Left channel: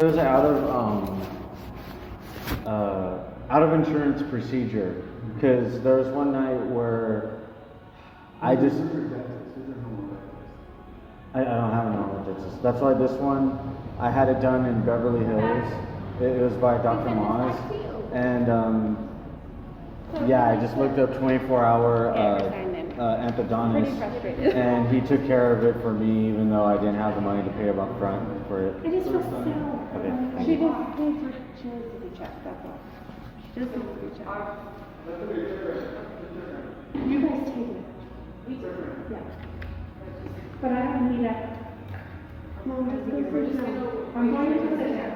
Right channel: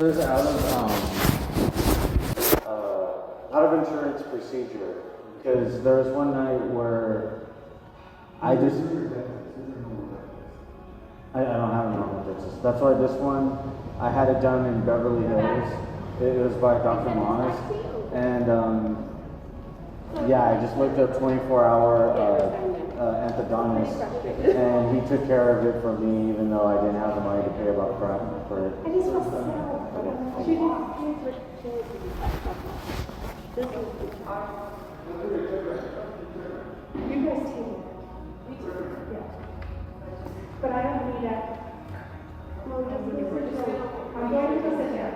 It was out of insurance procedure because there was one night where I just I don't have any dentist. That's why this one I had it done in Beverly Hills. It was by Dr. Monas, and yeah, I just looked up 24-hour endodontist, and he took care of it for me, even though I didn't have the money to pay up front for it. I just feel so. Okay. She just pays for chili to be checked. That's all. She doesn't need to be checked. You guys take it. Yeah. But I don't need it. No, I'm going to sit there.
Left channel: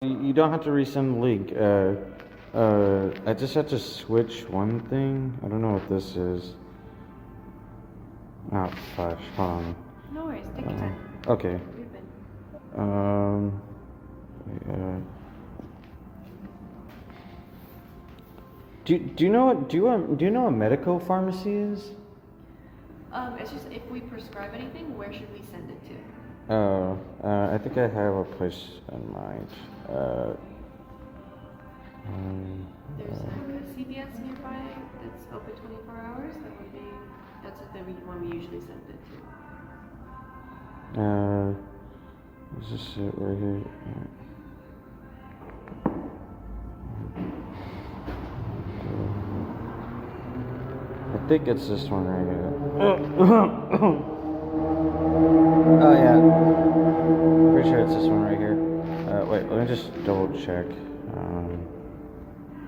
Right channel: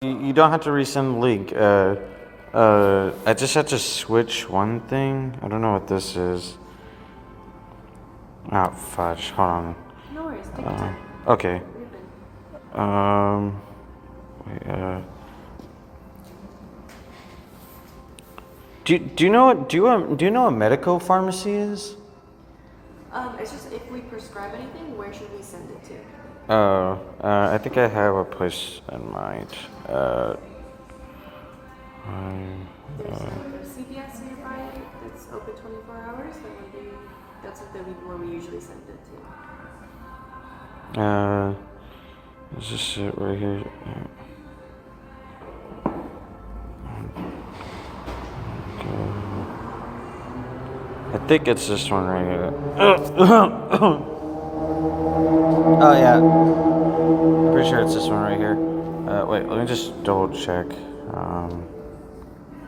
You don't have to resend the link. I just had to switch one thing. I don't know what this is. Oh, fudge. Hold on. No worries, take your time. Okay. You're good. Wait, do you know what do you know what medical pharmacy is? It's just if we prescribe anything, where should we send it to? Oh, I think I have a place in mind. There's like a CVS nearby that's open 24 hours. That way that's what where we usually send it to. Is this it right here? I think it's this one right here. Oh yeah, pretty sure it's this one right here. Wait, let me just double check. No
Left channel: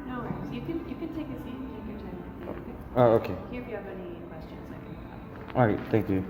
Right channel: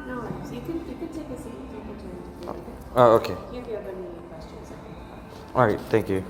worries. You can take a seat and take your time. Okay? Oh, okay. Here if you have any questions. All right, thank you.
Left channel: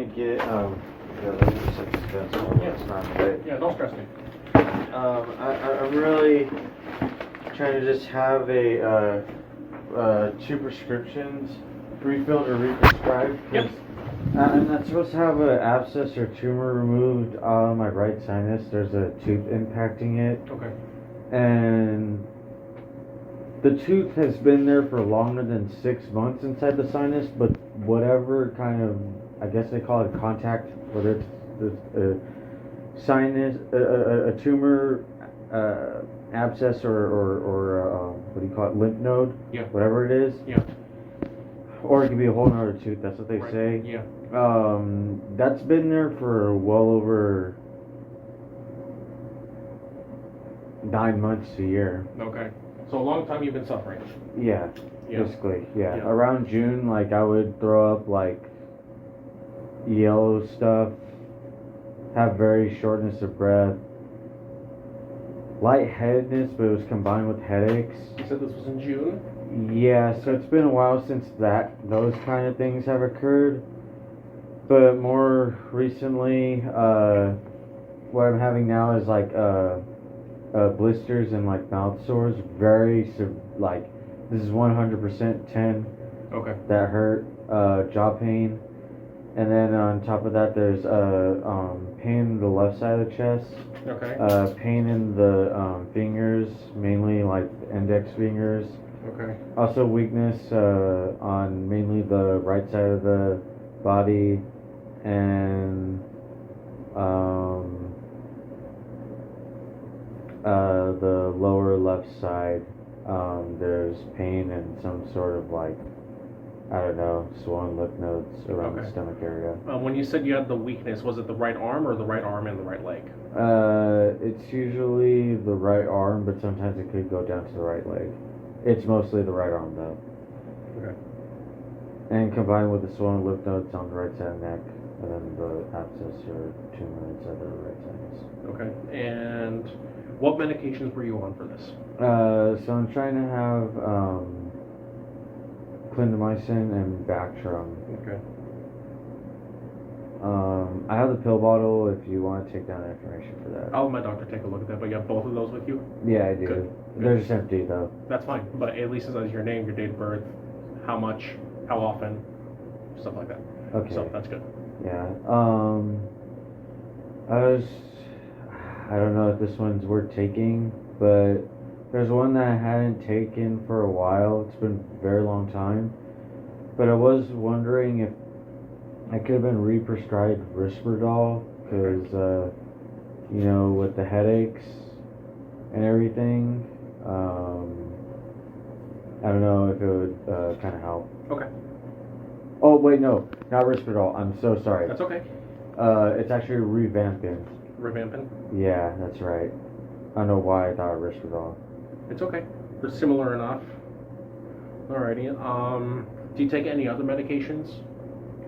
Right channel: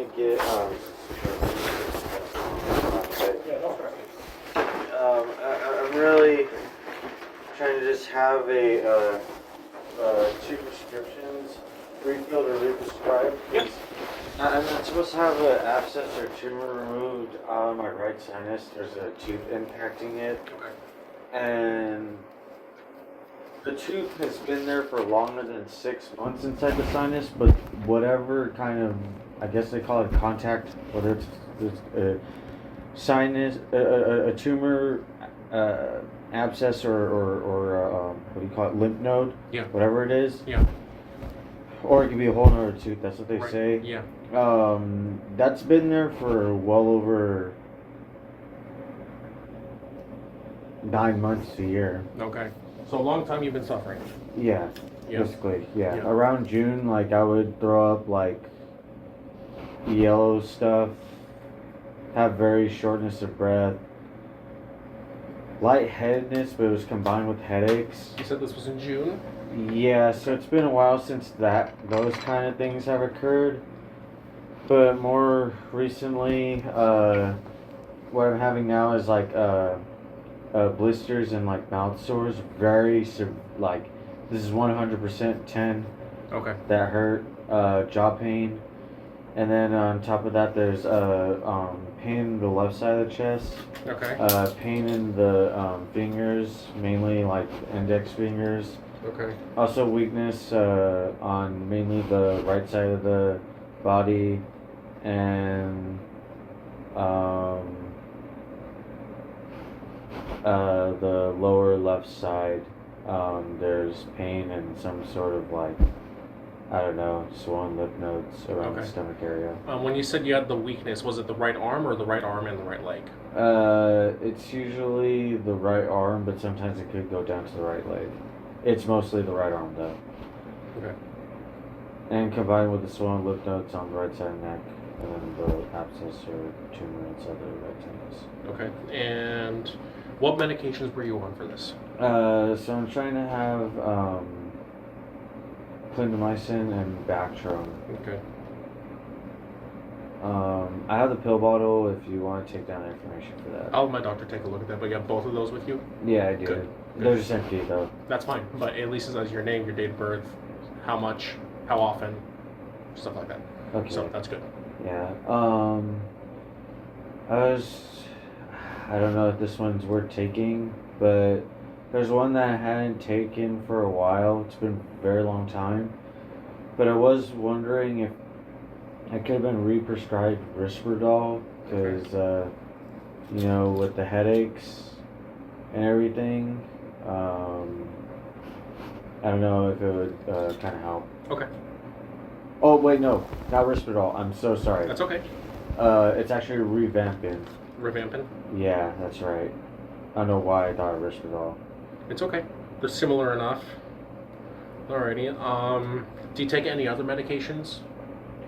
me get Yeah, don't stress me. I'm really trying to just have two prescriptions refilled or re-prescribed. Yep. I'm not supposed to have an abscess or tumor removed on my right sinus. There's a tooth impacting it, Okay. and the tooth has been there for longer than 6 months inside the sinus, but whatever kind of, I guess they call it contact, whether it's a sinus, a tumor, abscess, or what do you call it, lymph node, Yeah. whatever it is, Yeah. or it could be a whole nother tooth, that's what they Right. say. Yeah. That's been there for well over 9 months to a year. Okay. So a long time you've been suffering. Yeah, Yeah. basically, yeah. Yeah. Around June, like, I would throw up, like, yellow stuff, have very shortness of breath, lightheadedness, but it was combined with headaches. You said this was in June? Yeah, so it's been a while since those kind of things have occurred. But more recently, what I'm having now is, like, blisters and, like, mouth sores. Like, this is 100% 10 Okay. that hurt, jaw pain. And then on top of that, there's pain in the left side of the chest, Okay. pain in the fingers, mainly like index fingers. Okay. Also weakness on mainly the right side of the body, and the lower left side. There's pain and some sort of, like, I don't know, swollen lymph nodes around the Okay. stomach area. When you said you had the weakness, was it the right arm or the right arm and the right leg? It's usually the right arm, but sometimes it could go down to the right leg. It's mostly the right arm, though. Okay. And combined with the swollen lymph nodes on the right side of the neck, and then the abscess or tumor inside the right sinus. Okay. And what medications were you on for this? So I'm trying to have clindamycin and Bactrim. Okay. I have the pill bottle if you want to take down the information for that. I'll let my doctor take a look at that, but you have both of those with you? Yeah, I do. Good. They're just empty, though. That's fine, but at least it says your name, your date of birth, how much, how often, stuff like that. Okay. So that's good. Yeah. I don't know if this one's worth taking, but there's one that I hadn't taken for a while. It's been a very long time. But I was wondering if I could have been re-prescribed Risperdal, because, you know, with the headaches and everything, I don't know if it would kind of help. Okay. Oh, wait, no, not Risperdal. I'm so sorry. That's okay. It's actually revamping. Revamping? Yeah, that's right. I don't know why I thought Risperdal. It's okay. They're similar enough. Alrighty. Do you take any other medications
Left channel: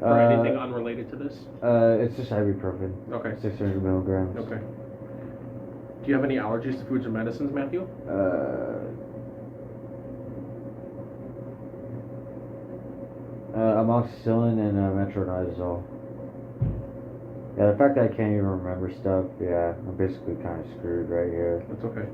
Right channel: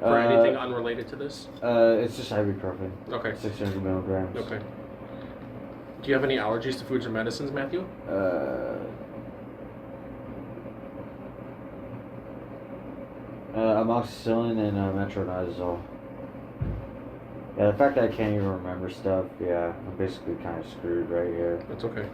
for anything unrelated to this? It's just ibuprofen. Okay. 600 milligrams. Okay. Do you have any allergies to foods or medicines, Matthew? Amoxicillin and metronidazole. Yeah, the fact that I can't even remember stuff, yeah, I'm basically kind of screwed right here. That's okay.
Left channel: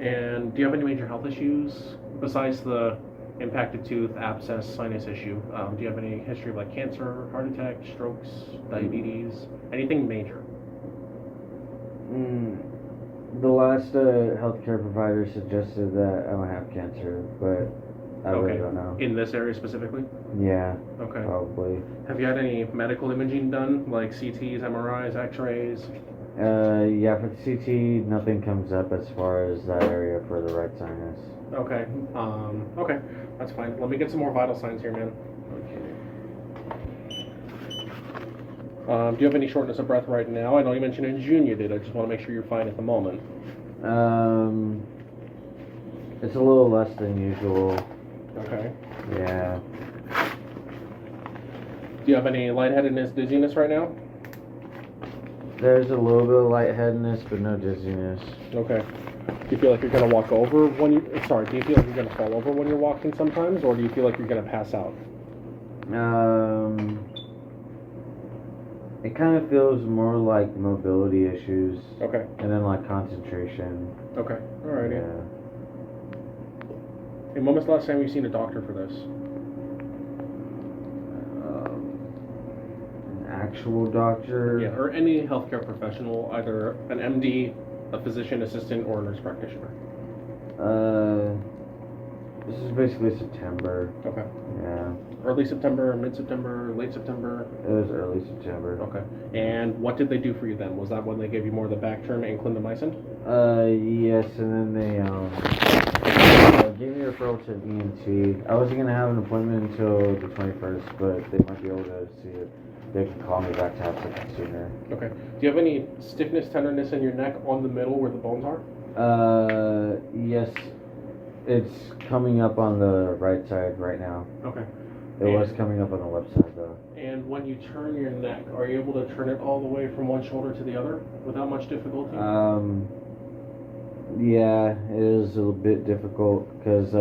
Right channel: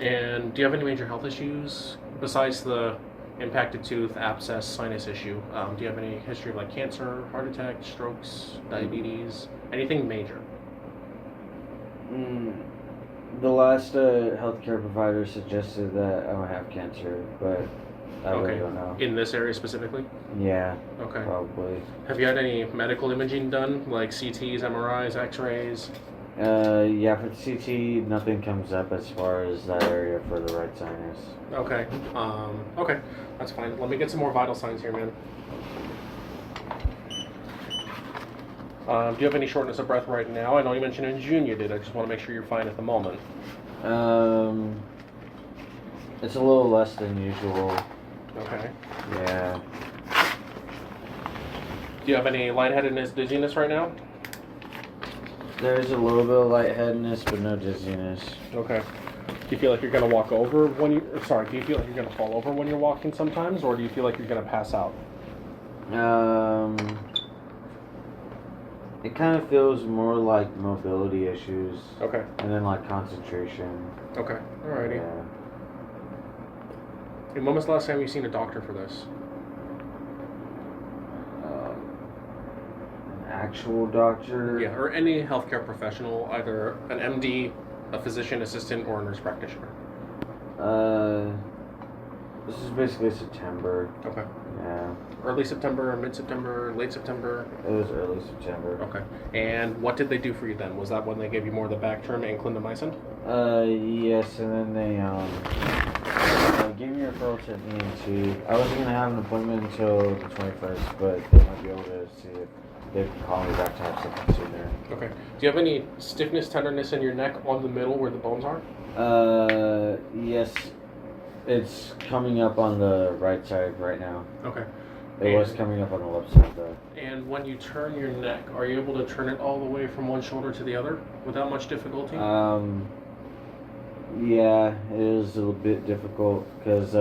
And do you have any major health issues besides the impacted tooth, abscess, sinus issue? Do you have any history of, like, cancer, heart attack, strokes, diabetes, anything major? The last healthcare provider suggested that I might have cancer, but I really don't know. In this area specifically? Yeah, Okay. probably. Have you had any medical imaging done, like CTs, MRIs, X-rays? Yeah, for the CT, nothing comes up as far as that area for the right sinus. Okay. Okay, that's fine. Let me get some more vital signs here, man. Do you have any shortness of breath right now? I know you mentioned in June you did. I just want to make sure you're fine at the moment. It's a little less than usual. Okay. Yeah. Do you have any lightheadedness, dizziness right now? There's a little bit of lightheadedness, but no dizziness. Okay. Do you feel like you're going to walk over when you... Sorry, do you feel like you're going to fall over when you're walking sometimes? Or do you feel like you're going to pass out? It kind of feels more like mobility issues. Okay. And then like concentration. Okay. Alrighty. Yeah. And when was the last time you seen a doctor for this? An actual doctor. Yeah, or any healthcare professional, either an MD, a physician assistant, or a nurse practitioner. This is basically September. Okay. Yeah. Early September, mid-September, late September? It was early September. Okay. And what did they do for you then? Was that when they gave you more of the Bactrim and clindamycin? Yes, and then they gave me a referral to an ENT. I wasn't gonna have an appointment until the 21st, but they might be able to see if they can call me back to have something sooner. Okay. Do you have any stiffness, tenderness in your neck on the middle where the bones are? Yes. It's coming up on the right side right now. Okay. It was coming up on the left side though. And when you turn your neck, are you able to turn it all the way from one shoulder to the other without much difficulty? Yeah, it is a little bit difficult because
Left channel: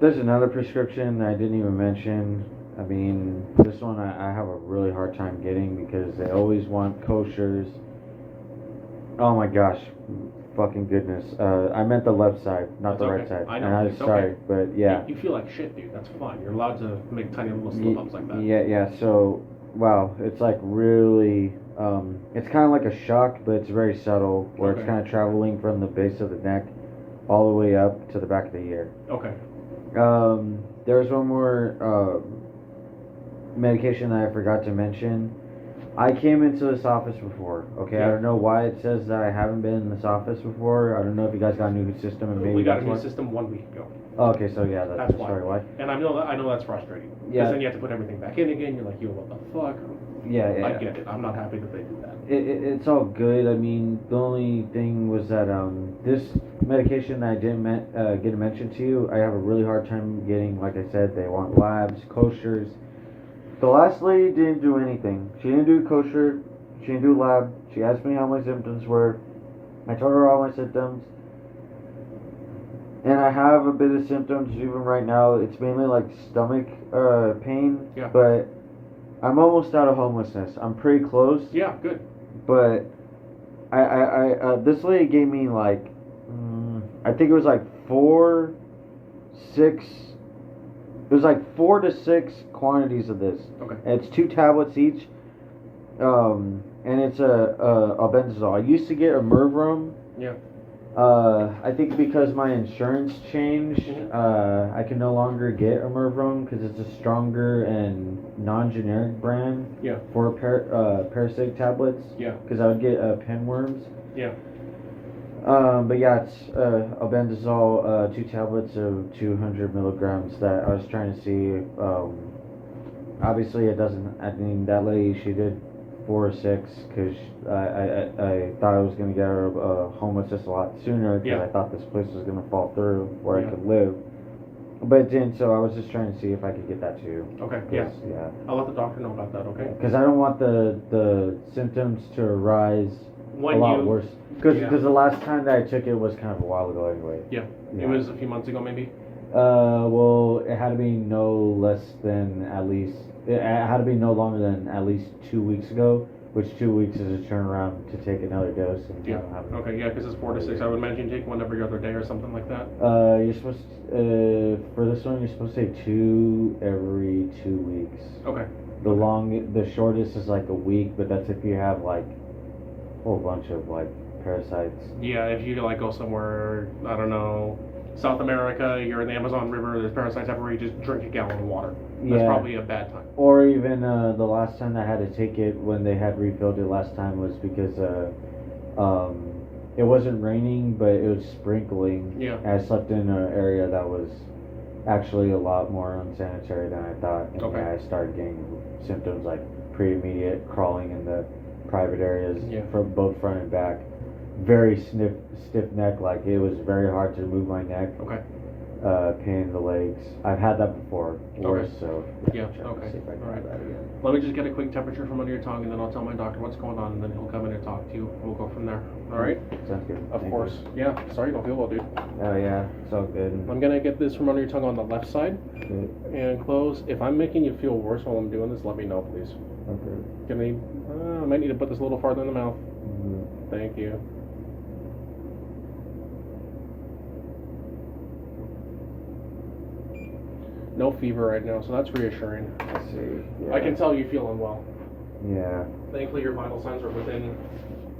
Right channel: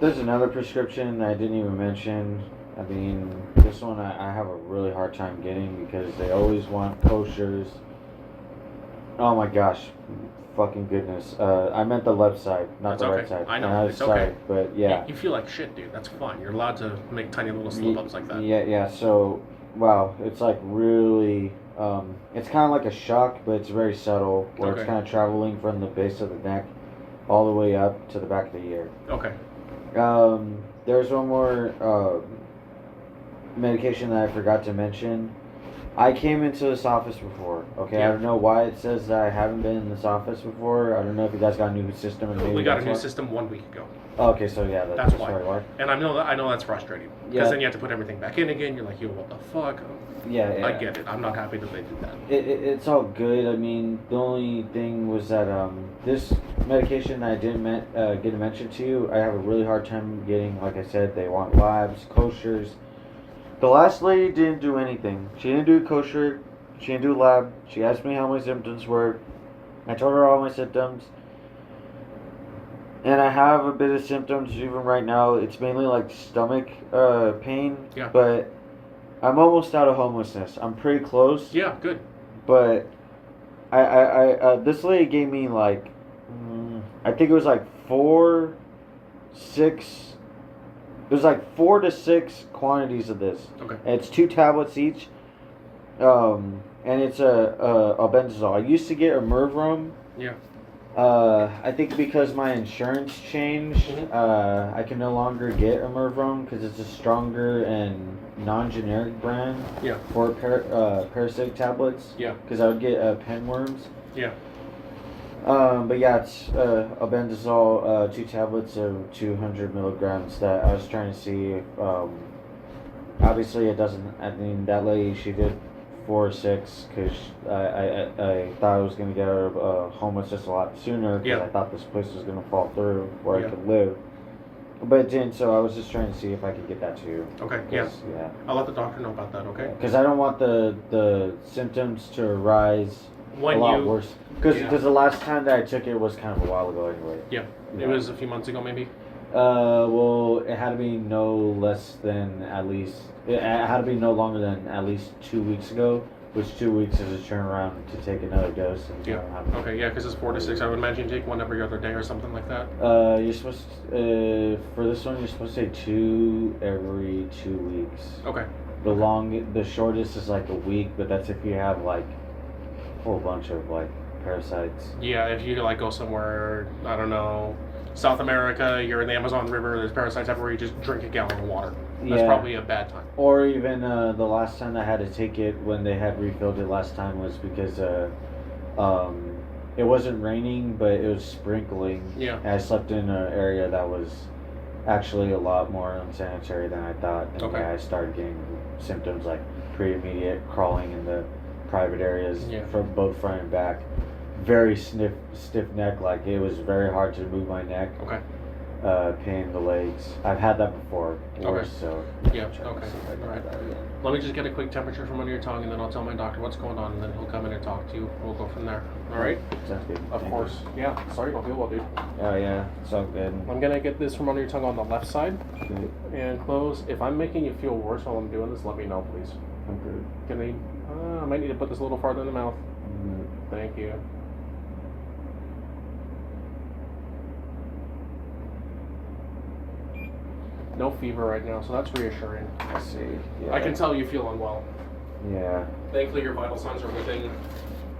there's another prescription I didn't even mention. I mean, this one I have a really hard time getting because they always want koshers. Oh my gosh, fucking goodness. I meant the left side, not That's the right okay. side. I know, And I was it's sorry, okay. but yeah. You feel like shit, dude. That's fine. You're allowed to make tiny little slip-ups like that. Yeah, so, wow, it's like really, it's kind of like a shock, but it's very subtle, where it's Okay. kind of traveling from the base of the neck all the way up to the back of the ear. Okay. There's one more medication that I forgot to mention. I came into this office before, okay? Yeah. I don't know why it says that I haven't been in this office before. I don't know if you guys got a new system. And maybe We got a that's new why. system 1 week ago. Oh, okay, so yeah, That's why. probably why. And I know that's frustrating. Because Yeah. then you have to put everything back in again. You're like, yo, what the fuck? Yeah. I get it. I'm not happy that they did that. It's all good. I mean, the only thing was that this medication I didn't get to mention to you, I have a really hard time getting. Like I said, they want labs, koshers. The last lady didn't do anything. She didn't do kosher. She didn't do lab. She asked me how my symptoms were. I told her all my symptoms. And I have a bit of symptoms even right now. It's mainly like stomach pain. Yeah. But I'm almost out of homelessness. I'm pretty close. Yeah, good. But this lady gave me like, I think it was like 4 to 6 quantities of this. Okay. And it's 2 tablets each. And it's a albendazole. I used to get a Mervrum. Yeah. I think because my insurance changed, I can no longer get a Mervrum because it's a stronger and non-generic brand. Yeah. For parasitic tablets. Yeah. Because I would get pinworms. Yeah. But yeah, it's albendazole, 2 tablets of 200 milligrams that I was trying to see if, obviously it doesn't, I mean, that lady, she did 4 or 6 because I thought I was going to get out of homelessness a lot sooner because Yeah. I thought this place was going to fall through where Yeah. I could live. But it didn't, so I was just trying to see if I could get that too. Okay. Yeah. Yeah. I'll let the doctor know about that. Okay. Because I don't want the symptoms to arise When a lot you- worse. Because Yeah. the last time that I took it was kind of a while ago anyway. Yeah. Yeah. It was a few months ago, maybe. Well, it had to be no less than at least. It had to be no longer than at least 2 weeks ago, which 2 weeks is a turnaround to take another dose. And I Yeah. don't have it. Okay. Yeah, because it's 4 to 6. I would imagine you take one every other day or something like that. You're supposed for this one, you're supposed to take 2 every 2 weeks. Okay. The shortest is like a week, but that's if you have like a whole bunch of like parasites. Yeah, if you like go somewhere, I don't know, South America, you're in the Amazon River, there's parasites everywhere, you just drink a gallon of water. That's Yeah. probably a bad time. Or even the last time I had to take it when they had refilled it last time was because it wasn't raining, but it was sprinkling. Yeah. And I slept in an area that was actually a lot more unsanitary than I thought. And Okay. yeah, I started getting symptoms like pre-immediate crawling in the private areas Yeah. from both front and back. Very stiff neck, like it was very hard to move my neck. Okay. pain in the legs. I've had that before, worse, so Yeah, I'm trying to okay. see if I can have that again. Let me just get a quick temperature from under your tongue, and then I'll tell my doctor what's going on, and then he'll come in and talk to you. We'll go from there. All right? Sounds good. Of Thank course. you. Yeah. Sorry you don't feel well, dude. Oh yeah, it's all good. I'm gonna get this from under your tongue on the left side Good. and close. If I'm making you feel worse while I'm doing this, let me know, please. Okay. I might need to put this a little farther in the mouth. Mhm. Thank you. No fever right now, so that's reassuring. I see. Yeah. I can tell you feel unwell. Yeah. Thankfully, your vital signs are within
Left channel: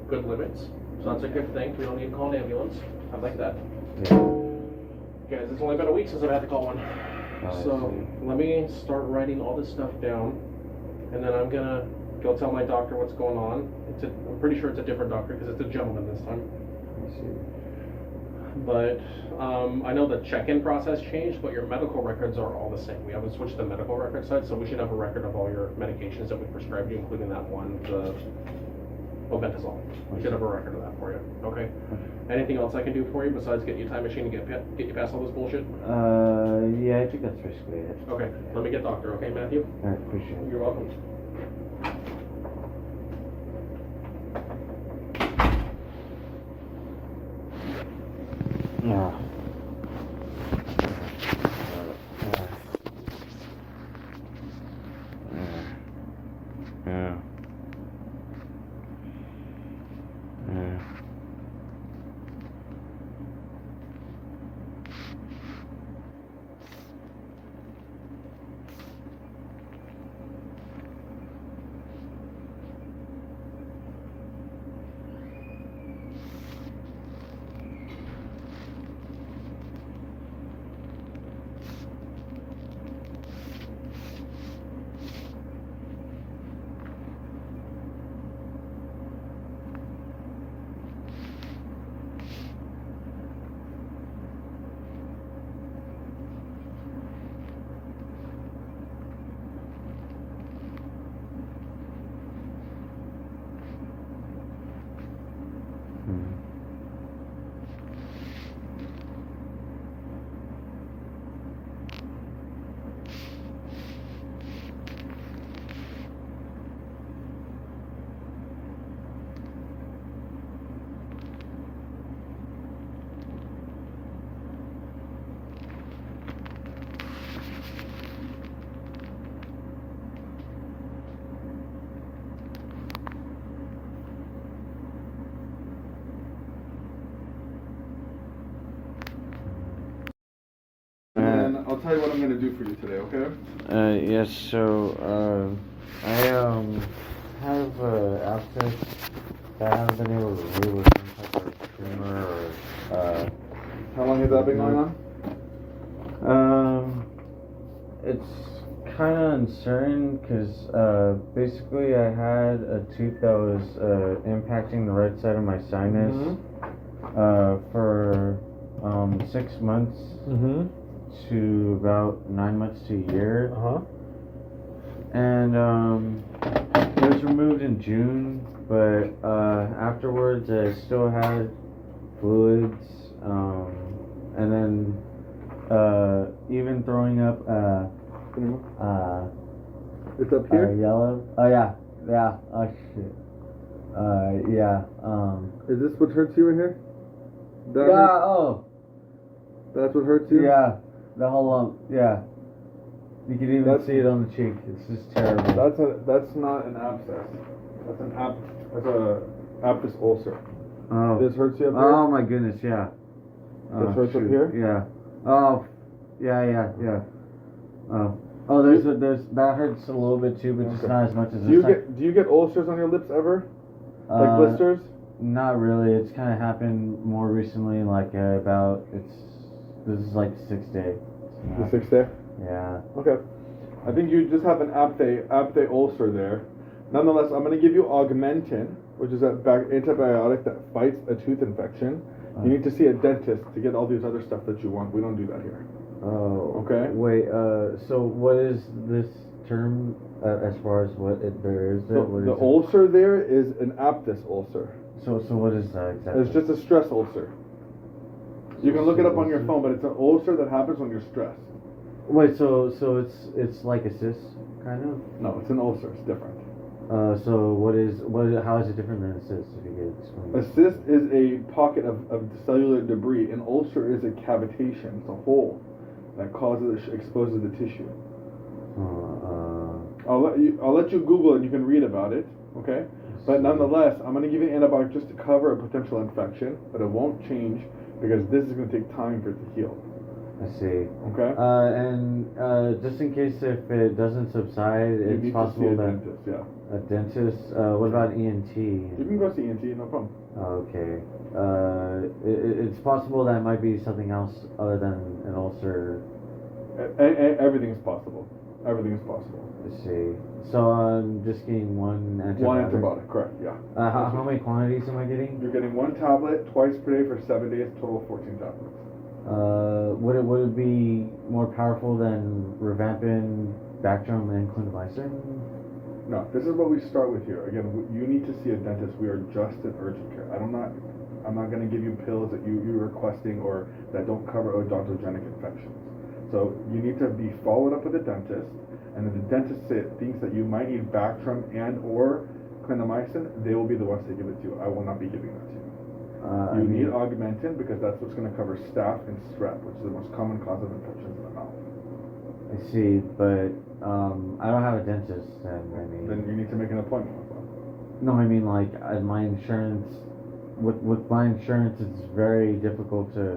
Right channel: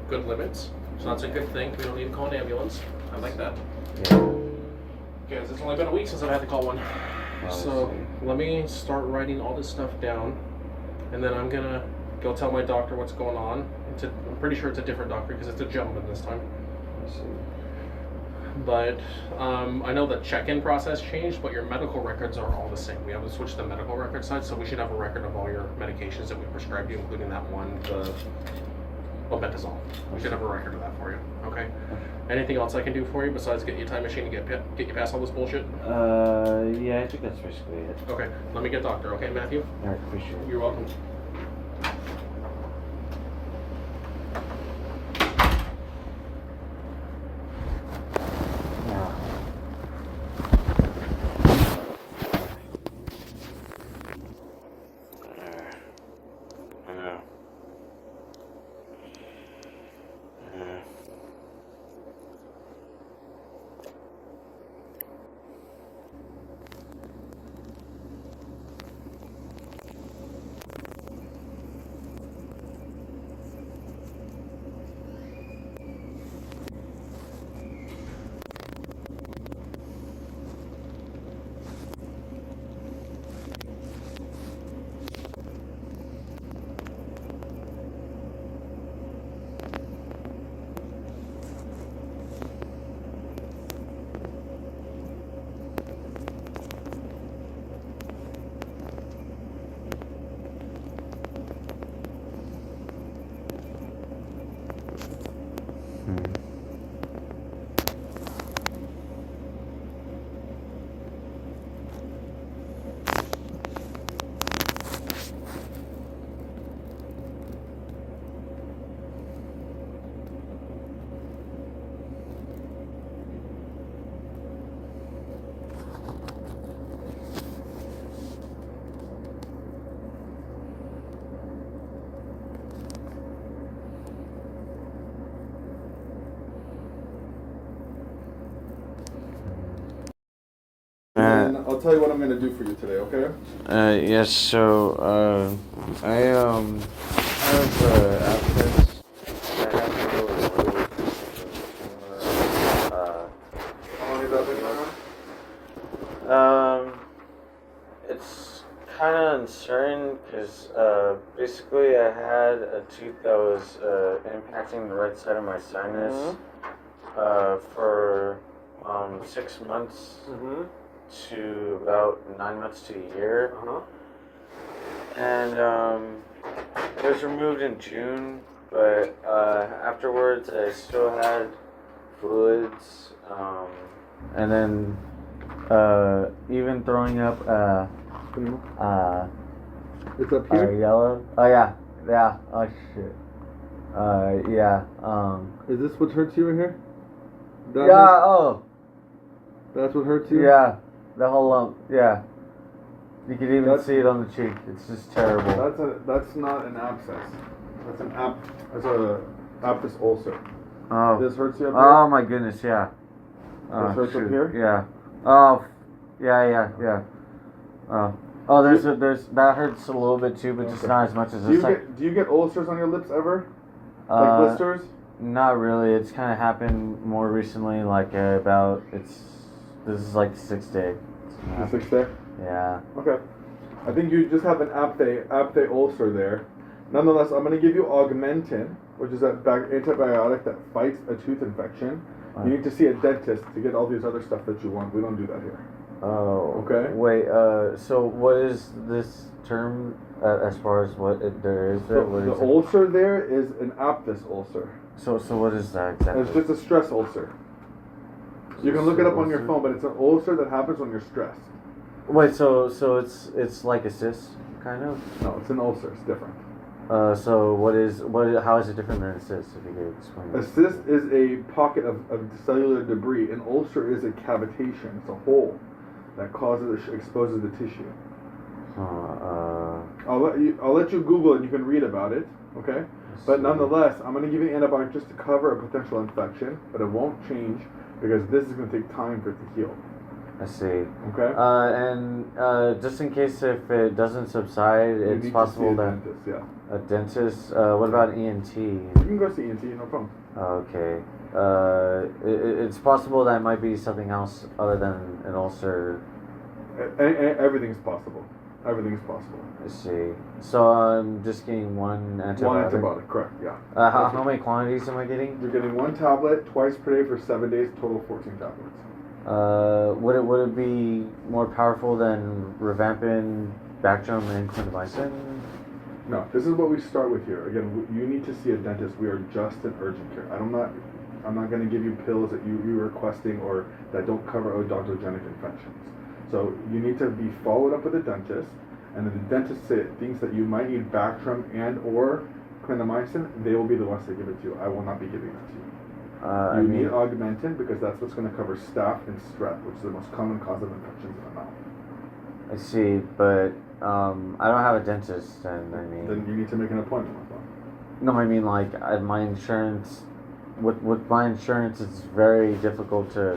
good limits, so that's a good thing. We don't need to call an ambulance. I like that. Yeah. Guys, it's only been a week since I've had to call one. I So see. let me start writing all this stuff down, and then I'm gonna go tell my doctor what's going on. I'm pretty sure it's a different doctor because it's a gentleman this time. I see. But I know the check-in process changed, but your medical records are all the same. We haven't switched the medical record side, so we should have a record of all your medications that we prescribed you, including that one, the omeprazole. We should have a record of that for you. Okay. Anything else I can do for you besides get you a time machine and get you past all this bullshit? Yeah, I think that's basically it. Okay. Let me get doctor. Okay, Matthew. Alright, appreciate it. You're welcome. Yeah. Yeah. Yeah. And I'll tell you what I'm going to do for you today, okay? Yes, so, I, have, access. I have been able to really camera, How long has that been going on? it's kind of uncertain because, basically I had a tooth that was, impacting the right side of my sinus, for, 6 months. Mm-hmm. To about 9 months to a year. Uh-huh. And it was removed in June, but afterwards I still had fluids, and then even throwing up It's up here? yellow. Oh yeah, oh shit. Yeah. Is this what hurts you in here? That Yeah. hurts? Oh. That's what hurts you? Yeah. The whole lump. Yeah. You can even That's- see it on the cheek. It's just terrible. That's not an abscess. That's a abscess ulcer. Oh. This hurts you up here? Oh my goodness, yeah. This hurts up shoot. here? Yeah. Oh, yeah. Oh, there's that hurts a little bit too, but just Okay. not as much as Do you this. get ulcers on your lips ever? Like blisters? Not really. It's kind of happened more recently. Like this is like the 6th day. The 6th day? Yeah. Okay. I think you just have an apthe ulcer there. Nonetheless, I'm going to give you Augmentin, which is an antibiotic that fights a tooth infection. You need to see a dentist to get all these other stuff that you want. We don't do that here. Oh. Okay. Wait. So what is this term as far as there is? So What the is it? ulcer there is an aphthous ulcer. So what is that exactly? It's just a stress ulcer. You can look it up on your phone, but it's an ulcer that happens when you're stressed. Wait, so it's like a cyst, kind of? No, it's an ulcer. It's different. So how is it different than a cyst, if you could explain? A cyst is a pocket of cellular debris. An ulcer is a cavitation. It's a hole that exposes the tissue. I'll let you Google it. You can read about it. Okay. But nonetheless, I'm going to give you an antibiotic just to cover a potential infection, but it won't change because this is going to take time for it to heal. I see. Okay. And just in case if it doesn't subside, You it's need possible to see a that dentist, yeah. a dentist. What about ENT? You can go see ENT, no problem. Okay. It's possible that it might be something else other than an ulcer. Everything's possible. Everything is possible. I see. So I'm just getting one antibiotic. One antibiotic, correct? Yeah. How many quantities am I getting? You're getting one tablet twice per day for 7 days, total 14 tablets. Would it be more powerful than rifampin, Bactrim, and clindamycin? No, this is what we start with here. Again, you need to see a dentist. We are just in urgent care. I'm not going to give you pills that you're requesting or that don't cover odontogenic infections. So you need to be followed up with a dentist, and then the dentist thinks that you might need Bactrim and or clindamycin. They will be the ones to give it to you. I will not be giving it to you. You need augmentin because that's what's going to cover staph and strep, which is the most common cause of infections in the mouth. I see, but I don't have a dentist, and I mean. Then you need to make an appointment with them. No, I mean like my insurance. With my insurance, it's very difficult to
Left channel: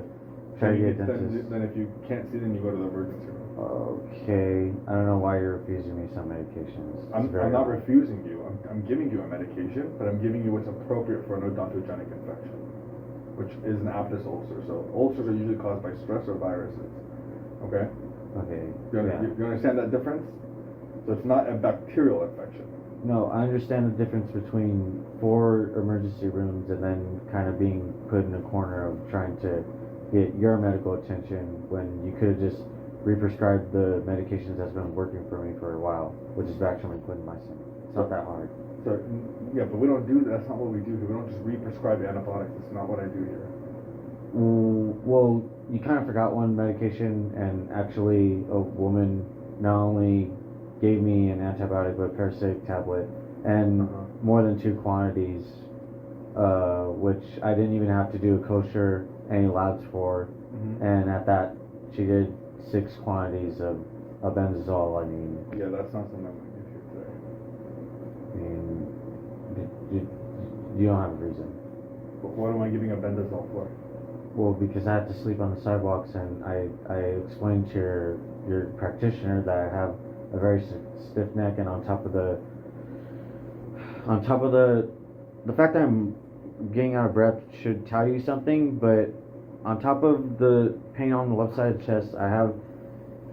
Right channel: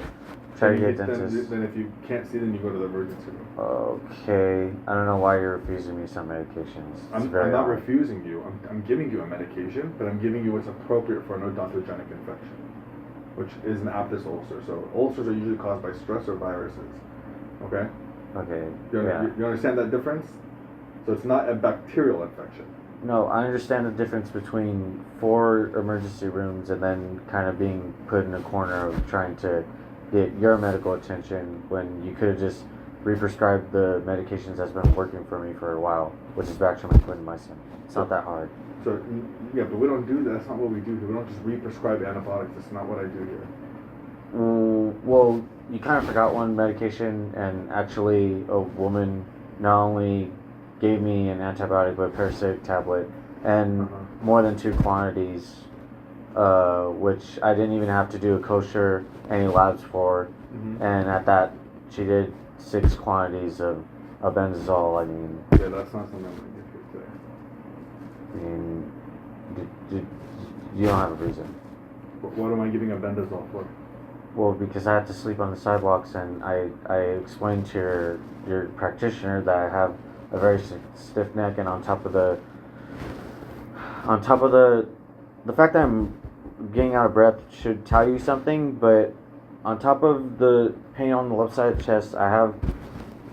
try to get a dentist. Then if you can't see them, you go to the emergency room. Okay, I don't know why you're refusing me some medications. I'm not refusing you. I'm giving you a medication, but I'm giving you what's appropriate for an odontogenic infection, which is an Aptis ulcer. So ulcers are usually caused by stress or viruses. Okay? Okay. You understand that difference? So it's not a bacterial infection. No, I understand the difference between 4 emergency rooms and then kind of being put in a corner of trying to get your medical attention when you could have just re-prescribed the medications that's been working for me for a while, which is Bactrim and clindamycin. It's not that hard. So, yeah, but we don't do that. That's not what we do here. We don't just re-prescribe antibiotics. That's not what I do here. Well, you kind of forgot one medication, and actually a woman not only gave me an antibiotic but a parasitic tablet and more than 2 quantities, which I didn't even have to do a kosher any labs for, and at that she did 6 quantities of albendazole. I mean, yeah, that's not something you could say. I mean, you don't have a reason. What am I giving albendazole for? Well, because I had to sleep on the sidewalks, and I explained to your practitioner that I have a very stiff neck, and on top of the fact that I'm getting out of breath should tell you something, but on top of the pain on the left side of the chest, I have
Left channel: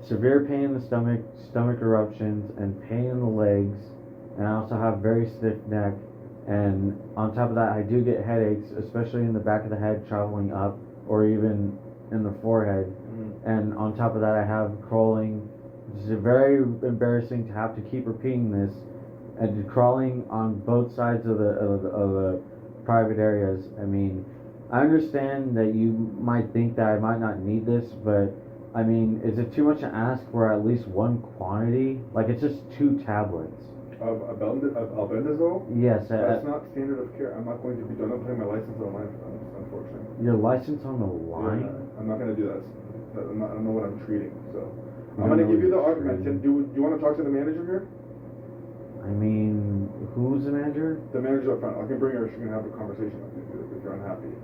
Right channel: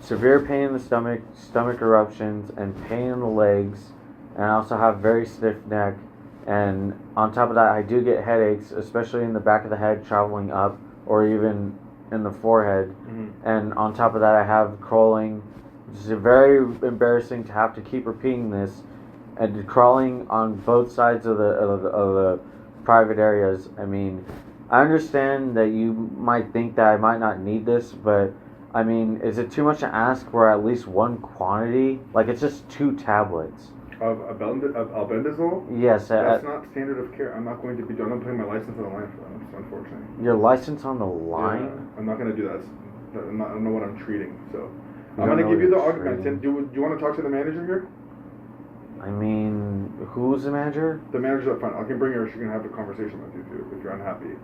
severe pain in the stomach eruptions, and pain in the legs, and I also have very stiff neck, and on top of that, I do get headaches, especially in the back of the head traveling up, or even in the forehead, and on top of that, I have crawling, which is very embarrassing to have to keep repeating this, and crawling on both sides of the private areas. I mean, I understand that you might think that I might not need this, but I mean, is it too much to ask for at least 1 quantity? Like, it's just 2 tablets. Of albendazole? Yes. That's not standard of care. I'm not going to be doing. I'm putting my license on the line for them, unfortunately. Your license on the line? Yeah, I'm not going to do that. I don't know what I'm treating, so. You I'm going don't to know give what you the you're augmentin. treating. Do you want to talk to the manager here? I mean, who's the manager? The manager's up front. I can bring her. She can have a conversation with you if you're unhappy.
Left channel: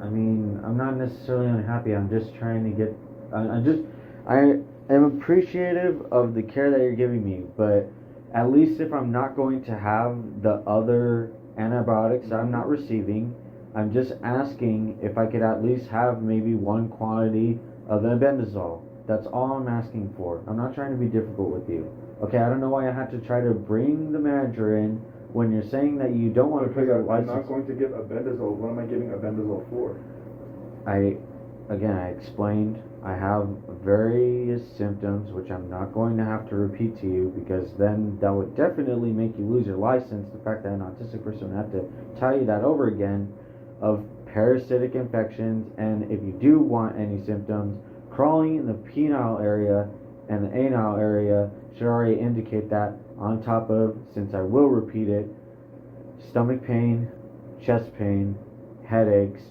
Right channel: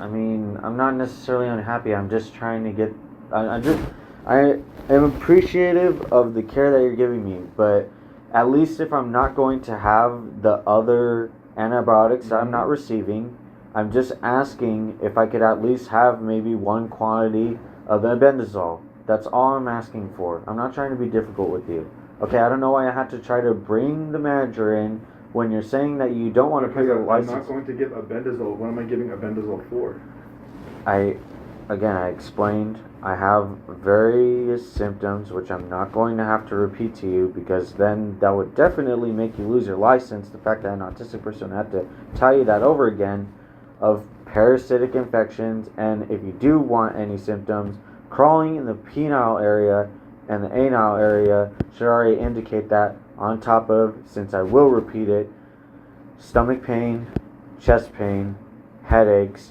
I mean, I'm not necessarily unhappy. I'm just trying to get. I am appreciative of the care that you're giving me, but at least if I'm not going to have the other antibiotics that I'm not receiving, I'm just asking if I could at least have maybe 1 quantity of the albendazole. That's all I'm asking for. I'm not trying to be difficult with you. Okay, I don't know why I had to try to bring the manager in when you're saying that you don't want to put your license. I'm not going to give albendazole. What am I giving albendazole for? I explained I have various symptoms, which I'm not going to have to repeat to you, because then that would definitely make you lose your license. The fact that an autistic person had to tell you that over again, of parasitic infections, and if you do want any symptoms, crawling in the penile area and the anal area should already indicate that, on top of, since I will repeat it, stomach pain, chest pain, headaches,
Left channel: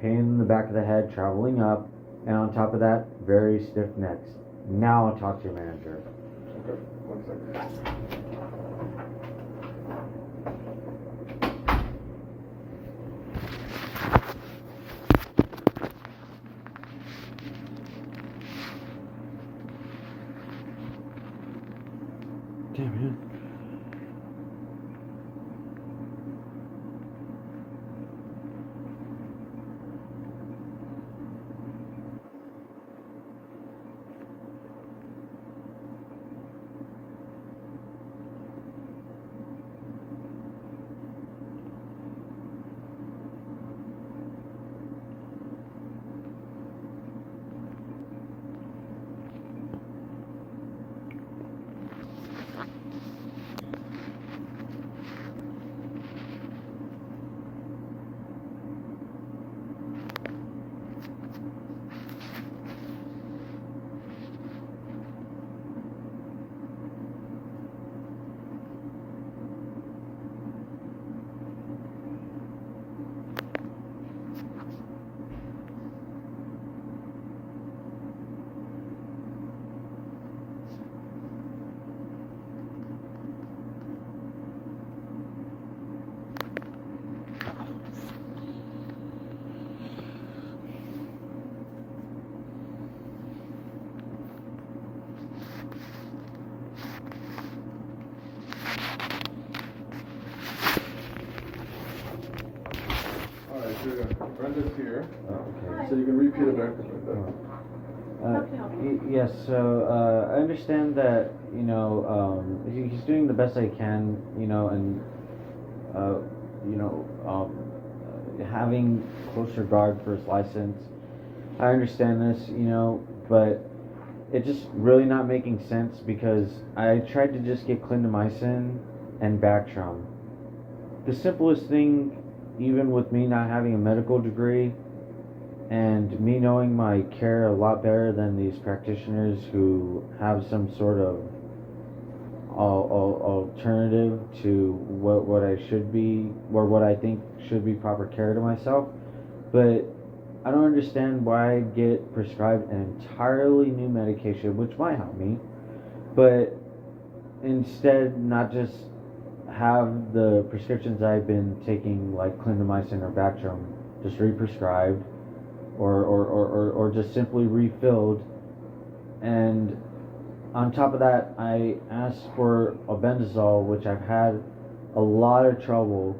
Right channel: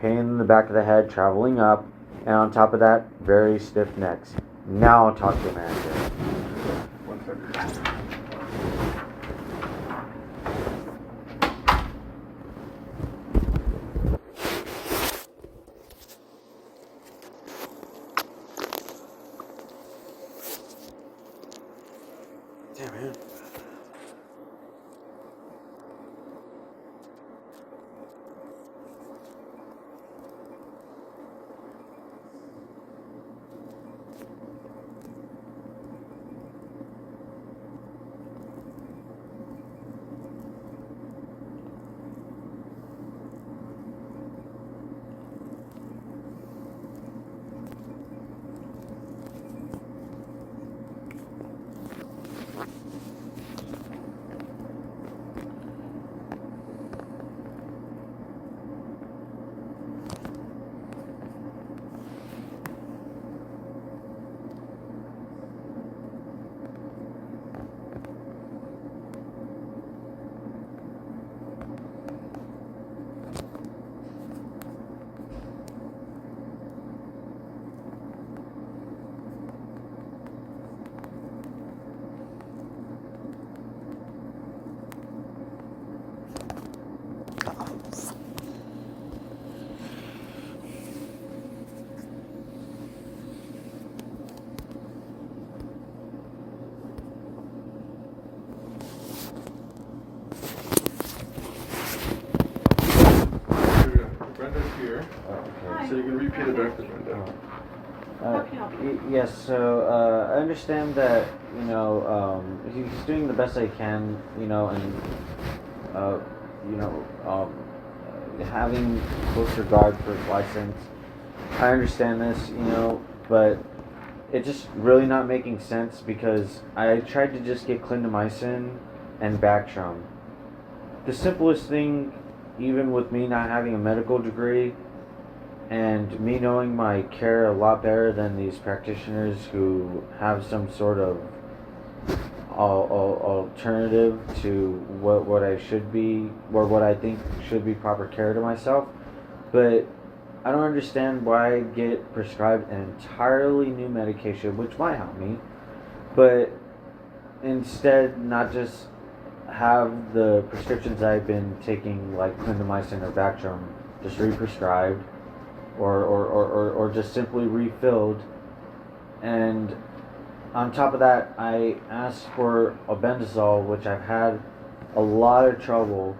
pain in the back of the head traveling up, and on top of that, very stiff necks. Now I'll talk to your manager. One second. Damn, man. Brenda's here, Okay. so you can repeat it back to Brenda. Yes, so I understand that, he's doing the best I can, and, having close regard for his license. I understand this, but it's just really not making sense because I tried to just get clindamycin and Bactrim. The simplest thing, even with me not having a medical degree, and me knowing my care a lot better than these practitioners who have some sort of alternative to what I should be, or what I think should be proper care to myself. But I don't understand why I get prescribed an entirely new medication, which might help me, but instead not just have the prescriptions I've been taking, like clindamycin or Bactrim, just re-prescribed, or just simply refilled. And on top of that, I asked for albendazole, which I've had a lot of trouble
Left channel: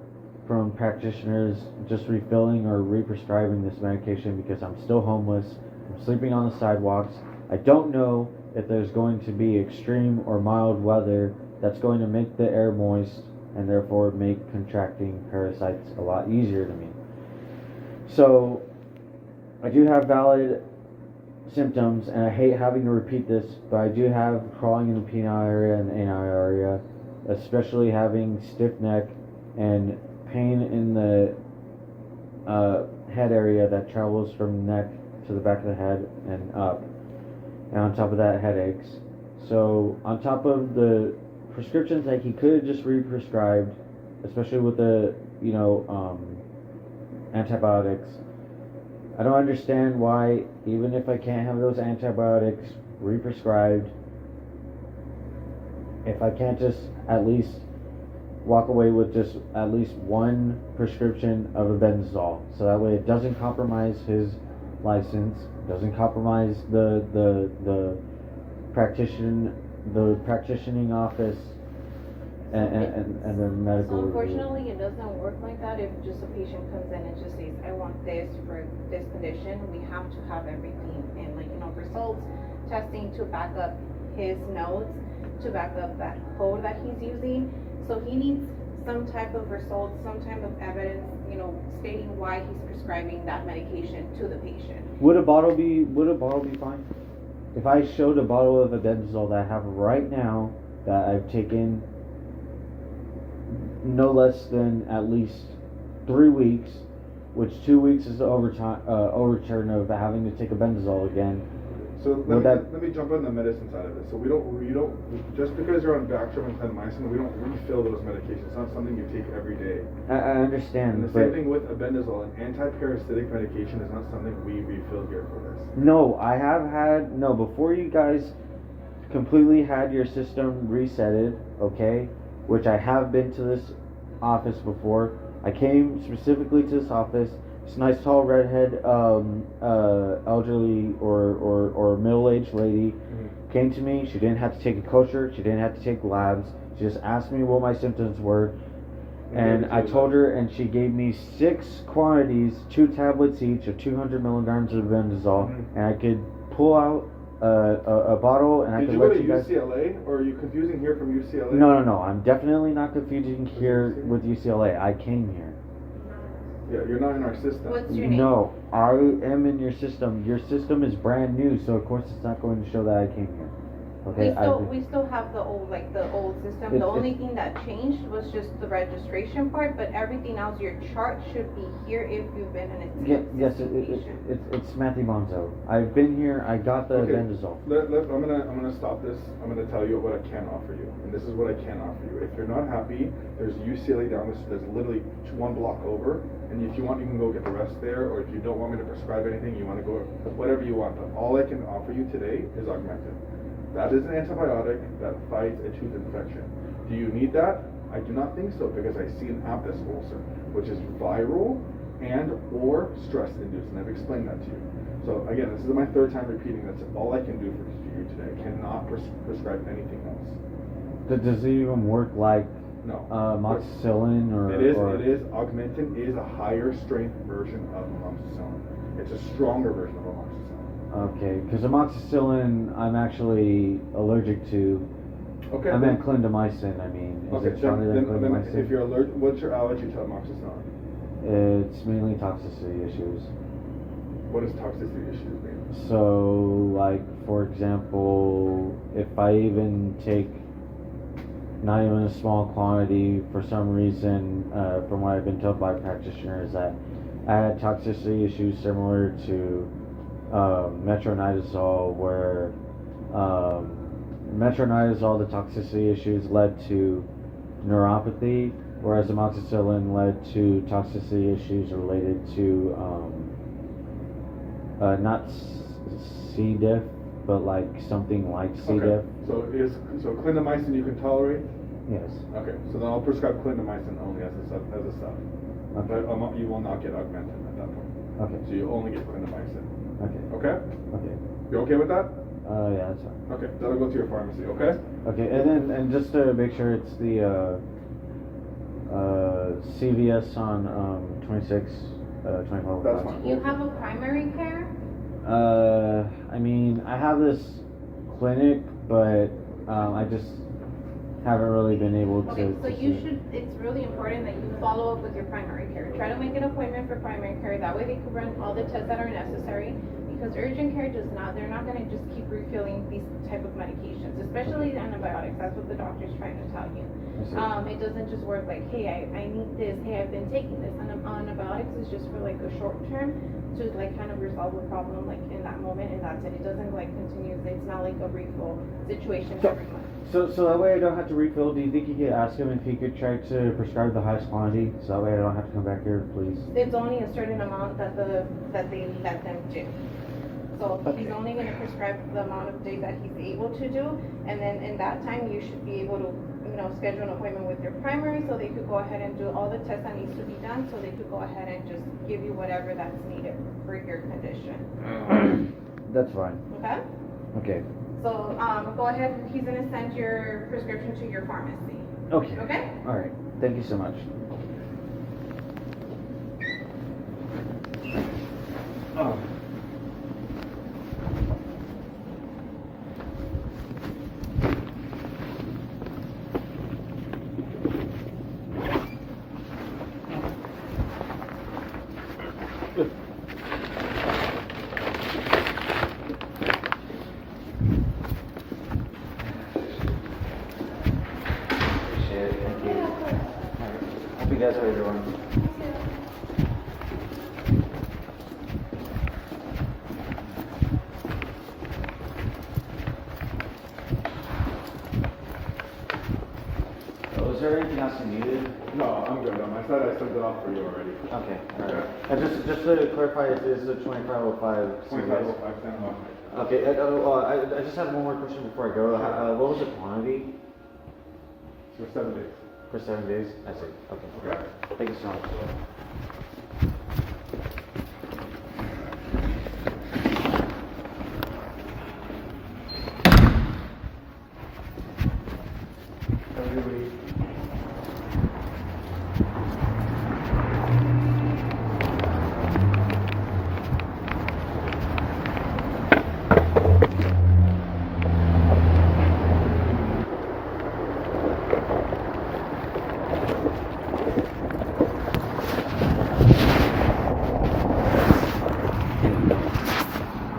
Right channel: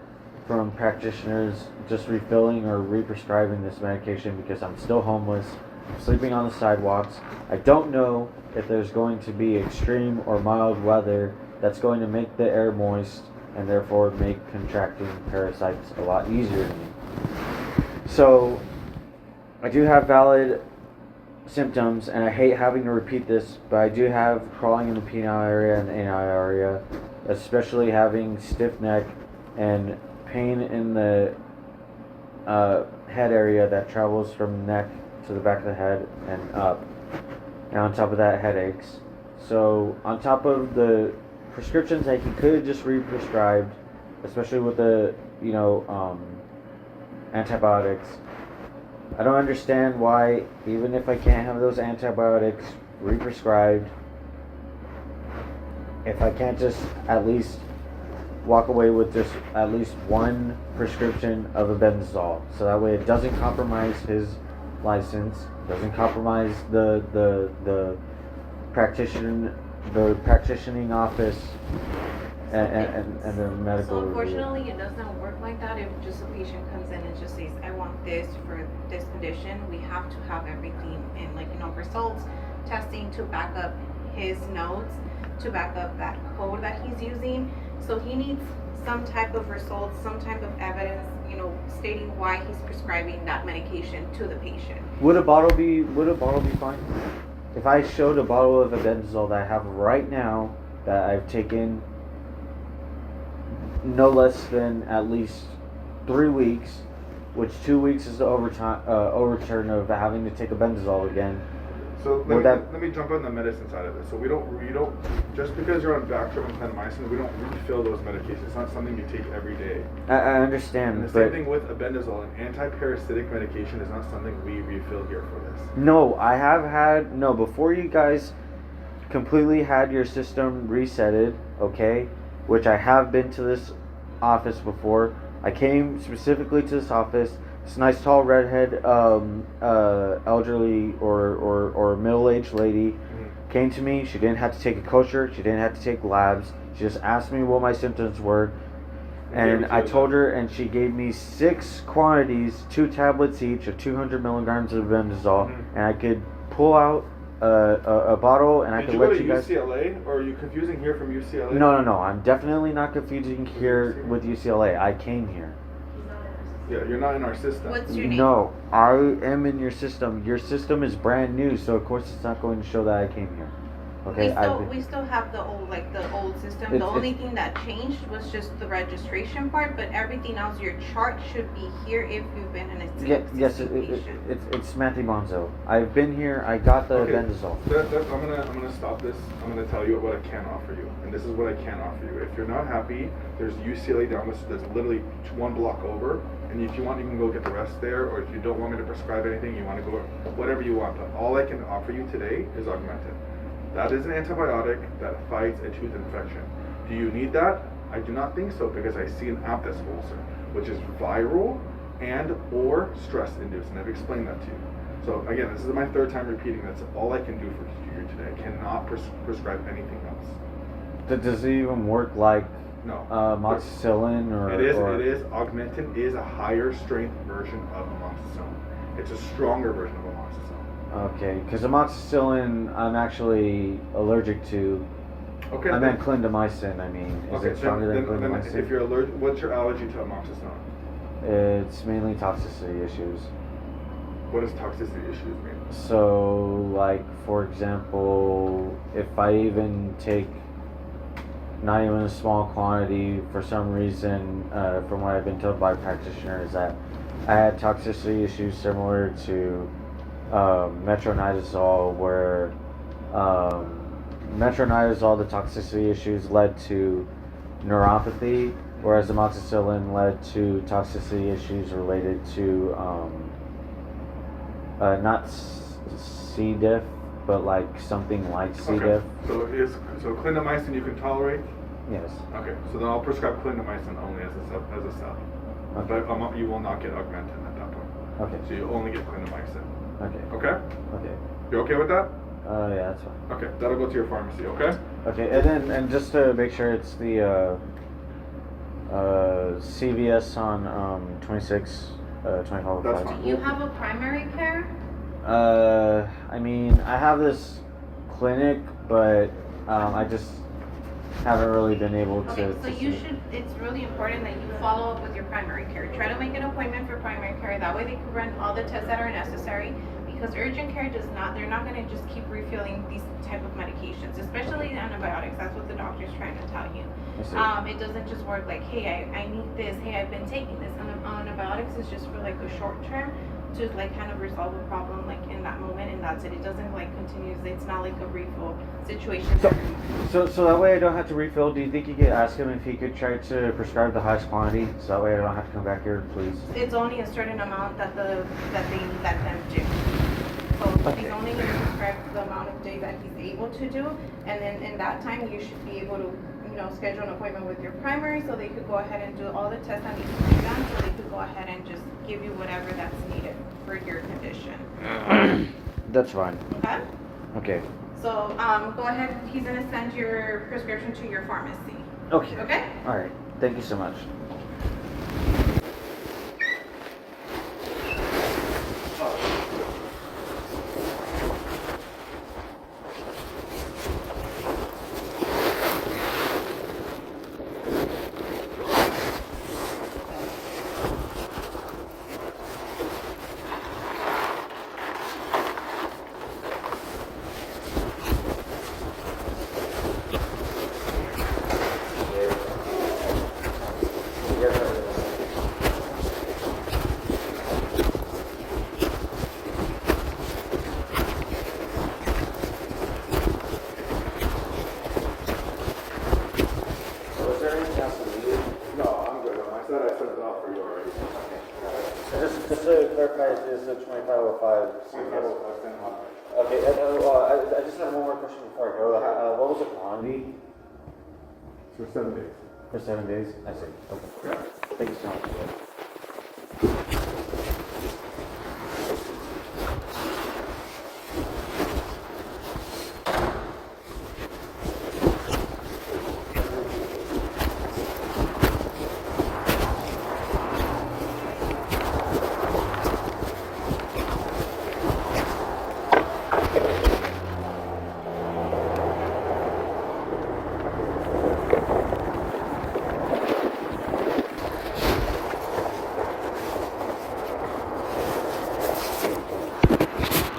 from practitioners just refilling or re-prescribing this medication because I'm still homeless, I'm sleeping on the sidewalks. I don't know if there's going to be extreme or mild weather that's going to make the air moist and therefore make contracting parasites a lot easier to me. So I do have valid symptoms, and I hate having to repeat this, but I do have crawling in the penile area and the anal area, especially having stiff neck and pain in the head area that travels from the neck to the back of the head and up. And on top of that, headaches. So on top of the prescriptions that he could have just re-prescribed, especially with the antibiotics, I don't understand why, even if I can't have those antibiotics re-prescribed, if I can't just at least walk away with just at least one prescription of albendazole, so that way it doesn't compromise his license, doesn't compromise the practitioning office and the medical So review. unfortunately, it doesn't work like that. If just a patient comes in and just says, I want this for this condition, we have to have everything in, results, testing to back up his notes, to back up that code that he's using. So he needs some type of results, some type of evidence, stating why he's prescribing that medication to the patient. Would a bottle be fine? If I showed a bottle of albendazole that I have right now, that I've taken no less than at least 3 weeks, which 2 weeks is the overturn of having to take a benzosol again. So Would let me jump on the medicine side of it. So we don't just because you're on Bactrim and clindamycin, we don't refill those medications. It's not something you take every day. I And understand, the but same thing with albendazole. An anti-parasitic medication is not something we refill here for this. no, I have had no before you guys completely had your system resetted, okay? Which I have been to this office before. I came specifically to this office. This nice tall redhead elderly or middle-aged lady came to me. She didn't have to take a kosher. She didn't have to take labs. She just asked me what my symptoms were, and I told her, and she gave me 6 quantities, 2 tablets each of 200 milligrams of benzosol, and I could pull out a bottle, and I could let you guys. Did you go to UCLA, or are you confusing here from UCLA? No. I'm definitely not confusing here with UCLA. I came here. Yeah, you're not in our system. What's your name? No, I am in your system. Your system is brand new, so of course it's not going to show that I came here. Okay, We still have the old system. The It's- only thing that changed was just the registration part, but everything else, your chart should be here if you've been an yes, patient. it's Matthew Bonzo. I've been here. I got the Okay. benzosol. I'm gonna stop this. I'm gonna tell you what I can offer you, and this is what I can offer you. If you're not happy, there's UCLA down this. There's literally 1 block over, and if you want, you can go get the rest there. Or if you don't want me to prescribe anything, you want to go whatever you want. But all I can offer you today is Augmentin. That is an antibiotic that fights a tooth infection. Do you need that? I do not think so, because I see an abscess ulcer, which is viral and or stress induced, and I've explained that to you. So again, this is my 3rd time repeating. That's all I can do for you today. I cannot prescribe anything else. Does it even work like No. amoxicillin or? It is. Augmentin is a higher strength version of amoxicillin. It's a stronger version of amoxicillin. Okay, because amoxicillin I'm actually allergic to. Okay. I meant clindamycin. I mean, is it stronger than then clindamycin? if you're allergic, what's your allergy to amoxicillin? It's mainly toxicity issues. What does toxicity issues mean? So, like, for example, if I even take not even a small quantity, for some reason, from what I've been told by practitioners, that I had toxicity issues similar to metronidazole, where metronidazole, the toxicity issues led to neuropathy, whereas amoxicillin led to toxicity issues related to not C. diff, but like something like C. diff. Okay. So clindamycin you can tolerate? Yes. Okay. So then I'll prescribe clindamycin only as a sub. Okay. But you will not get Augmentin at that point. Okay. So you only get clindamycin. Okay. Okay? Okay. You okay with that? Yeah, that's fine. Okay. That'll go to your pharmacy. Okay? Okay, and just to make sure, it's the CVS on 26, 25. That's fine. Do you have a primary care? I mean, I have this clinic, but I just haven't really been able to. Okay, so to you see- should, it's really important that you follow up with your primary care. Try to make an appointment for primary care, that way they can run all the tests that are necessary, because urgent care does not, they're not gonna just keep refilling these type of medications, especially the antibiotics, that's what the doctor's trying to tell you. I see. It doesn't just work like, hey, I need this, hey, I've been taking this. Antibiotics is just for like a short term to like kind of resolve a problem like in that moment, and that's it. It doesn't like continuously, it's not like a refill situation. So that way I don't have to refill. Do you think you could ask him if he could try to prescribe the highest quantity, so that way I don't have to come back here, please? It's only a certain amount that they let them do. So Okay. he's only gonna prescribe the amount of days that he's able to do, and then in that time, you should be able to, schedule an appointment with your primary, so they could go ahead and do all the tests that need to be done, so they could go ahead and just give you whatever that's needed for your condition. That's fine. Okay? Okay. So, go ahead, he's gonna send your prescription to your pharmacy, Okay. okay? All right. Thank you so much. Together, everyone. there anything else you needed? No, I'm good. On my side, I sent it off for you already. Okay, alright. Just to clarify, this is a 2505 CVS. 2505, Okay, I just had one more question before I go. What was the quantity for 7 days. for 7 days? I see. Okay. Yeah. Thank you so much.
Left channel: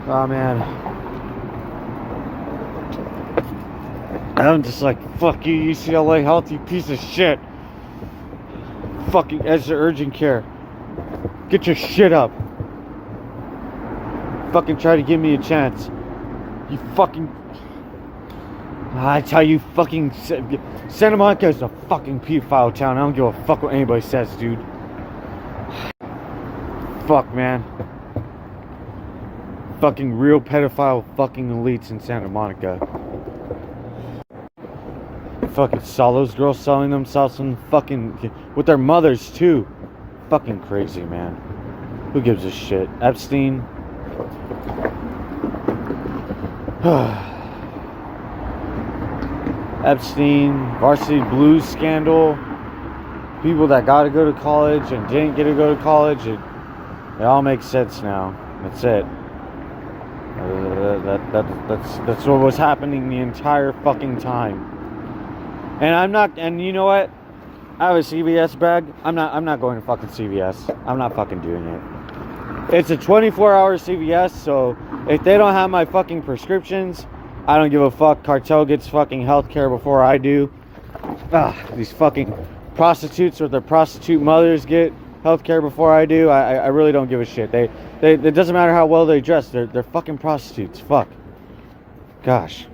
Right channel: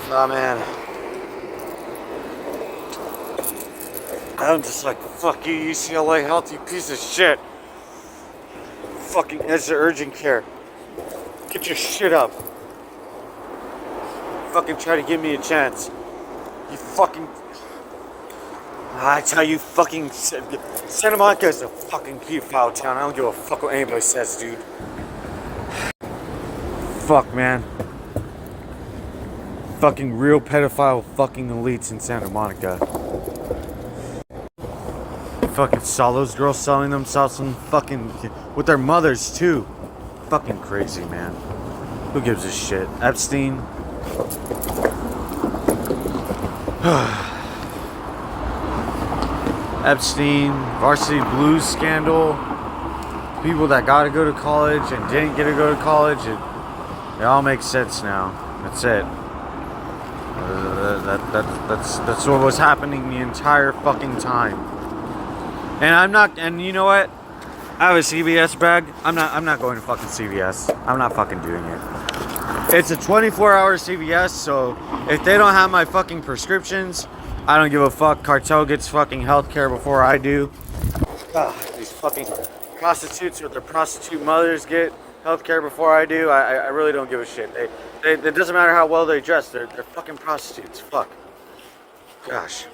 Oh man, I'm just like, fuck you, UCLA health, you piece of shit. Fucking as the urgent care, get your shit up. Fucking try to give me a chance. You fucking, I tell you, fucking Santa Monica is a fucking pedophile town. I don't give a fuck what anybody says, dude. Fuck, man. Fucking real pedophile fucking elites in Santa Monica. Fucking saw those girls selling themselves some fucking with their mothers too. Fucking crazy, man. Who gives a shit? Epstein. Epstein, Varsity Blues scandal. People that got to go to college and didn't get to go to college. It all makes sense now. That's it. That's what was happening the entire fucking time. And I'm not, and you know what? I have a CVS bag. I'm not going to fucking CVS. I'm not fucking doing it. It's a 24-hour CVS, so if they don't have my fucking prescriptions, I don't give a fuck. Cartel gets fucking healthcare before I do. Ugh, these fucking prostitutes with their prostitute mothers get healthcare before I do. I really don't give a shit. It doesn't matter how well they dress. They're fucking prostitutes. Fuck. Gosh.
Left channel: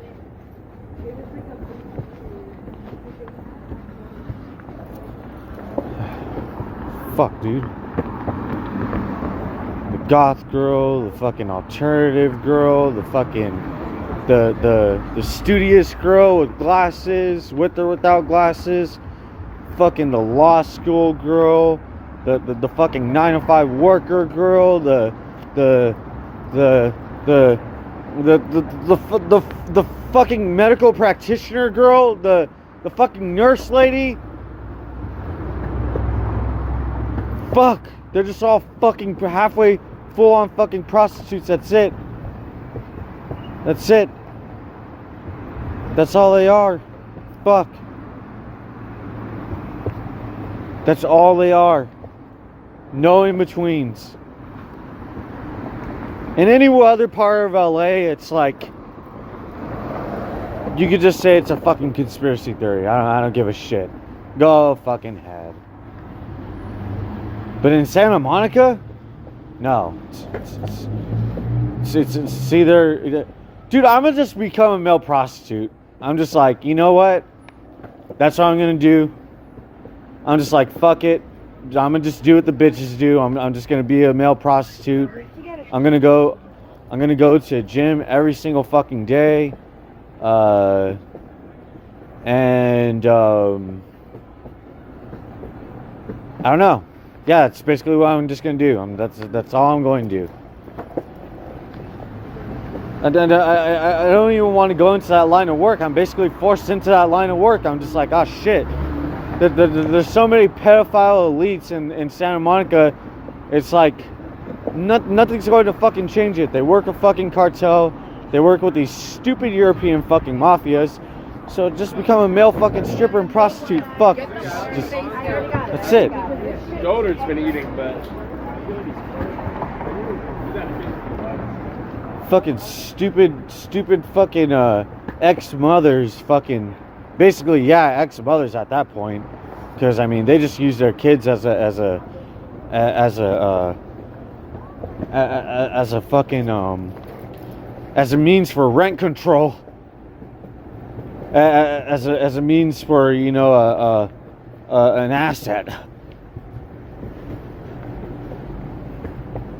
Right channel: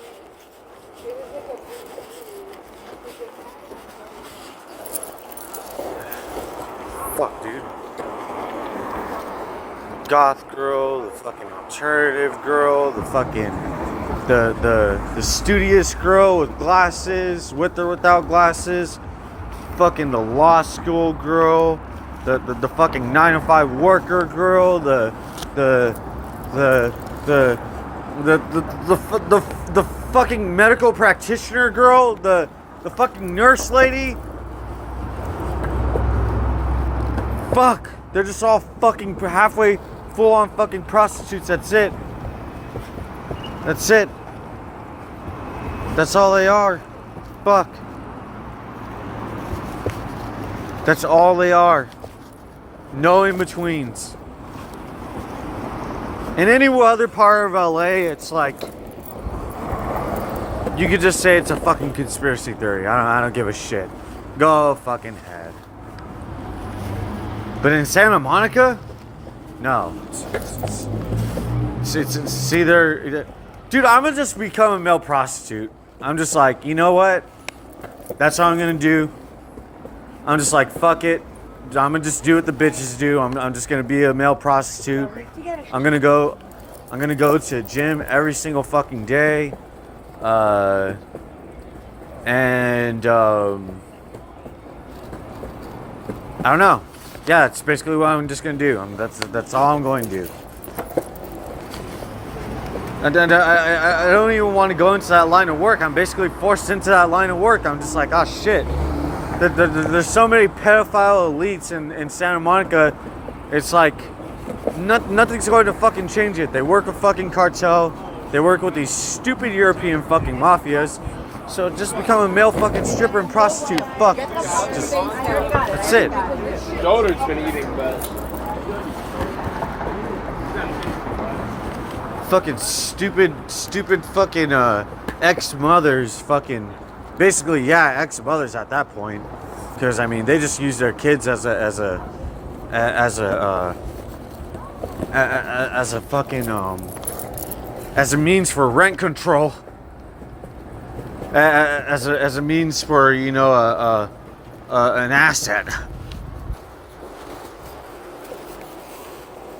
Fuck, dude. The goth girl, the fucking alternative girl, the fucking the studious girl with glasses, with or without glasses, fucking the law school girl. The fucking 9-to-5 worker girl, the fucking medical practitioner girl, the fucking nurse lady. Fuck, they're just all fucking halfway full on fucking prostitutes. That's it. That's it. That's all they are. Fuck. That's all they are. No in-betweens. In any other part of LA, it's like you could just say it's a fucking conspiracy theory. I don't give a shit. Go fucking head. But in Santa Monica, no. It's either, dude, I'm gonna just become a male prostitute. I'm just like, you know what? That's what I'm gonna do. I'm just like, fuck it. I'm gonna just do what the bitches do. I'm just gonna be a male prostitute. I'm gonna go to a gym every single fucking day. And I don't know. Yeah, that's basically what I'm just gonna do. That's all I'm going to do. And then I don't even want to go into that line of work. I'm basically forced into that line of work. I'm just like, oh shit. There's so many pedophile elites in Santa Monica. It's like nothing's going to fucking change it. They work with fucking cartel. They work with these stupid European fucking mafias. So just become a male fucking stripper and prostitute. Fuck. Just that's it. Daughter's been eating, but fucking stupid fucking ex-mothers fucking basically, yeah, ex-mothers at that point, because I mean they just use their kids as a fucking as a means for rent control, as a means for, you know, an asset.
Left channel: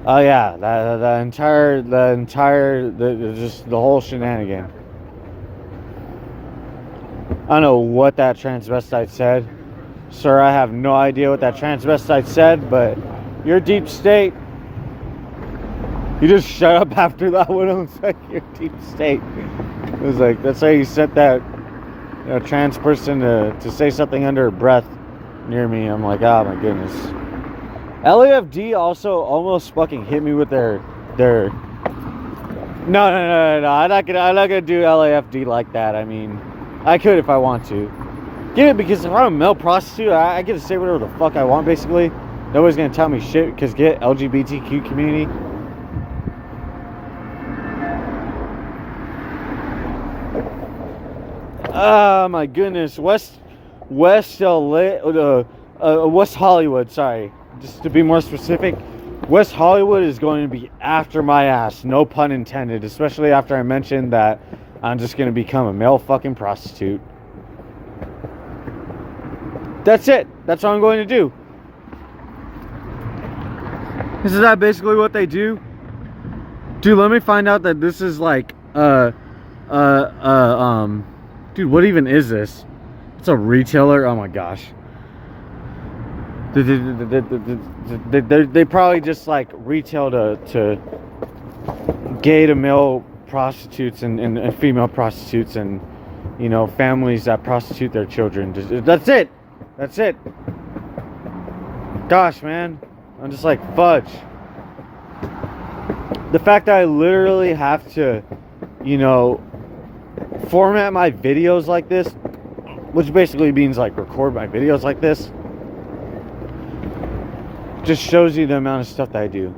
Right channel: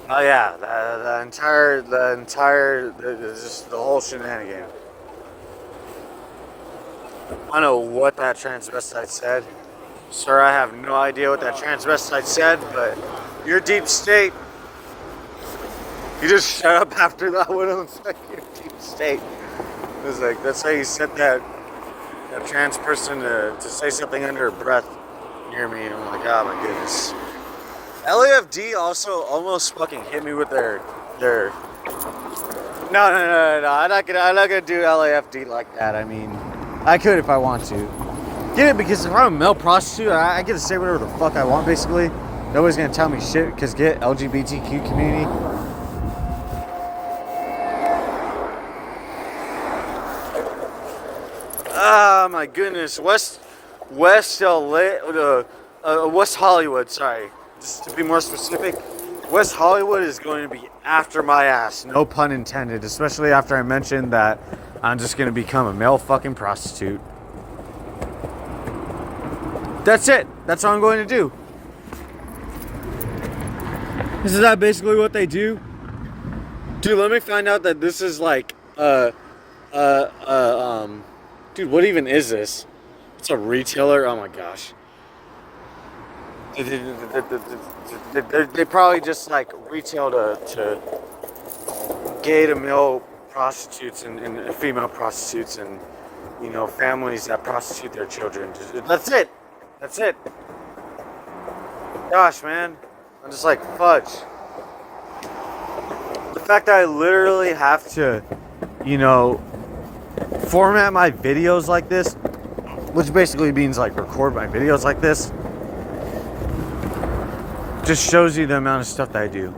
Oh yeah, just the whole shenanigan. I don't know what that transvestite said. Sir, I have no idea what that transvestite said, but you're deep state. You just shut up after that one. I was like, you're deep state. It was like, that's how you set that trans person to say something under her breath near me. I'm like, oh my goodness. LAFD also almost fucking hit me with their no, I'm not gonna do LAFD like that. I mean, I could if I want to. Get it? Because if I'm a male prostitute, I get to say whatever the fuck I want, basically. Nobody's gonna tell me shit, because get LGBTQ community. Oh my goodness, West LA, West Hollywood, sorry. Just to be more specific, West Hollywood is going to be after my ass, no pun intended, especially after I mentioned that I'm just going to become a male fucking prostitute. That's it. That's what I'm going to do. Isn't that basically what they do? Dude, let me find out that this is like, dude, what even is this? It's a retailer? Oh my gosh. They probably just like retail to gay to male prostitutes and female prostitutes and, you know, families that prostitute their children. That's it. That's it. Gosh, man. I'm just like, fudge. The fact that I literally have to, you know, format my videos like this, which basically means like record my videos like this, just shows you the amount of stuff that I do.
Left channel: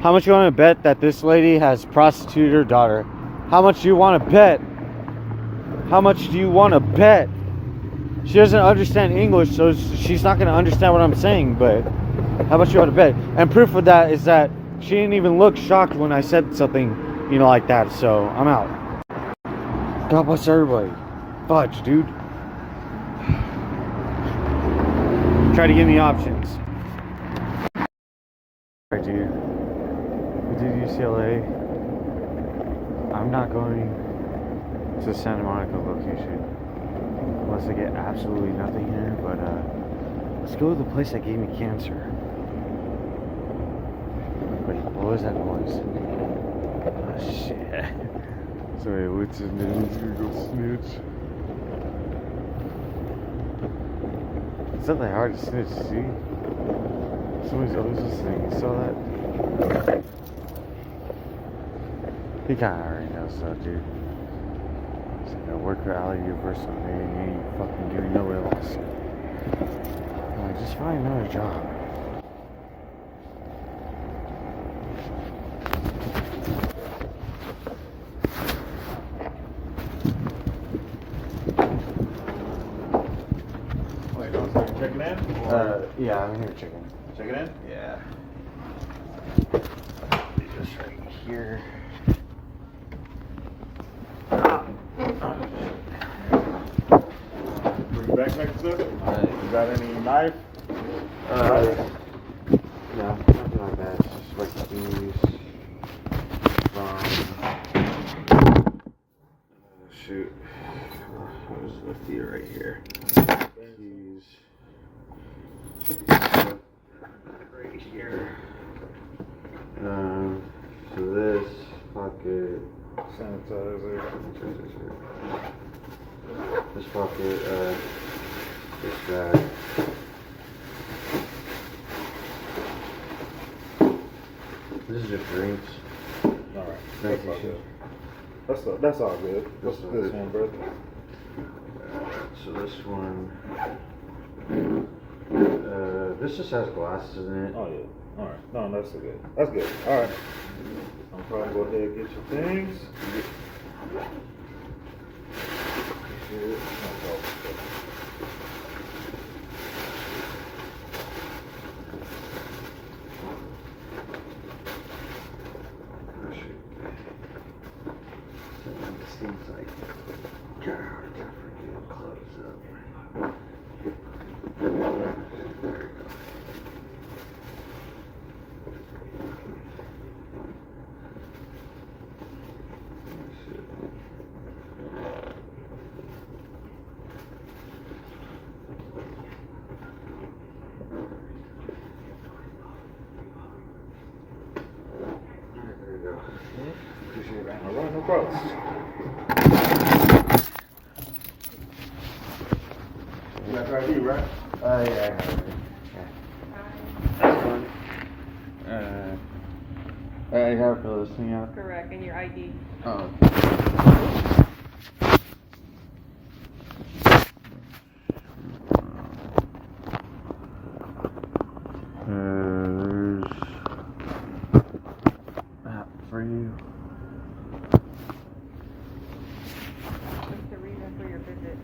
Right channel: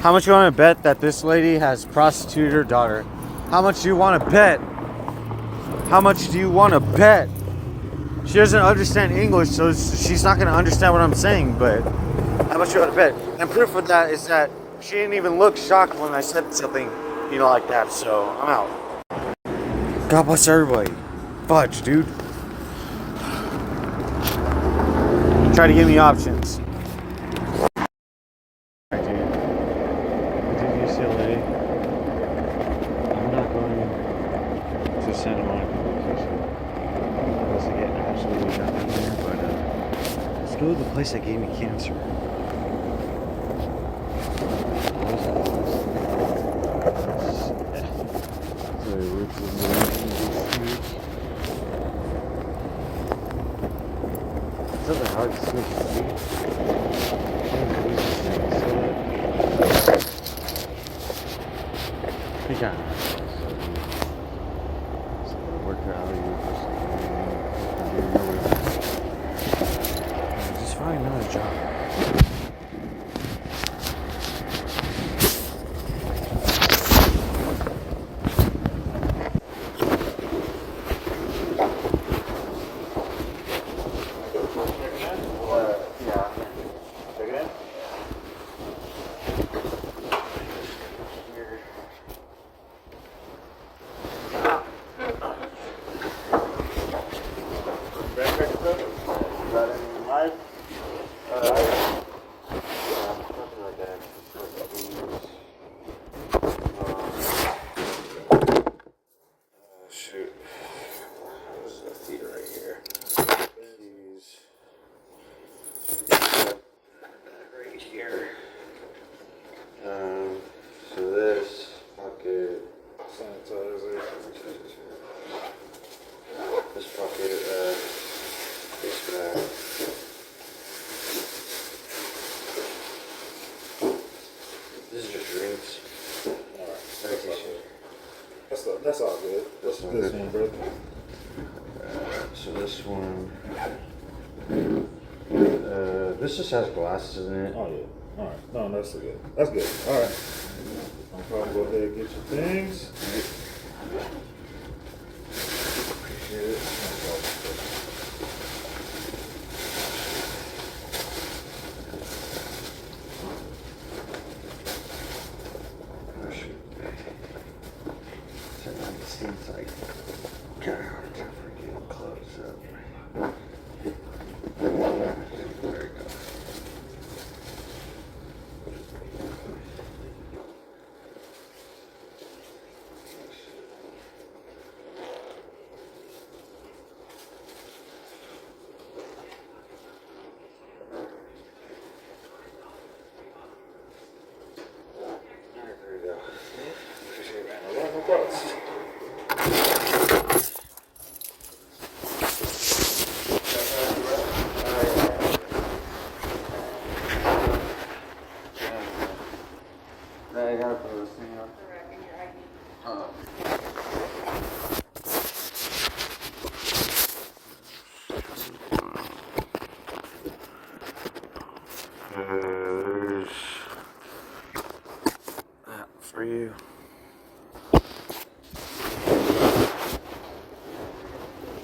How much you want to bet that this lady has prostituted her daughter? How much do you want to bet? How much do you want to bet? She doesn't understand English, so she's not going to understand what I'm saying, but how much you want to bet? And proof of that is that she didn't even look shocked when I said something, you know, like that, so I'm out. God bless everybody. Fudge, dude. Try to give me options. Right, dude. We did UCLA. I'm not going to Santa Monica location unless I get absolutely nothing there, but let's go to the place that gave me cancer. What was that place? Oh, shit. Sorry, which is something hard to switch, dude. Someone's always just saying, you saw that? He got out of that stuff, dude. So I worked for Allie University, and me fucking doing another. Just find another job. Yeah, I'm here checking. Check it in? Yeah. Here. Backpack stuff? You got any knife? Yeah, nothing like that. It's just like these. Shoot. There's a theater right here. Keys. Right here. So this pocket. Sanitizer. This pocket, this bag. This is just drinks. Alright. Medication. That's all good. What's That's all this good. one, brother? So this one, this just has glasses in it. Oh yeah. Alright. No, that's good. That's good. Alright. I'm probably go ahead and get your things. Appreciate it. Oh shoot. That seems like kind of hard to forget. There we go. Alright, there you go. Appreciate it, man. A lot of no quotes. I gotta fill this thing out. Correct, and your ID. Oh. There's that for you. What's the reason for your visit?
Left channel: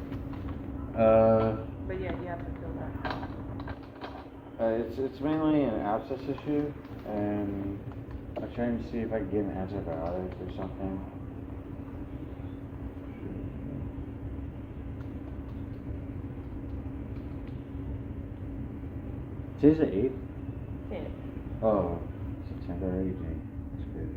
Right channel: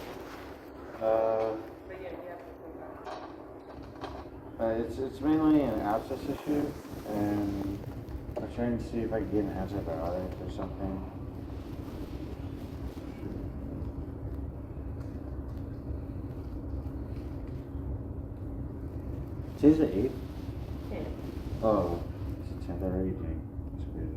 But yeah, you have to fill that out. It's mainly an abscess issue, and I'm trying to see if I can get an antibiotic or something. Today's the 8th? Oh, it's 10th already. That's crazy.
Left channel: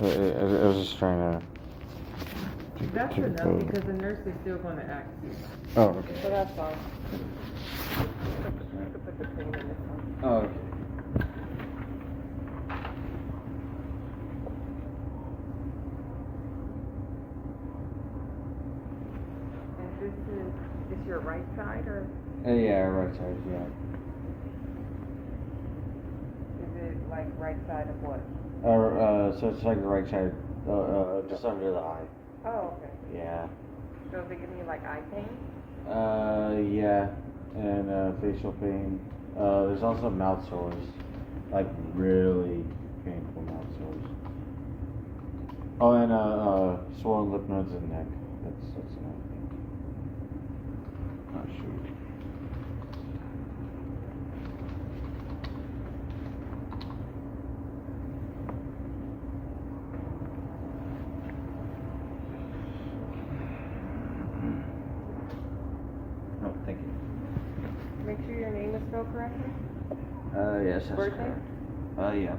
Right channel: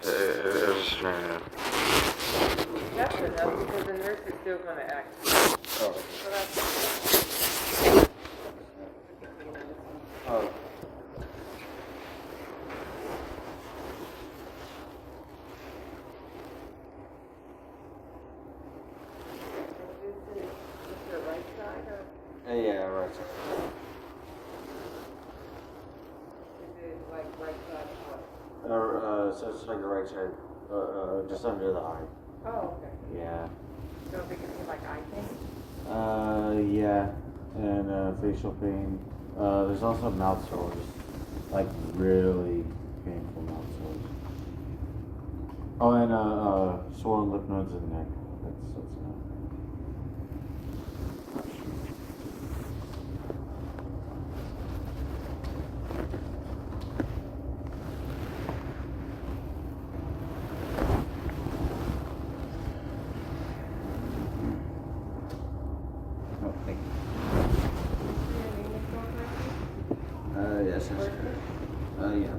I was just trying to. That's enough because the nurse is still gonna act. Oh, okay. So that's fine. Put the cream in this one. Oh. And this is your right side or Yeah, right side, yeah. is it like right side of what? So it's like the right side, just under the eye. Oh, okay. Yeah. So is it gonna be like eye pain? Yeah, and facial pain. There's also mouth sores, like really painful mouth sores. Oh, and swollen lymph nodes in the neck. That's another thing. Not sure. Oh, thank you. Make sure your name is spelled correctly. Yes. That's Birthday? correct. Yeah.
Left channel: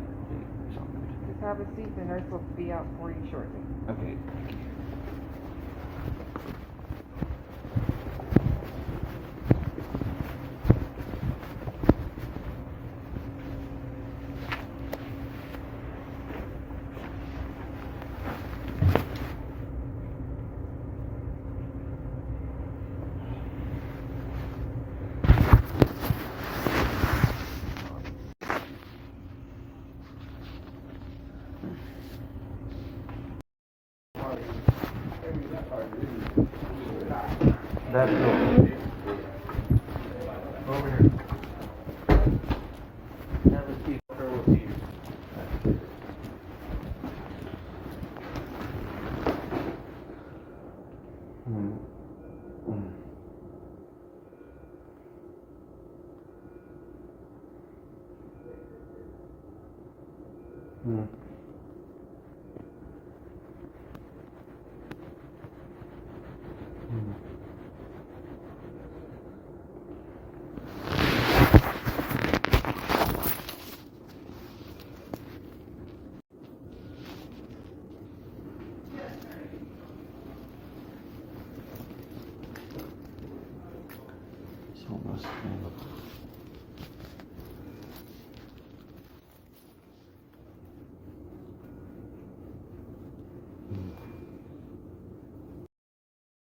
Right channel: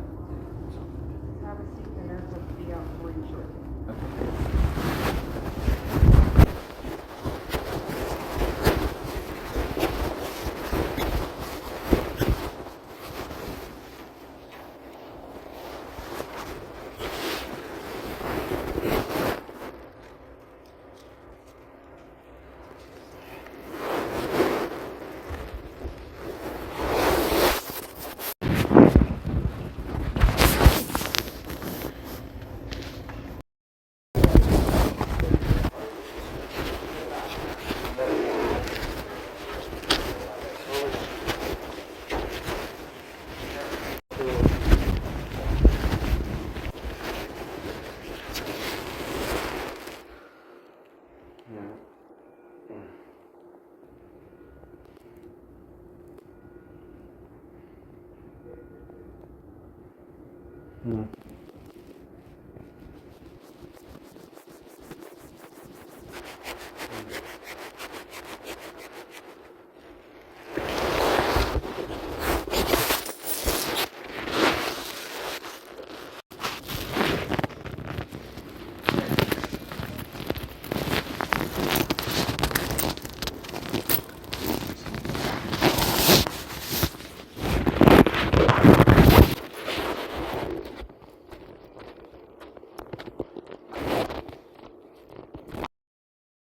Just have a seat. The nurse will be out for you shortly. Okay. Hmm.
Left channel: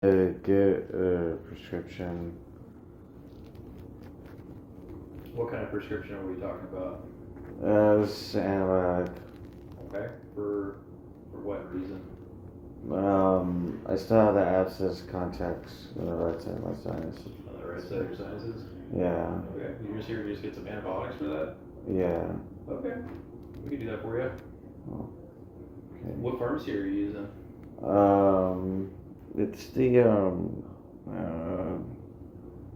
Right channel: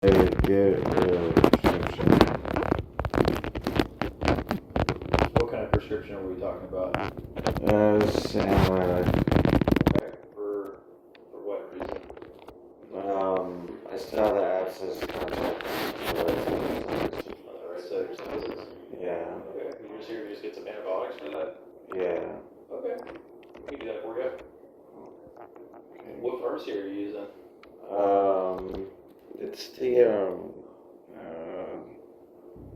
I get a prescription. What kind of prescription are we talking about? It's antibiotic. Okay, for what reason? I still have the abscess contact on the right side of my sinus. On the right side of your sinuses? Yeah, Okay, you just here to just get some antibiotics for that? yeah. Okay, we can do that for you. Okay. What pharmacy are you using? It's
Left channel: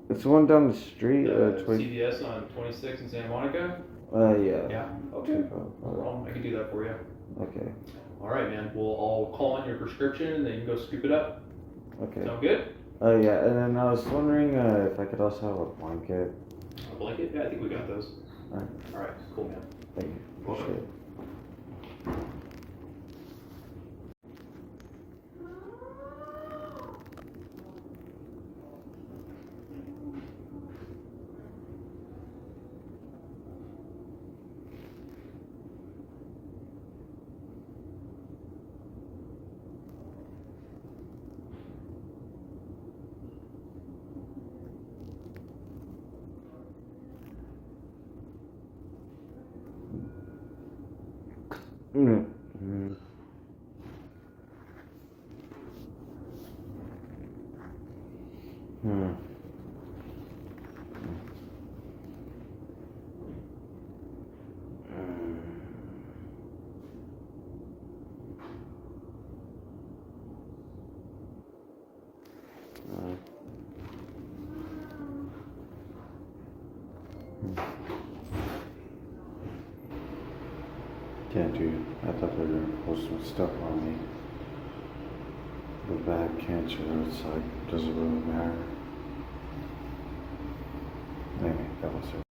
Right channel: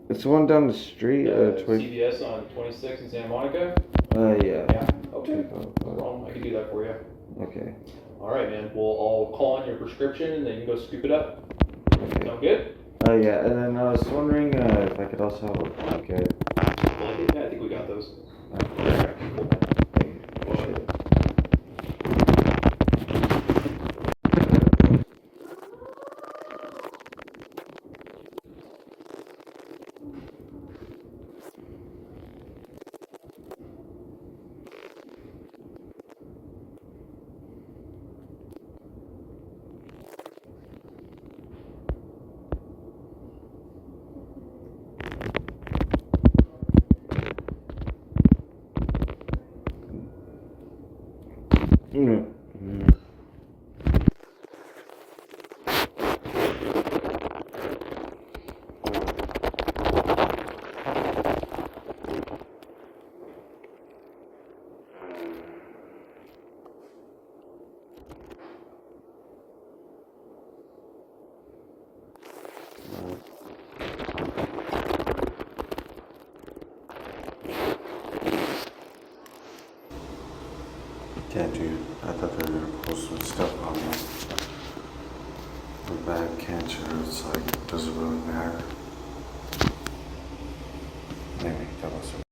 it's the one down the street. CVS on 26 in Santa Monica? Yeah. Yeah, okay, no problem, I can do that for you. Okay. Alright, man, well, I'll call on your prescription and then you can go scoop it up. Okay. Sound good? Oh yeah, and then I was wondering if I could also have a blanket. Well, yeah, I think we got those. Okay. Alright, cool. Appreciate it. Mm. Mm. Can't do. I thought they were gonna post some stuff on me. The bad cancer, it's like, does it really matter? Maybe, that was it.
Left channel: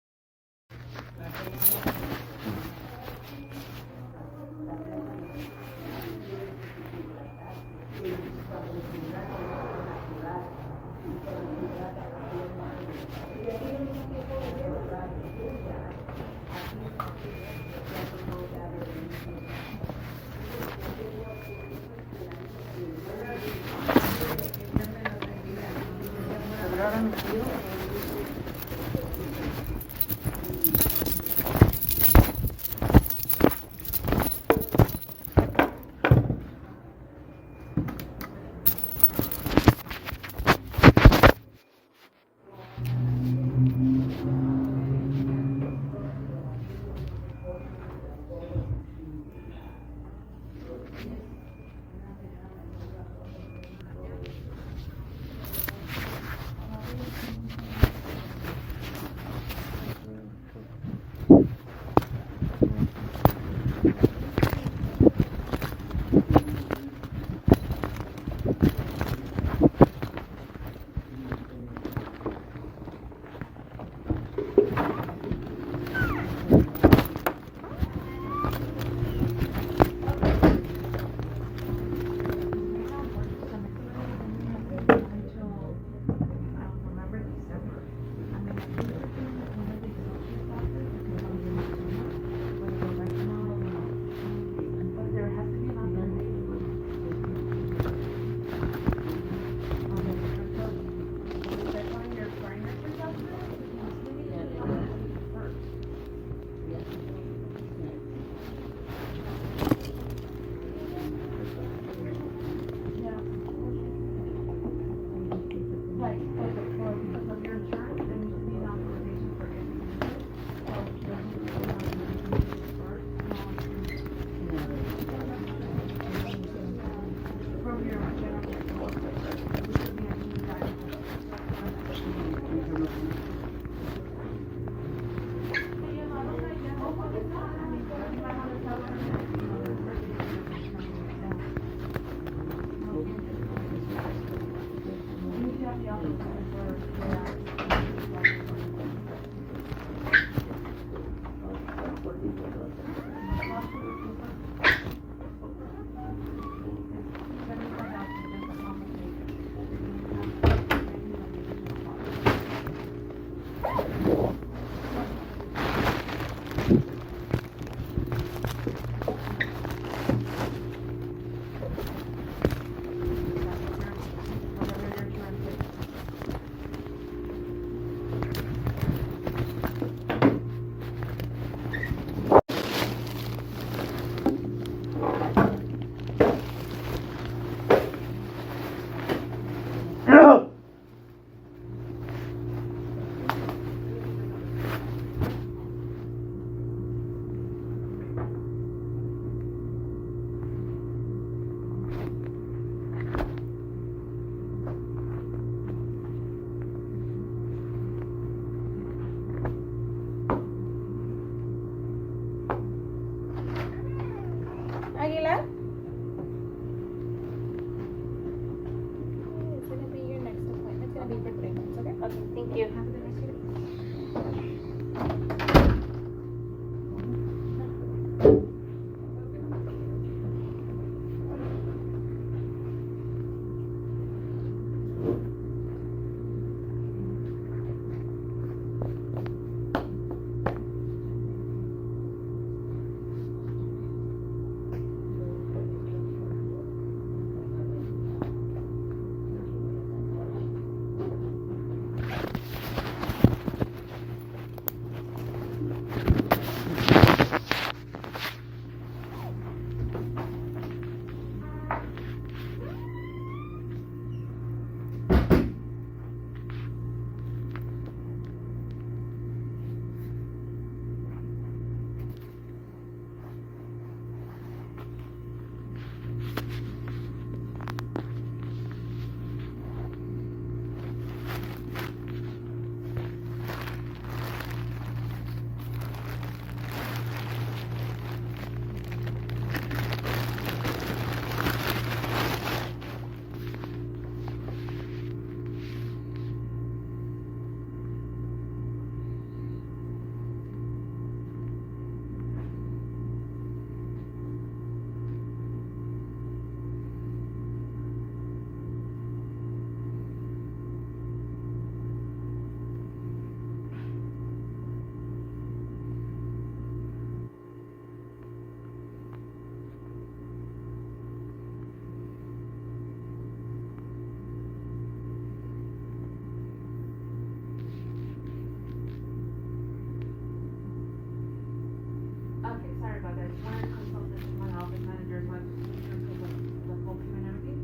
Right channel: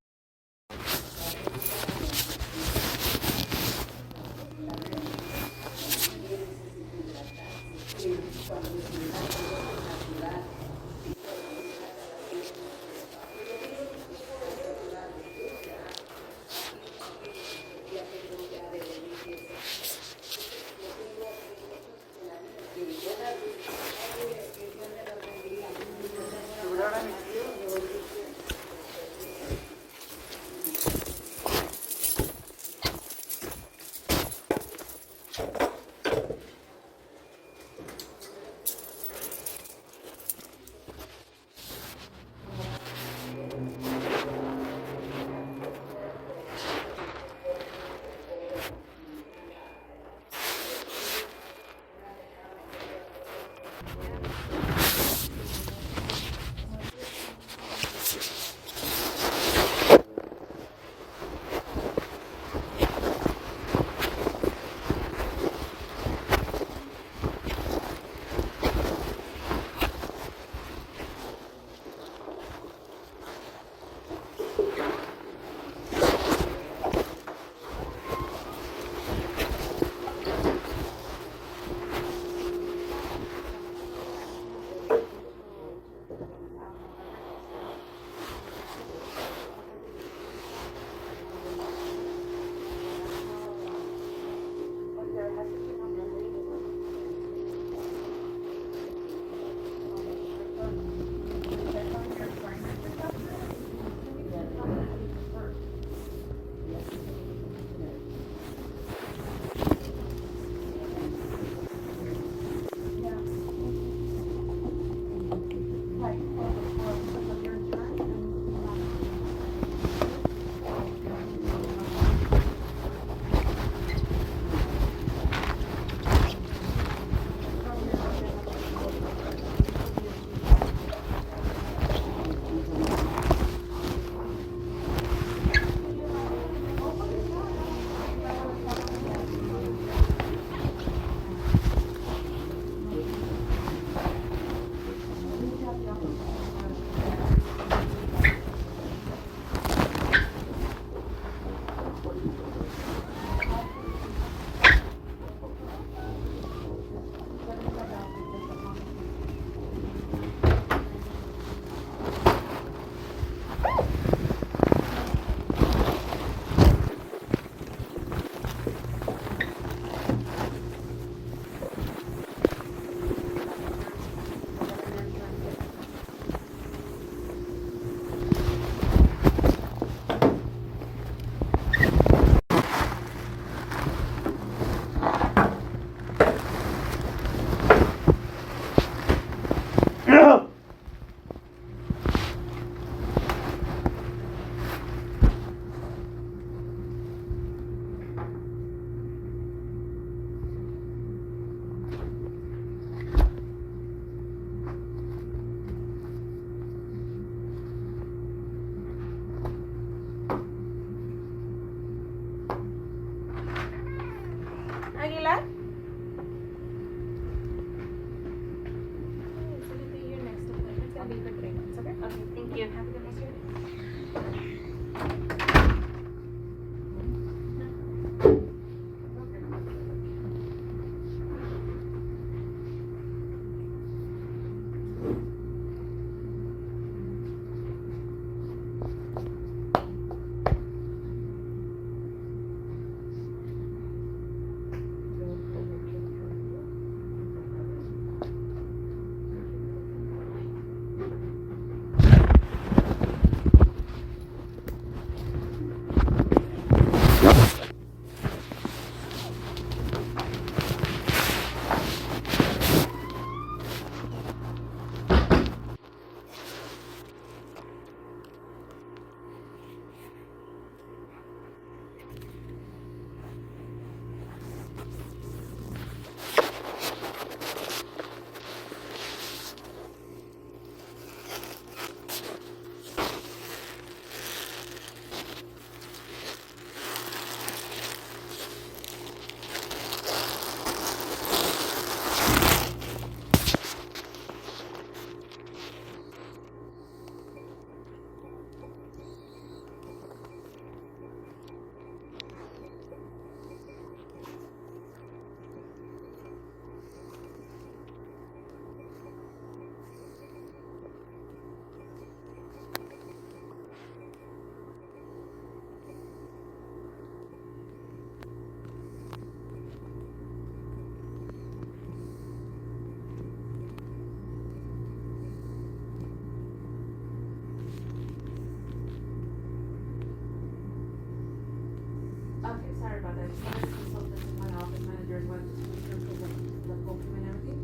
about that. It's not a consultant, it's my office manager, but the booking and everything.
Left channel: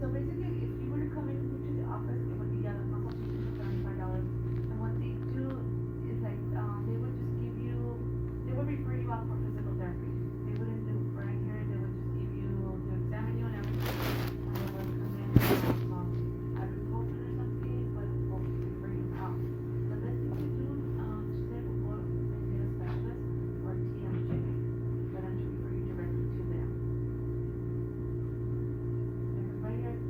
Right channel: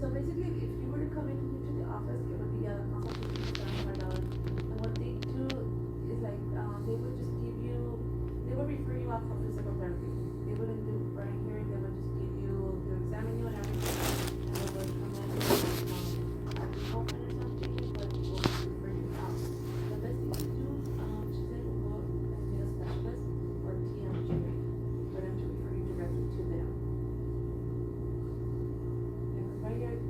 So basically, if you were to come into the office, it would be a consultation $75. And what they do is like, they would just give you, they would refer you out for physical therapy. They wouldn't do right here, they would just give you, to examine you and everything. They would recommend, a consultant or something, but will refer you out. The best thing to do, she said, was maybe a specialist or TMJ, for them to refer you directly to them. And right here,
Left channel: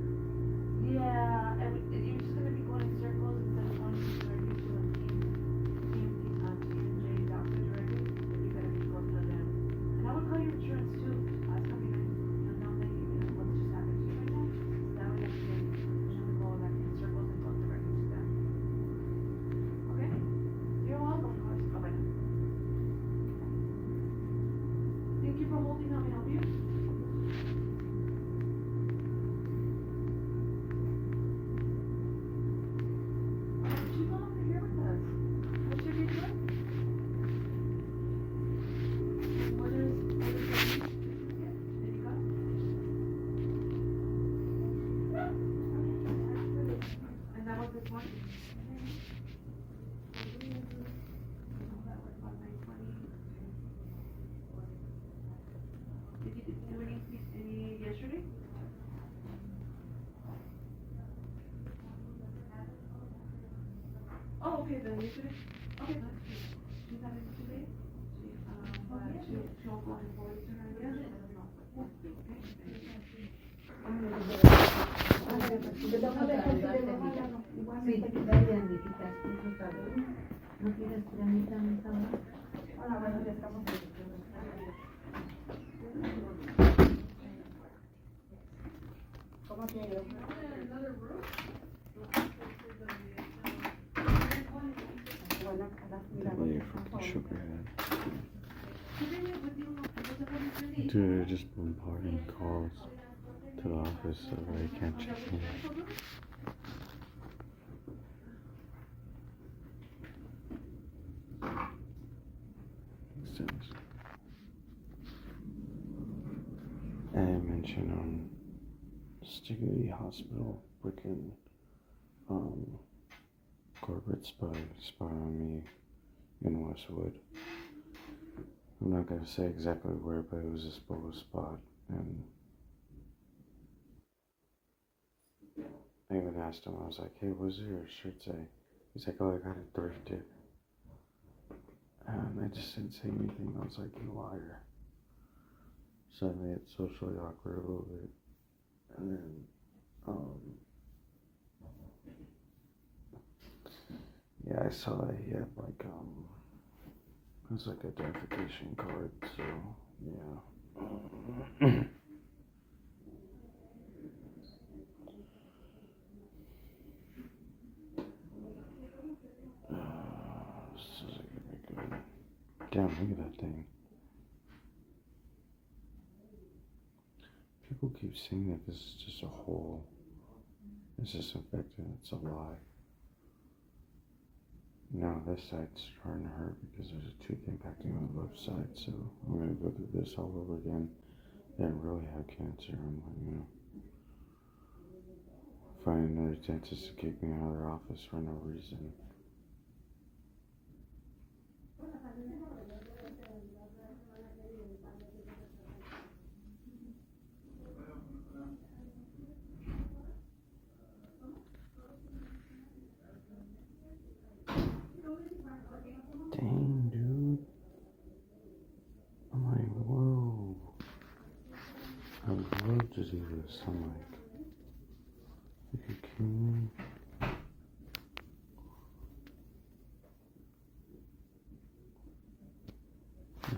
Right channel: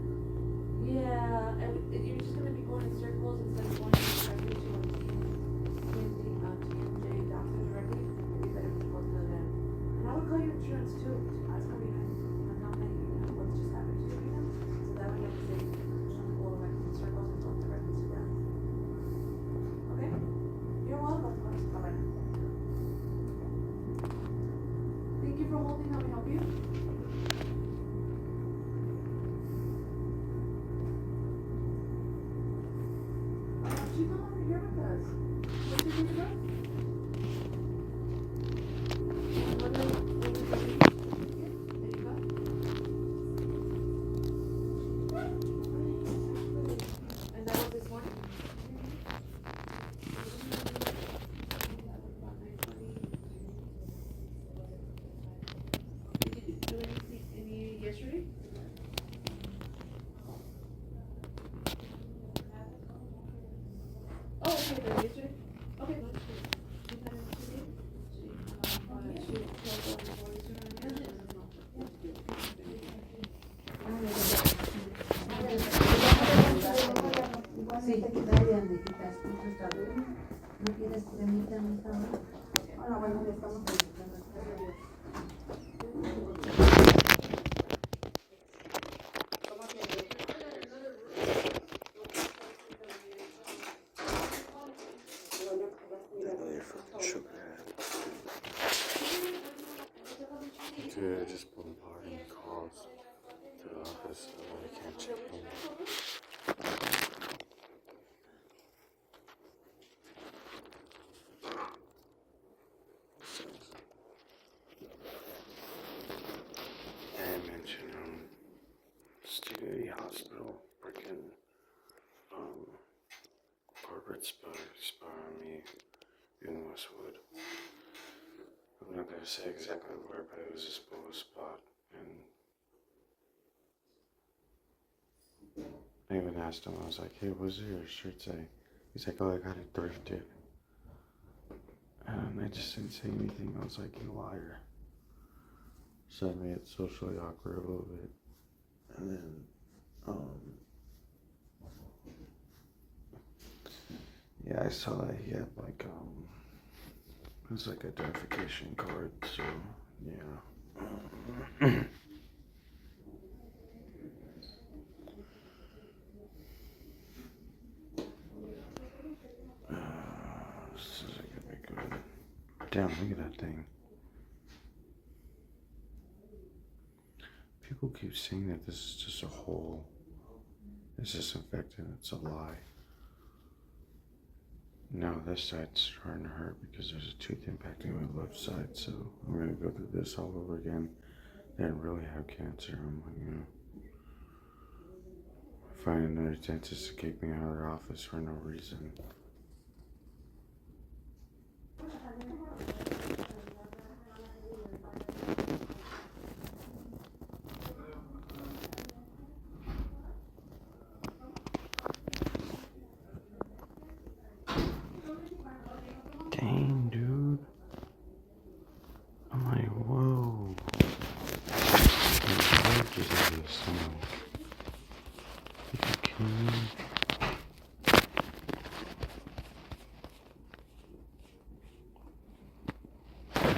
yeah, and you're just gonna be going in circles instead of going directly to a TMJ doctor directly. You better be close to them. And I would call your insurance too. Ask them behind and how many, what's just happened to you right now. So that way you'll be able to go like in circles and go directly to them. Okay? You're welcome, of course. Bye-bye. Thank you for holding. Let me help you. Why don't you come over here with us? What's your date of birth? And what are your date? There you go. And that was this one? Did you do anything, any yesterday? Oh, okay, the yesterday? Okay, no, she had it today. She told all the boys to have it. Sí, Dayan, de quitas, está bien. ¿No quieres cremita en esta hora? Bueno, le estamos dedicando. ¿Cómo que? That little fucking sugar head. Dude, they're just bombarding calls to the office so that I can't check in. And I mentioned Stiggy Hospital freaking corporate spy on me in Westwood. I'm not gonna say exactly where, but it was a spot, and I even asked him, I was like, hey, what's your shirt say? He's like, oh, I got it thrifted. And I just didn't say anything. I was like, you liar. So I made it socially awkward a little bit. And then, yeah, I saw that he had like, it was like identification card, so, yeah. This isn't gonna be good. Damn, look at that thing. People keep saying that this is just a hole. It's disinfectant, it's a lie. No, this side's starting to hurt because there's a tooth impacting my left side, so I'm gonna go through this all over again. They didn't really have cancer. I'm like, find another dentist to kick me out of their office for no reason. Dang, dude. I'm like, whoa. My leg is over the sound. You kidding me?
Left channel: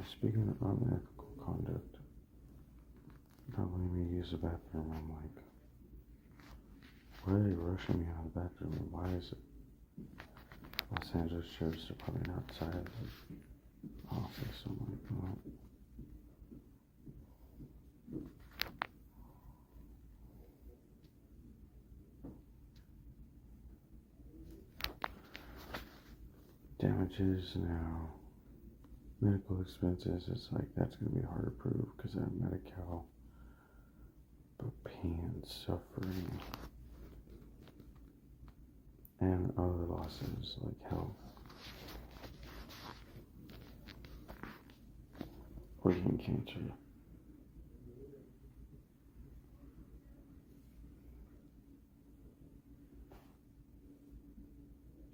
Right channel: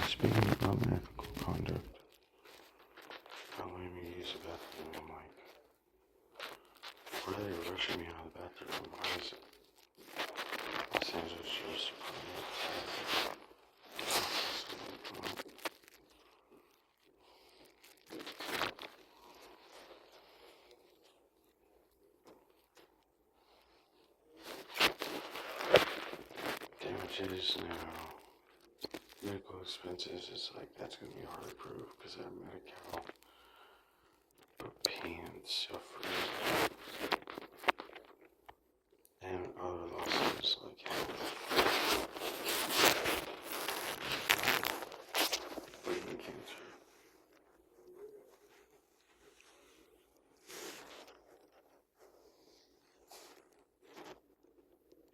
Speaking of unethical conduct, not letting me use the bathroom, I'm like, why are they rushing me out of the bathroom? Why is it Los Angeles Sheriff's Department outside the office? I'm like, well, damages now. medical expenses, it's like that's gonna be hard to prove because I have Medi-Cal. But pain and suffering and other losses like health, or even cancer.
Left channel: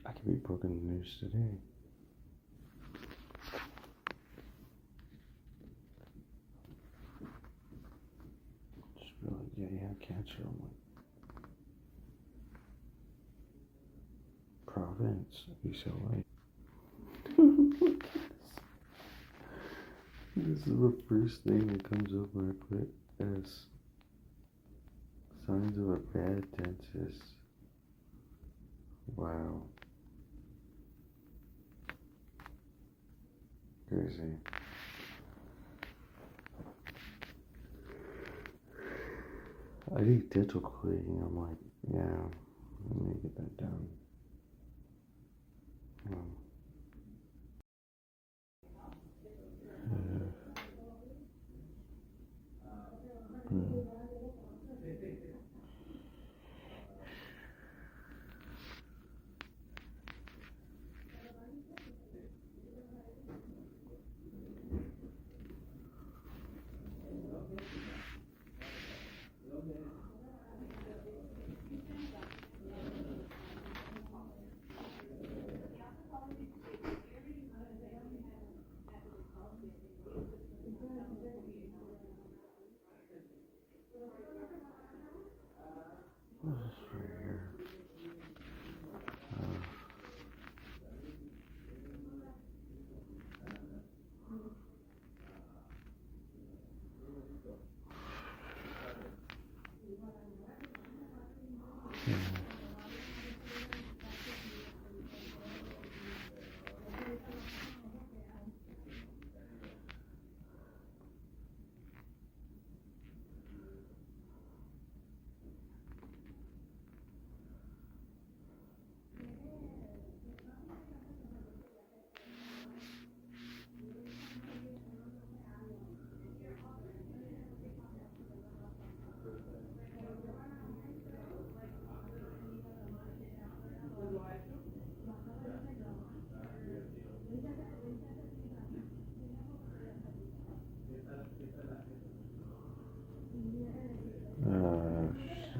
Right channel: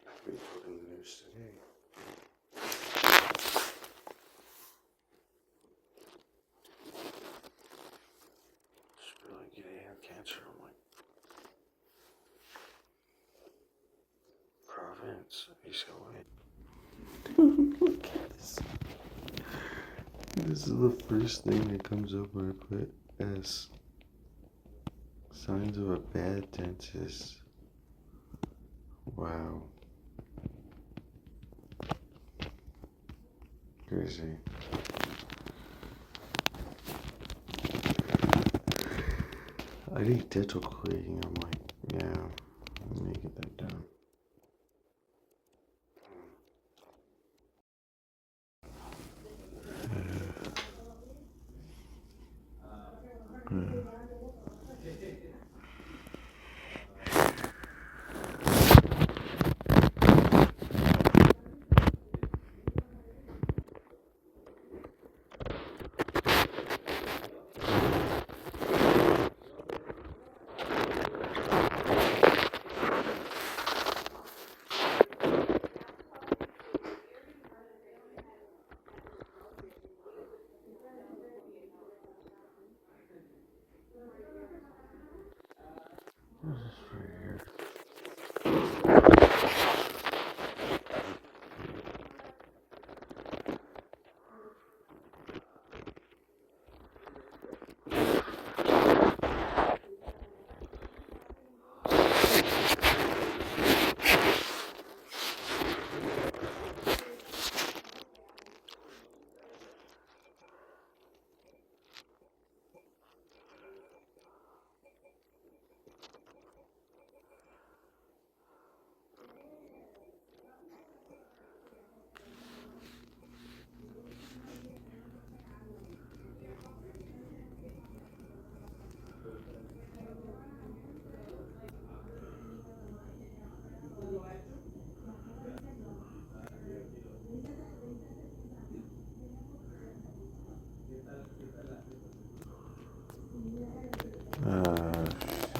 I could be broken the news today. Just be like, yeah, you have cancer. I'm like, Providence, UCLA. Dude, look at this. This is the first thing that comes up when I put S. Signs of a bad dentist. Wow. Crazy. I need dental cleaning. I'm like, yeah, let me get that done.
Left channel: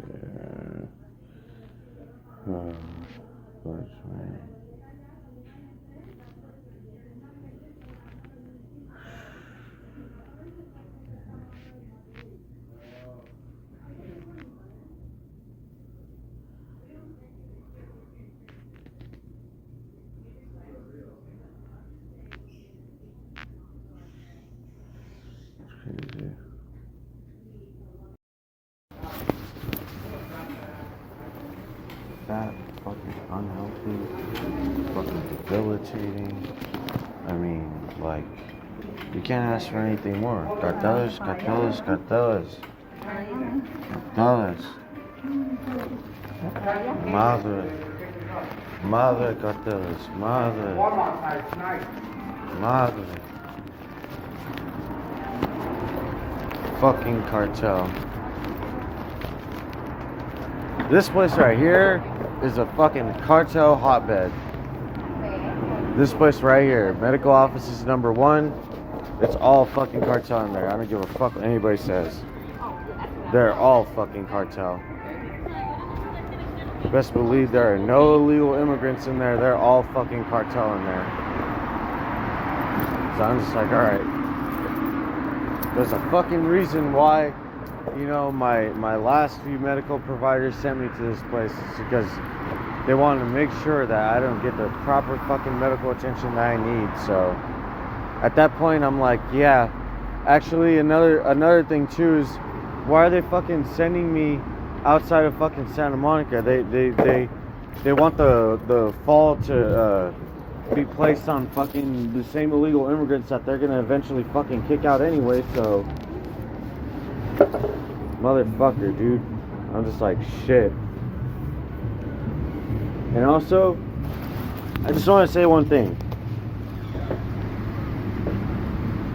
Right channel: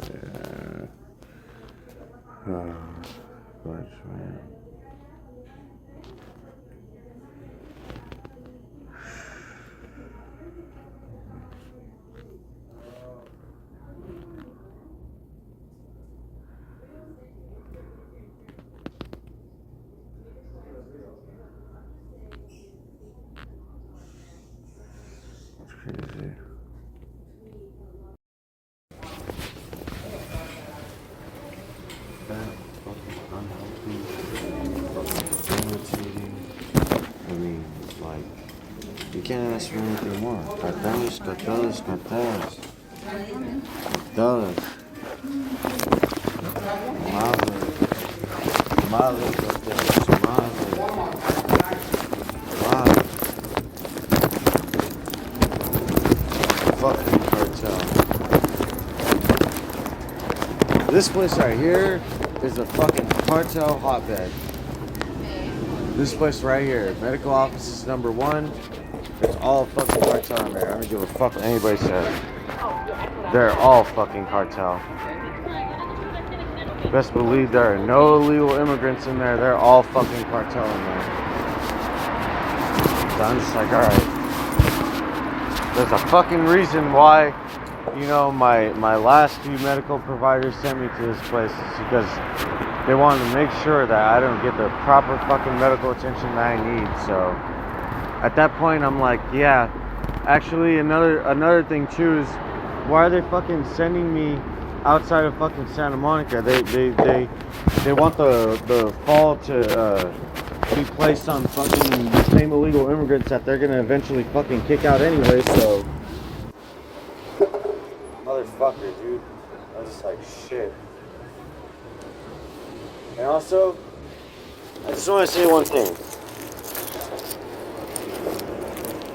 Shit. Oh, gosh, man. It's crazy. That fucking unhealthy, fucking debilitating. I mean, like, you can't ask for anything more. Got those, got those, got those. Those. Mother got those. Mother. Fucking cartel. This place right here is a fucking cartel hotbed. This place right here, medical offices #1. It's all fucking cartel in there. I don't give a fuck what anybody says. They're all fucking cartel. Best believe there are no illegal immigrants in there. They're all fucking cartel in there. So I'm just like, alright. There's a fucking reason why, you know, my last few medical providers sent me to this place. It's because they wanted to make sure that I don't get the proper fucking medical attention that I need. So at that point, I'm like, yeah. Actually, another thing too is, why are they fucking sending me outside of fucking Santa Monica? They want the fall to be placed on fucking the same illegal immigrants that they're gonna eventually fucking kick out anyway. So, motherfucker, dude. I'm just like, shit. And also, I just want to say one thing.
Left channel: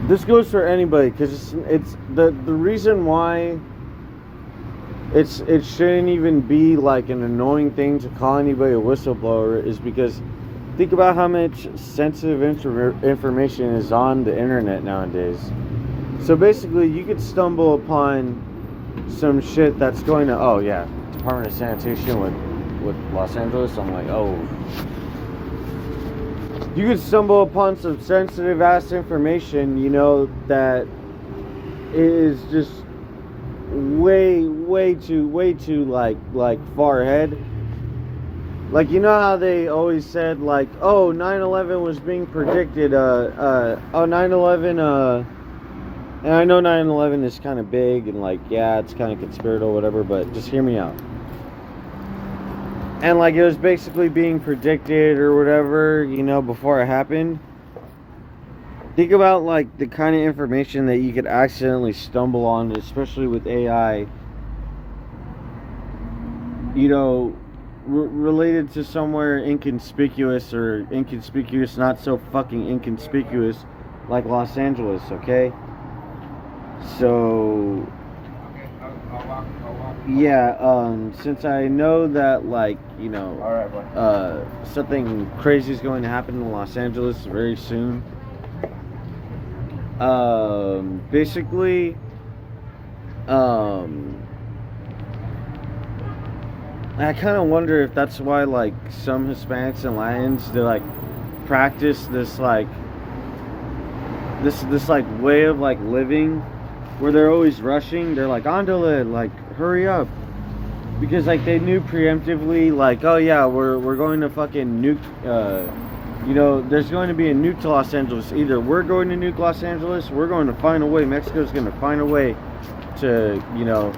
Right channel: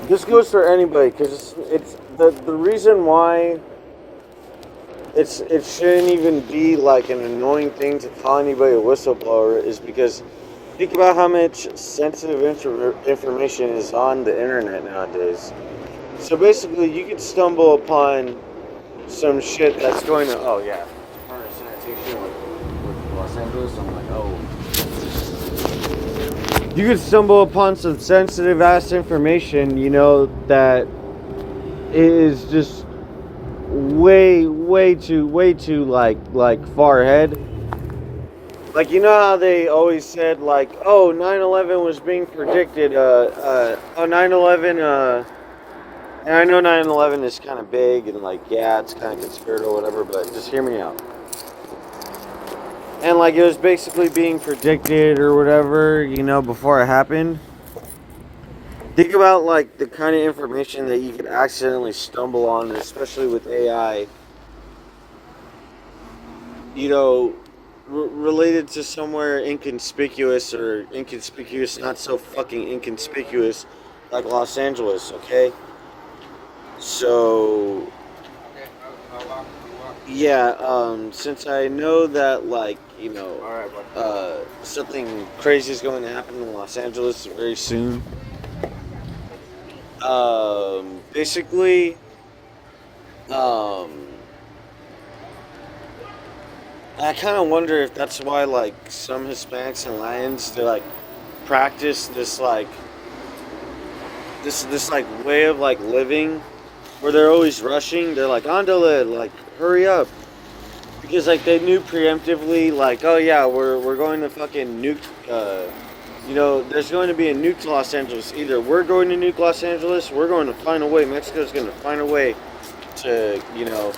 this goes for anybody, because it's the reason why it shouldn't even be like an annoying thing to call anybody a whistleblower is because think about how much sensitive information is on the internet nowadays. So basically, you could stumble upon some shit that's going to, oh yeah, Department of Sanitation with Los Angeles. I'm like, oh. You could stumble upon some sensitive ass information, you know, that is just way too like far ahead. Like, you know how they always said like, oh, 9/11 was being predicted, 9/11, and I know 9/11 is kind of big and like, yeah, it's kind of conspiratorial or whatever, but just hear me out. And like, it was basically being predicted or whatever, you know, before it happened. Think about like the kind of information that you could accidentally stumble on, especially with AI, you know, related to somewhere inconspicuous or inconspicuous, not so fucking inconspicuous, like Los Angeles, okay? So, yeah, since I know that, like, you know, something crazy is going to happen in Los Angeles very soon, basically, I kind of wonder if that's why, like, some Hispanics and Latins, they, like, practice this, like, this like, way of, like, living where they're always rushing. They're like, andale, like, hurry up. Because, like, they knew preemptively, like, oh, yeah, we're going to fucking nuke, you know, there's going to be a nuke to Los Angeles. Either we're going to nuke Los Angeles, we're going to find a way, Mexico's going to find a way to, you know,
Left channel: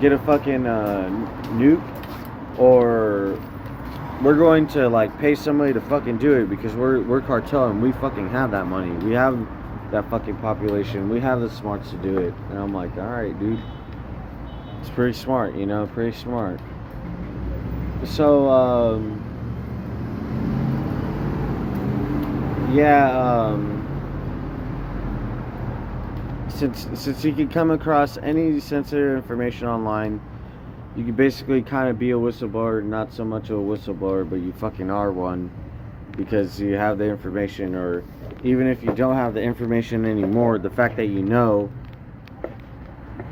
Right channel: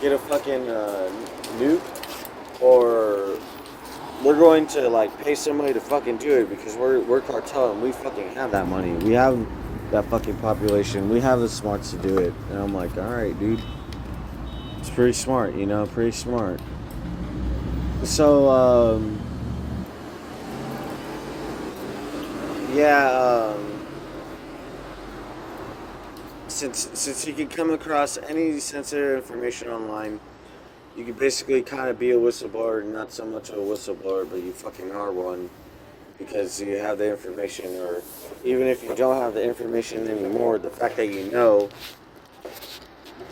get a fucking nuke, or we're going to, like, pay somebody to fucking do it because we're cartel and we fucking have that money. We have that fucking population. We have the smarts to do it. And I'm like, alright, dude. It's pretty smart, you know, pretty smart. So, yeah, since you can come across any sensitive information online, you can basically kind of be a whistleblower, not so much of a whistleblower, but you fucking are one because you have the information, or even if you don't have the information anymore, the fact that you know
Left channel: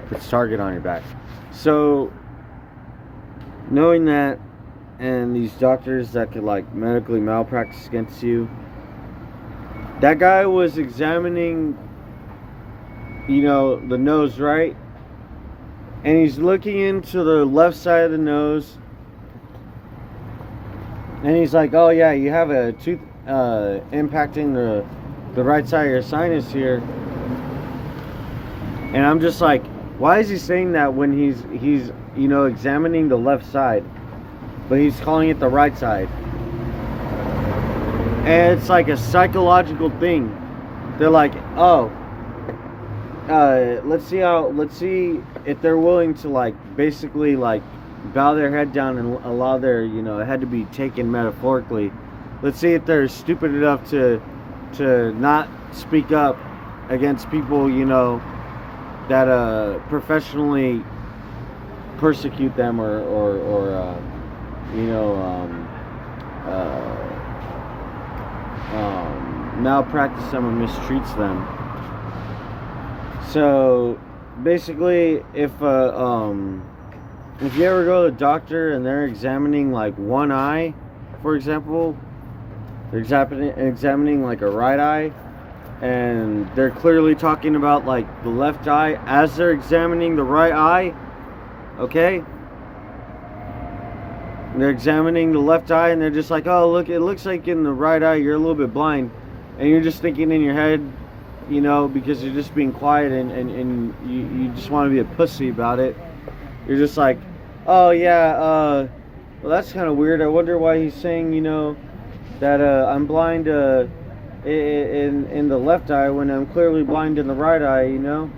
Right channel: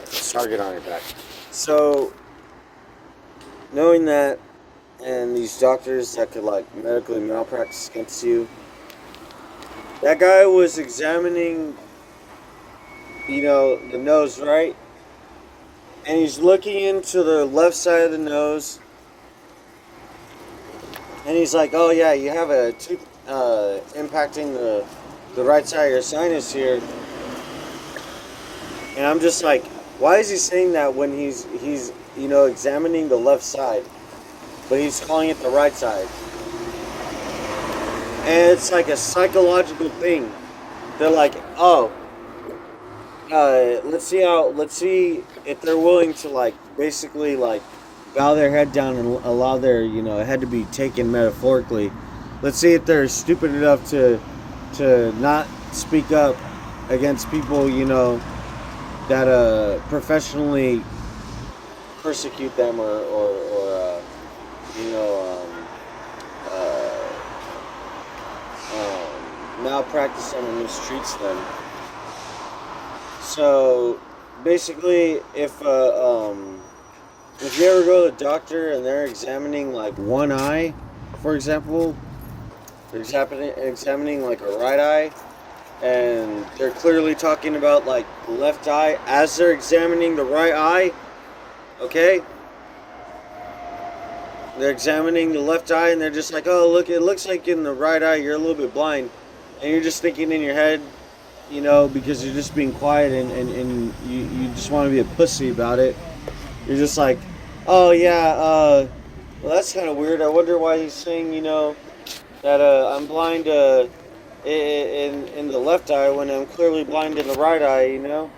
puts a target on your back. So, knowing that, and these doctors that could, like, medically malpractice against you, that guy was examining, you know, the nose, right? And he's looking into the left side of the nose. And he's like, oh yeah, you have a tooth impacting the right side of your sinus here. And I'm just like, why is he saying that when he's you know, examining the left side, but he's calling it the right side? And it's like a psychological thing. They're like, oh, let's see if they're willing to, like, basically, like, bow their head down and allow their, you know, head to be taken metaphorically. Let's see if they're stupid enough to not speak up against people, you know, that professionally persecute them or you know, malpractice them or mistreats them. So basically, if you ever go to the doctor and they're examining, like, one eye, for example, they're examining like a right eye, and they're clearly talking about, like, the left eye as they're examining the right eye, okay? They're examining the left eye and they're just like, oh, look, it looks like in the right eye you're a little bit blind. And you're just thinking in your head, you know, because you're just being quiet and you just want to be a pussy about it. You're just like, oh yeah, well, that's kind of weird. I wonder why he's saying, you know, that I'm blind in the left eye when I'm clearly blind in the right eye, you know?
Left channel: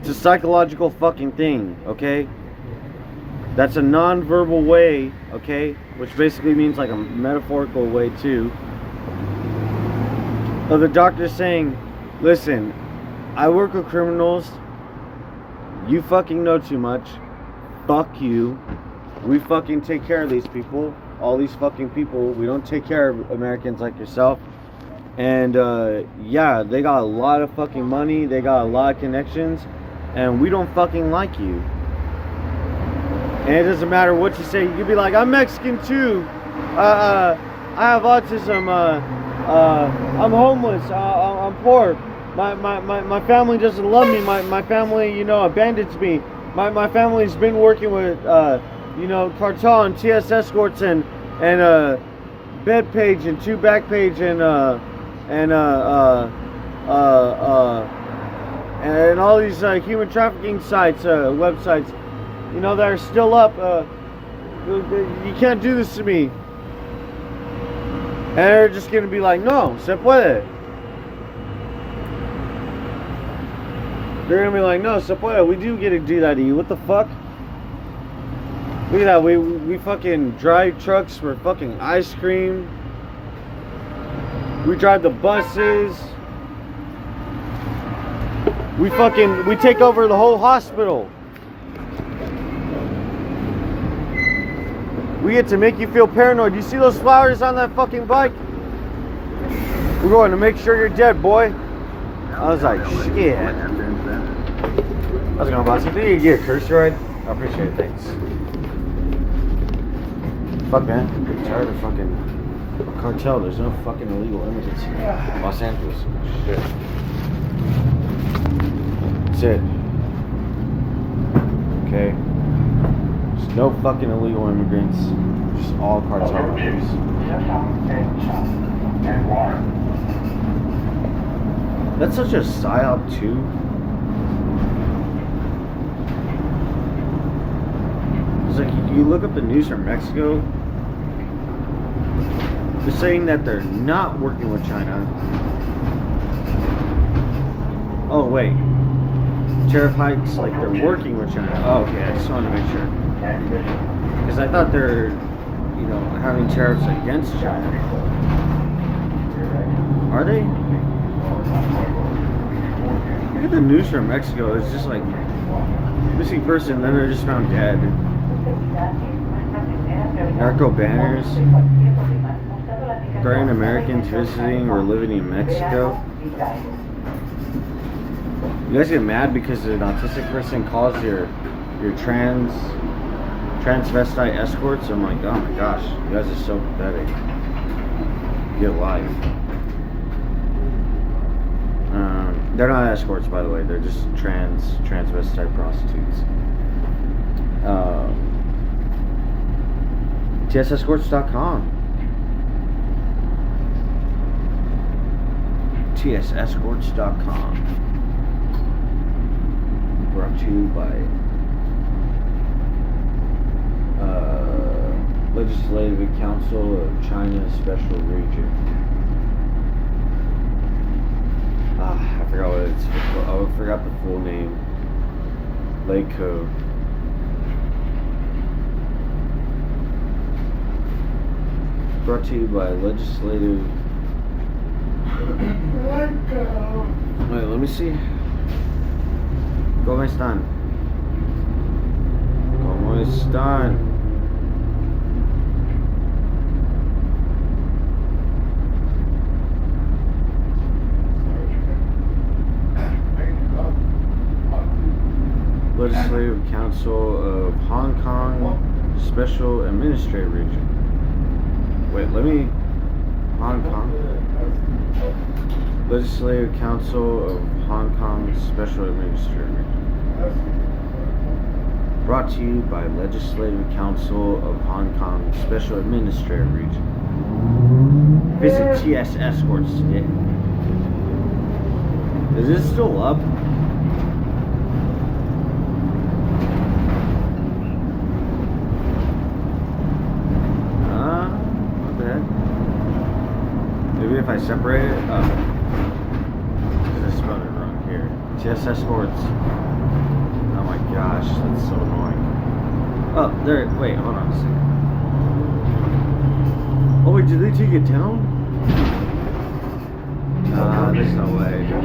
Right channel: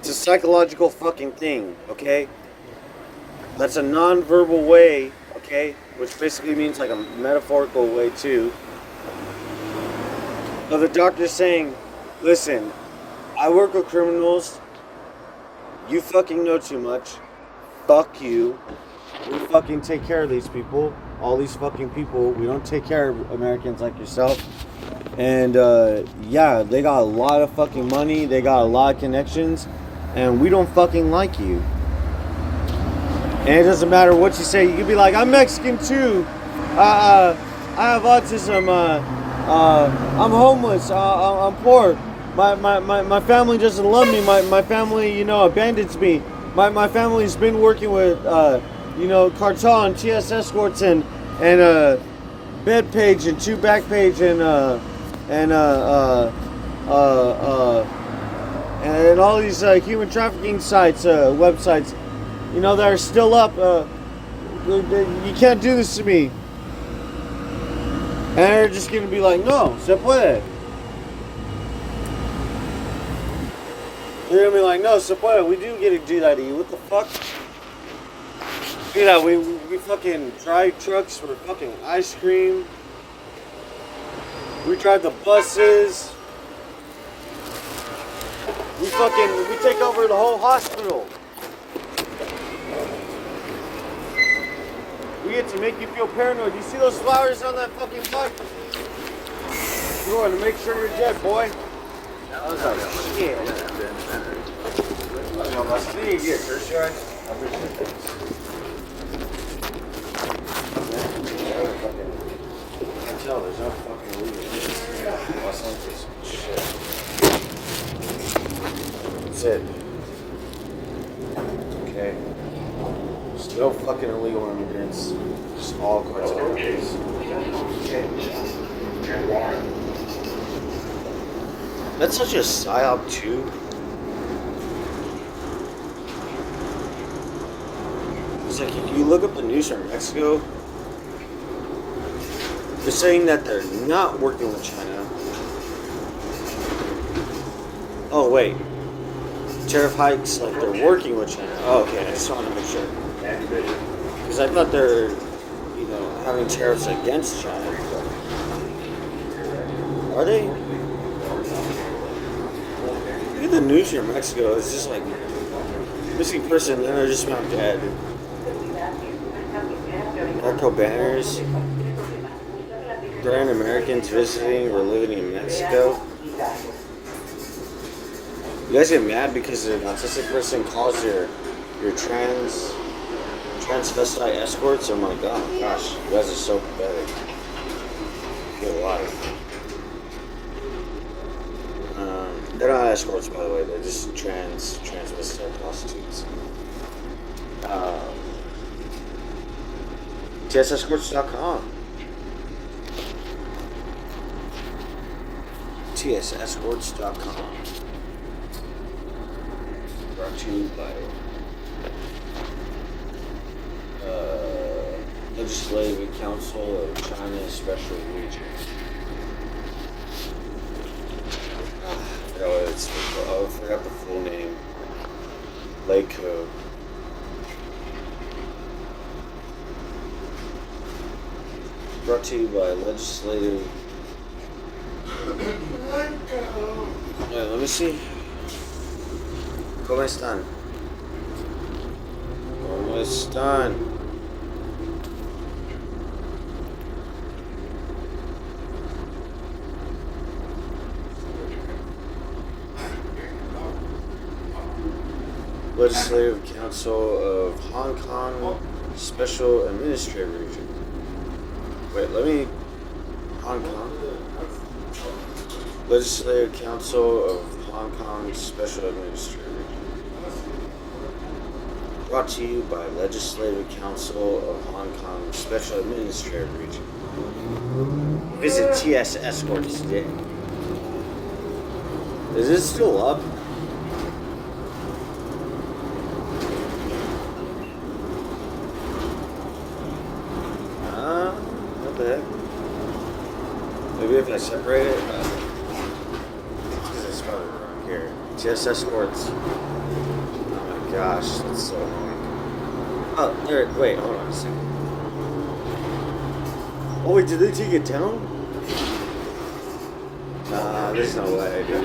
It's a psychological fucking thing, okay? That's a non-verbal way, okay? Which basically means like a metaphorical way too, of the doctor saying, Listen, I work with criminals. You fucking know too much. Fuck you. We fucking take care of these people. All these fucking people. We don't take care of Americans like yourself. And yeah, they got a lot of fucking money. They got a lot of connections. And we don't fucking like you. And it doesn't matter what you say. You can be like, I'm Mexican too. I have autism. I'm homeless. I'm poor. My family doesn't love me. My family, you know, abandons me. My family's been working with, you know, cartel and TS escorts and bed page and two back page and all these human trafficking sites, websites, you know, that are still up. You can't do this to me. And they're just gonna be like, no, se puede. They're gonna be like, no, se puede. We do get to do that to you. What the fuck? Look at that. We fucking drive trucks for fucking ice cream. We drive the buses. We take over the whole hospital. We get to make you feel paranoid. You see those flowers on that fucking bike? We're going to make sure you're dead, boy. I was like, shit. I don't know about you. Think you get a curse ride? I appreciate it, thanks. Fuck that. I'm tired of fucking cartel. There's no fucking illegal immigrants. Los Angeles. Shit. That's it. Okay. There's no fucking illegal immigrants. Just all cartel members. That's such a psyop too. It's like you look up the news from Mexico. They're saying that they're not working with China. Oh wait. Tariff hikes, like they're working with China. Oh, okay, I just wanted to make sure. Because I thought they're, you know, having tariffs against China. Are they? Look at the news from Mexico. It's just like missing person, then they're just found dead. Narco banners. Threaten Americans visiting or living in Mexico. You guys get mad because an autistic person calls your transvestite escorts? I'm like, oh my gosh, you guys are so pathetic. Get life. They're not escorts, by the way. They're just transvestite prostitutes. TSEscorts.com. TSEscorts.com. Brought to you by Legislative Council of China Special Region. I forgot what it's. Oh, I forgot the full name. Code. Brought to you by Legislative. Wait, let me see. ¿Cómo están? ¿Cómo están? Legislative Council of Hong Kong Special Administrative Region. Wait, let me... Hong Kong? Legislative Council of Hong Kong Special Administrative Region. Brought to you by Legislative Council of Hong Kong Special Administrative Region. Visit TS Escorts today. Is this still up? What the heck? Maybe if I separate it? Because I spelled it wrong here. TS Escorts. Oh my gosh, that's so annoying. Oh, there. Wait, hold on a second. Oh wait, did they take it down? Nah, There's no way, dude.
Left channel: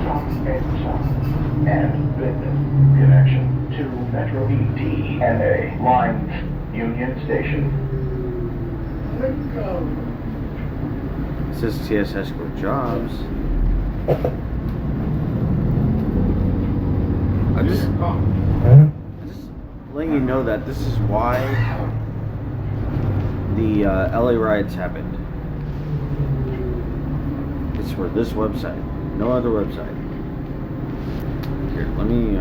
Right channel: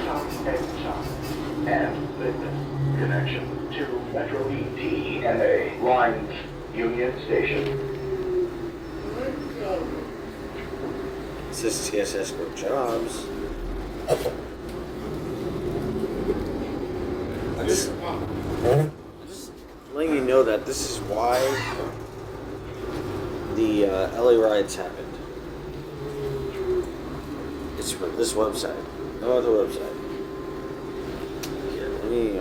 And Blacklist connection to Metro ETMA lines Union Station. It says TSS Escort Jobs. I'm just letting you know that this is why the LA riots happened. It's for this website, no other website. Here, let me.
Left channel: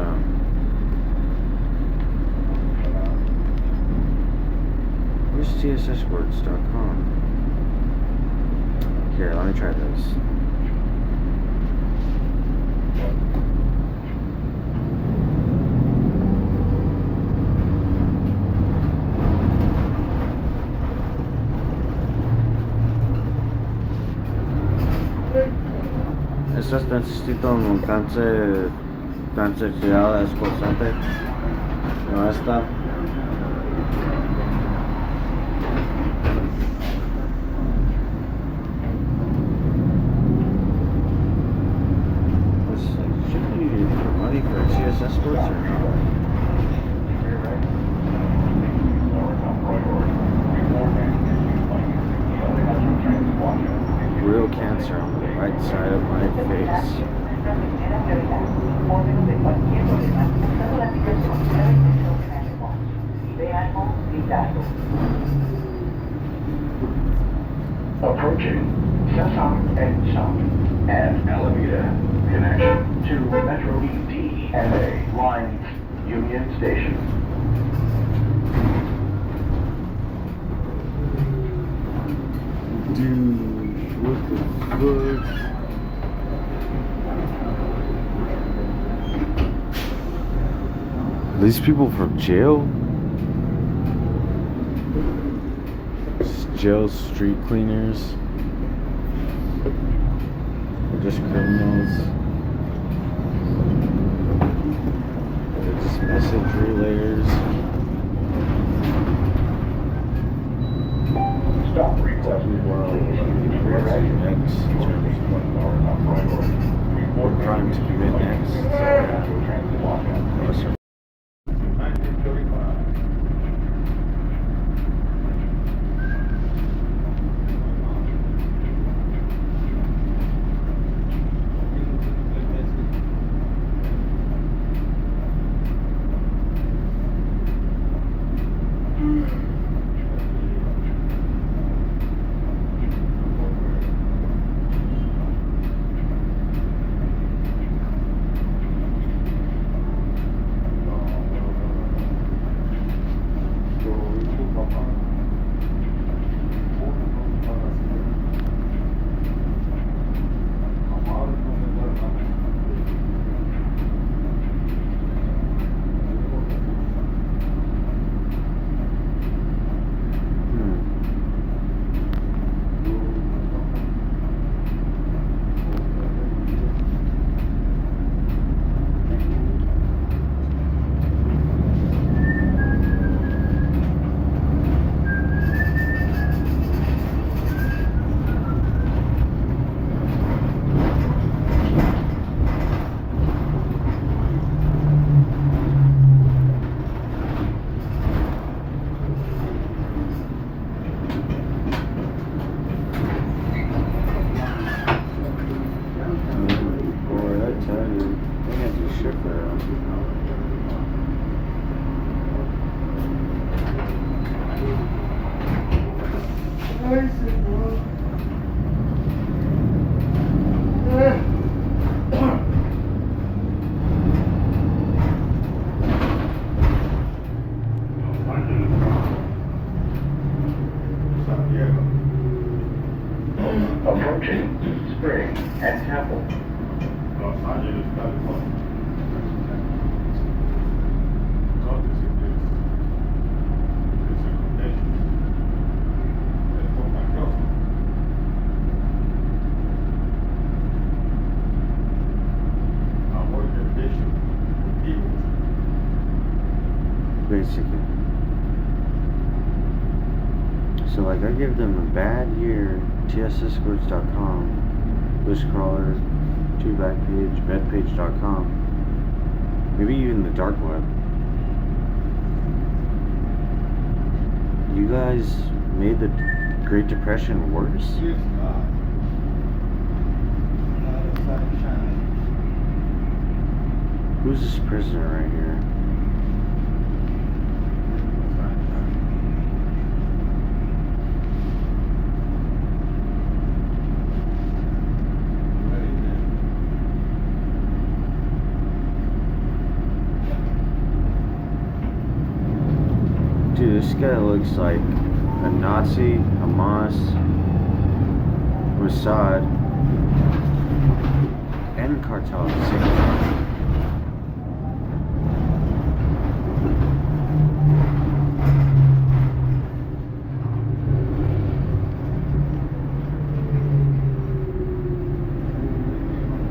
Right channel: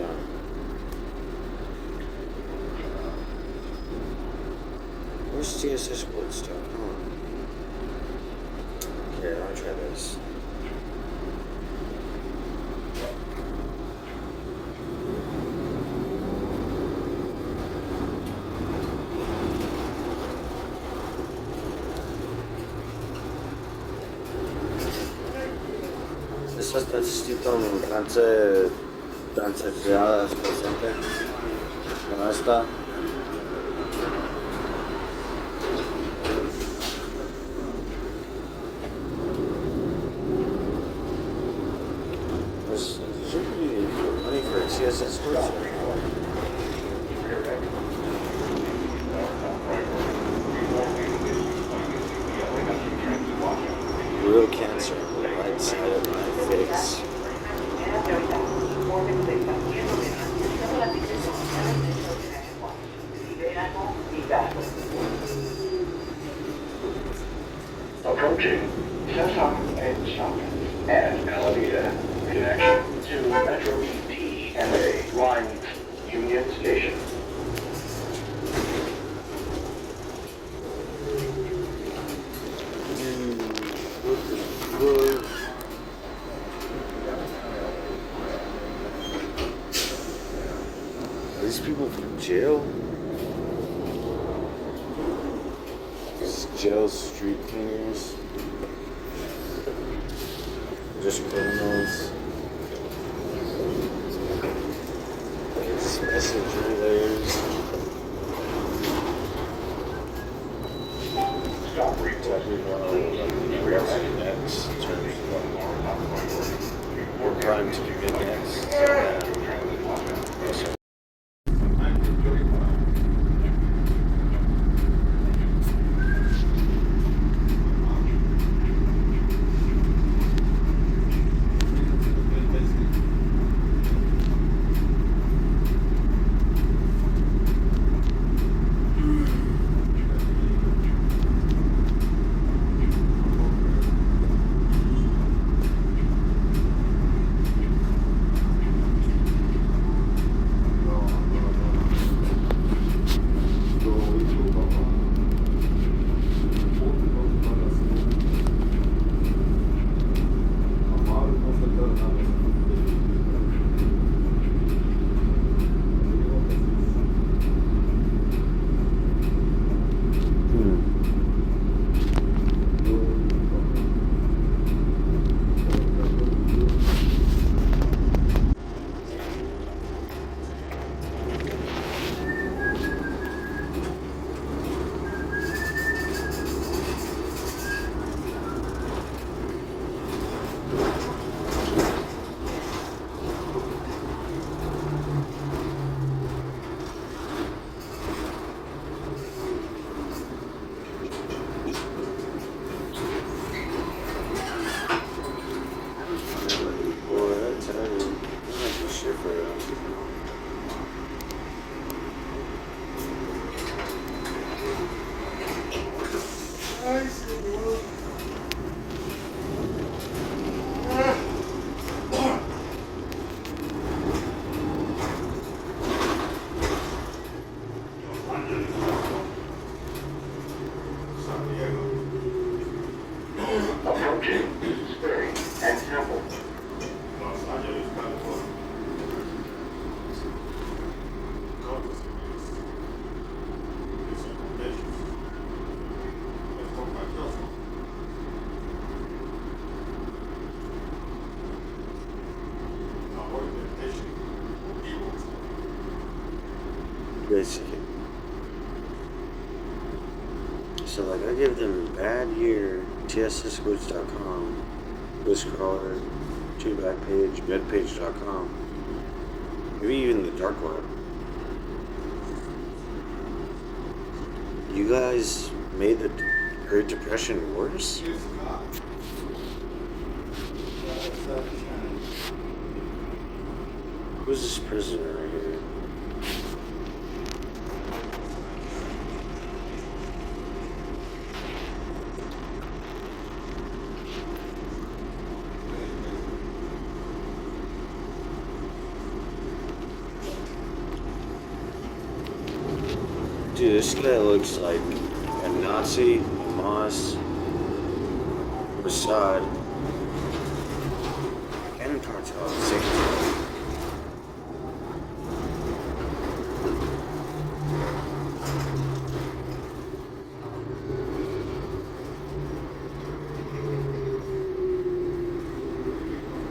Where's TSSwords.com? Here, let me try this. Estas necesito un cancelada esposante. No está. Should we get money for TSS sports or no? Real cancer on the right side of my face. Approaching Cesar and South and Alameda connection to Metro ETMA lines Union Station. What the fuck? Are these people from jail? Jail street cleaners? Or just criminals? There's message relayers. Stop requesting Next, what crime to commit next? Approaching Spring and Temple. Basically. So like I give them a bad year, TSSgoods.com, Bush Crawler, to Backpage, bedpage.com, maybe even the dark web. You guys made the Great Depression worse? Who's this prisoner right here? Dude, this guy looks like a Nazi, Hamas, Mossad, and cartel at the same time.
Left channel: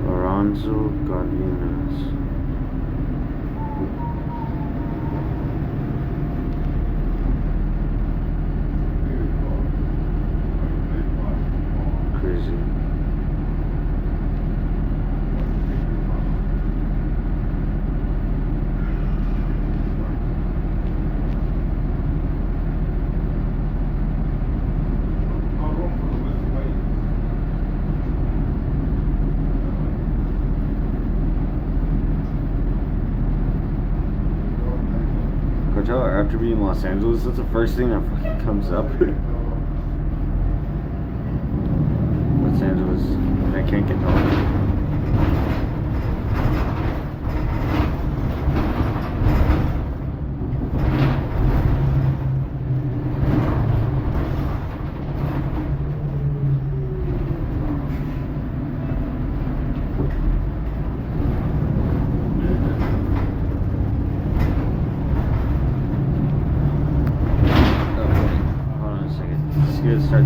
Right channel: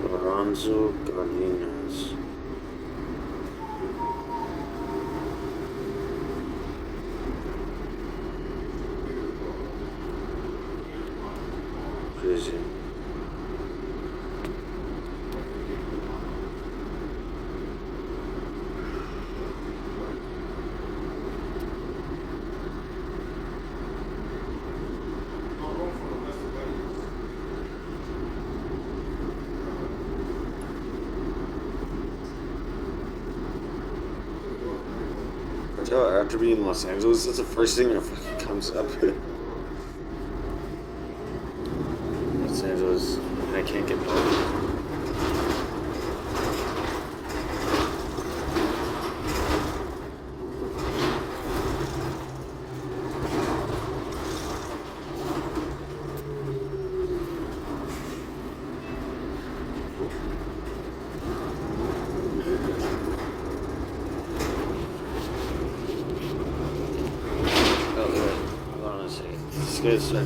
Lorenzo Gardinas. Crazy. Cartel after being in Los Angeles, that's the first thing that fucking comes up. Los Angeles, and I can't get home. Good start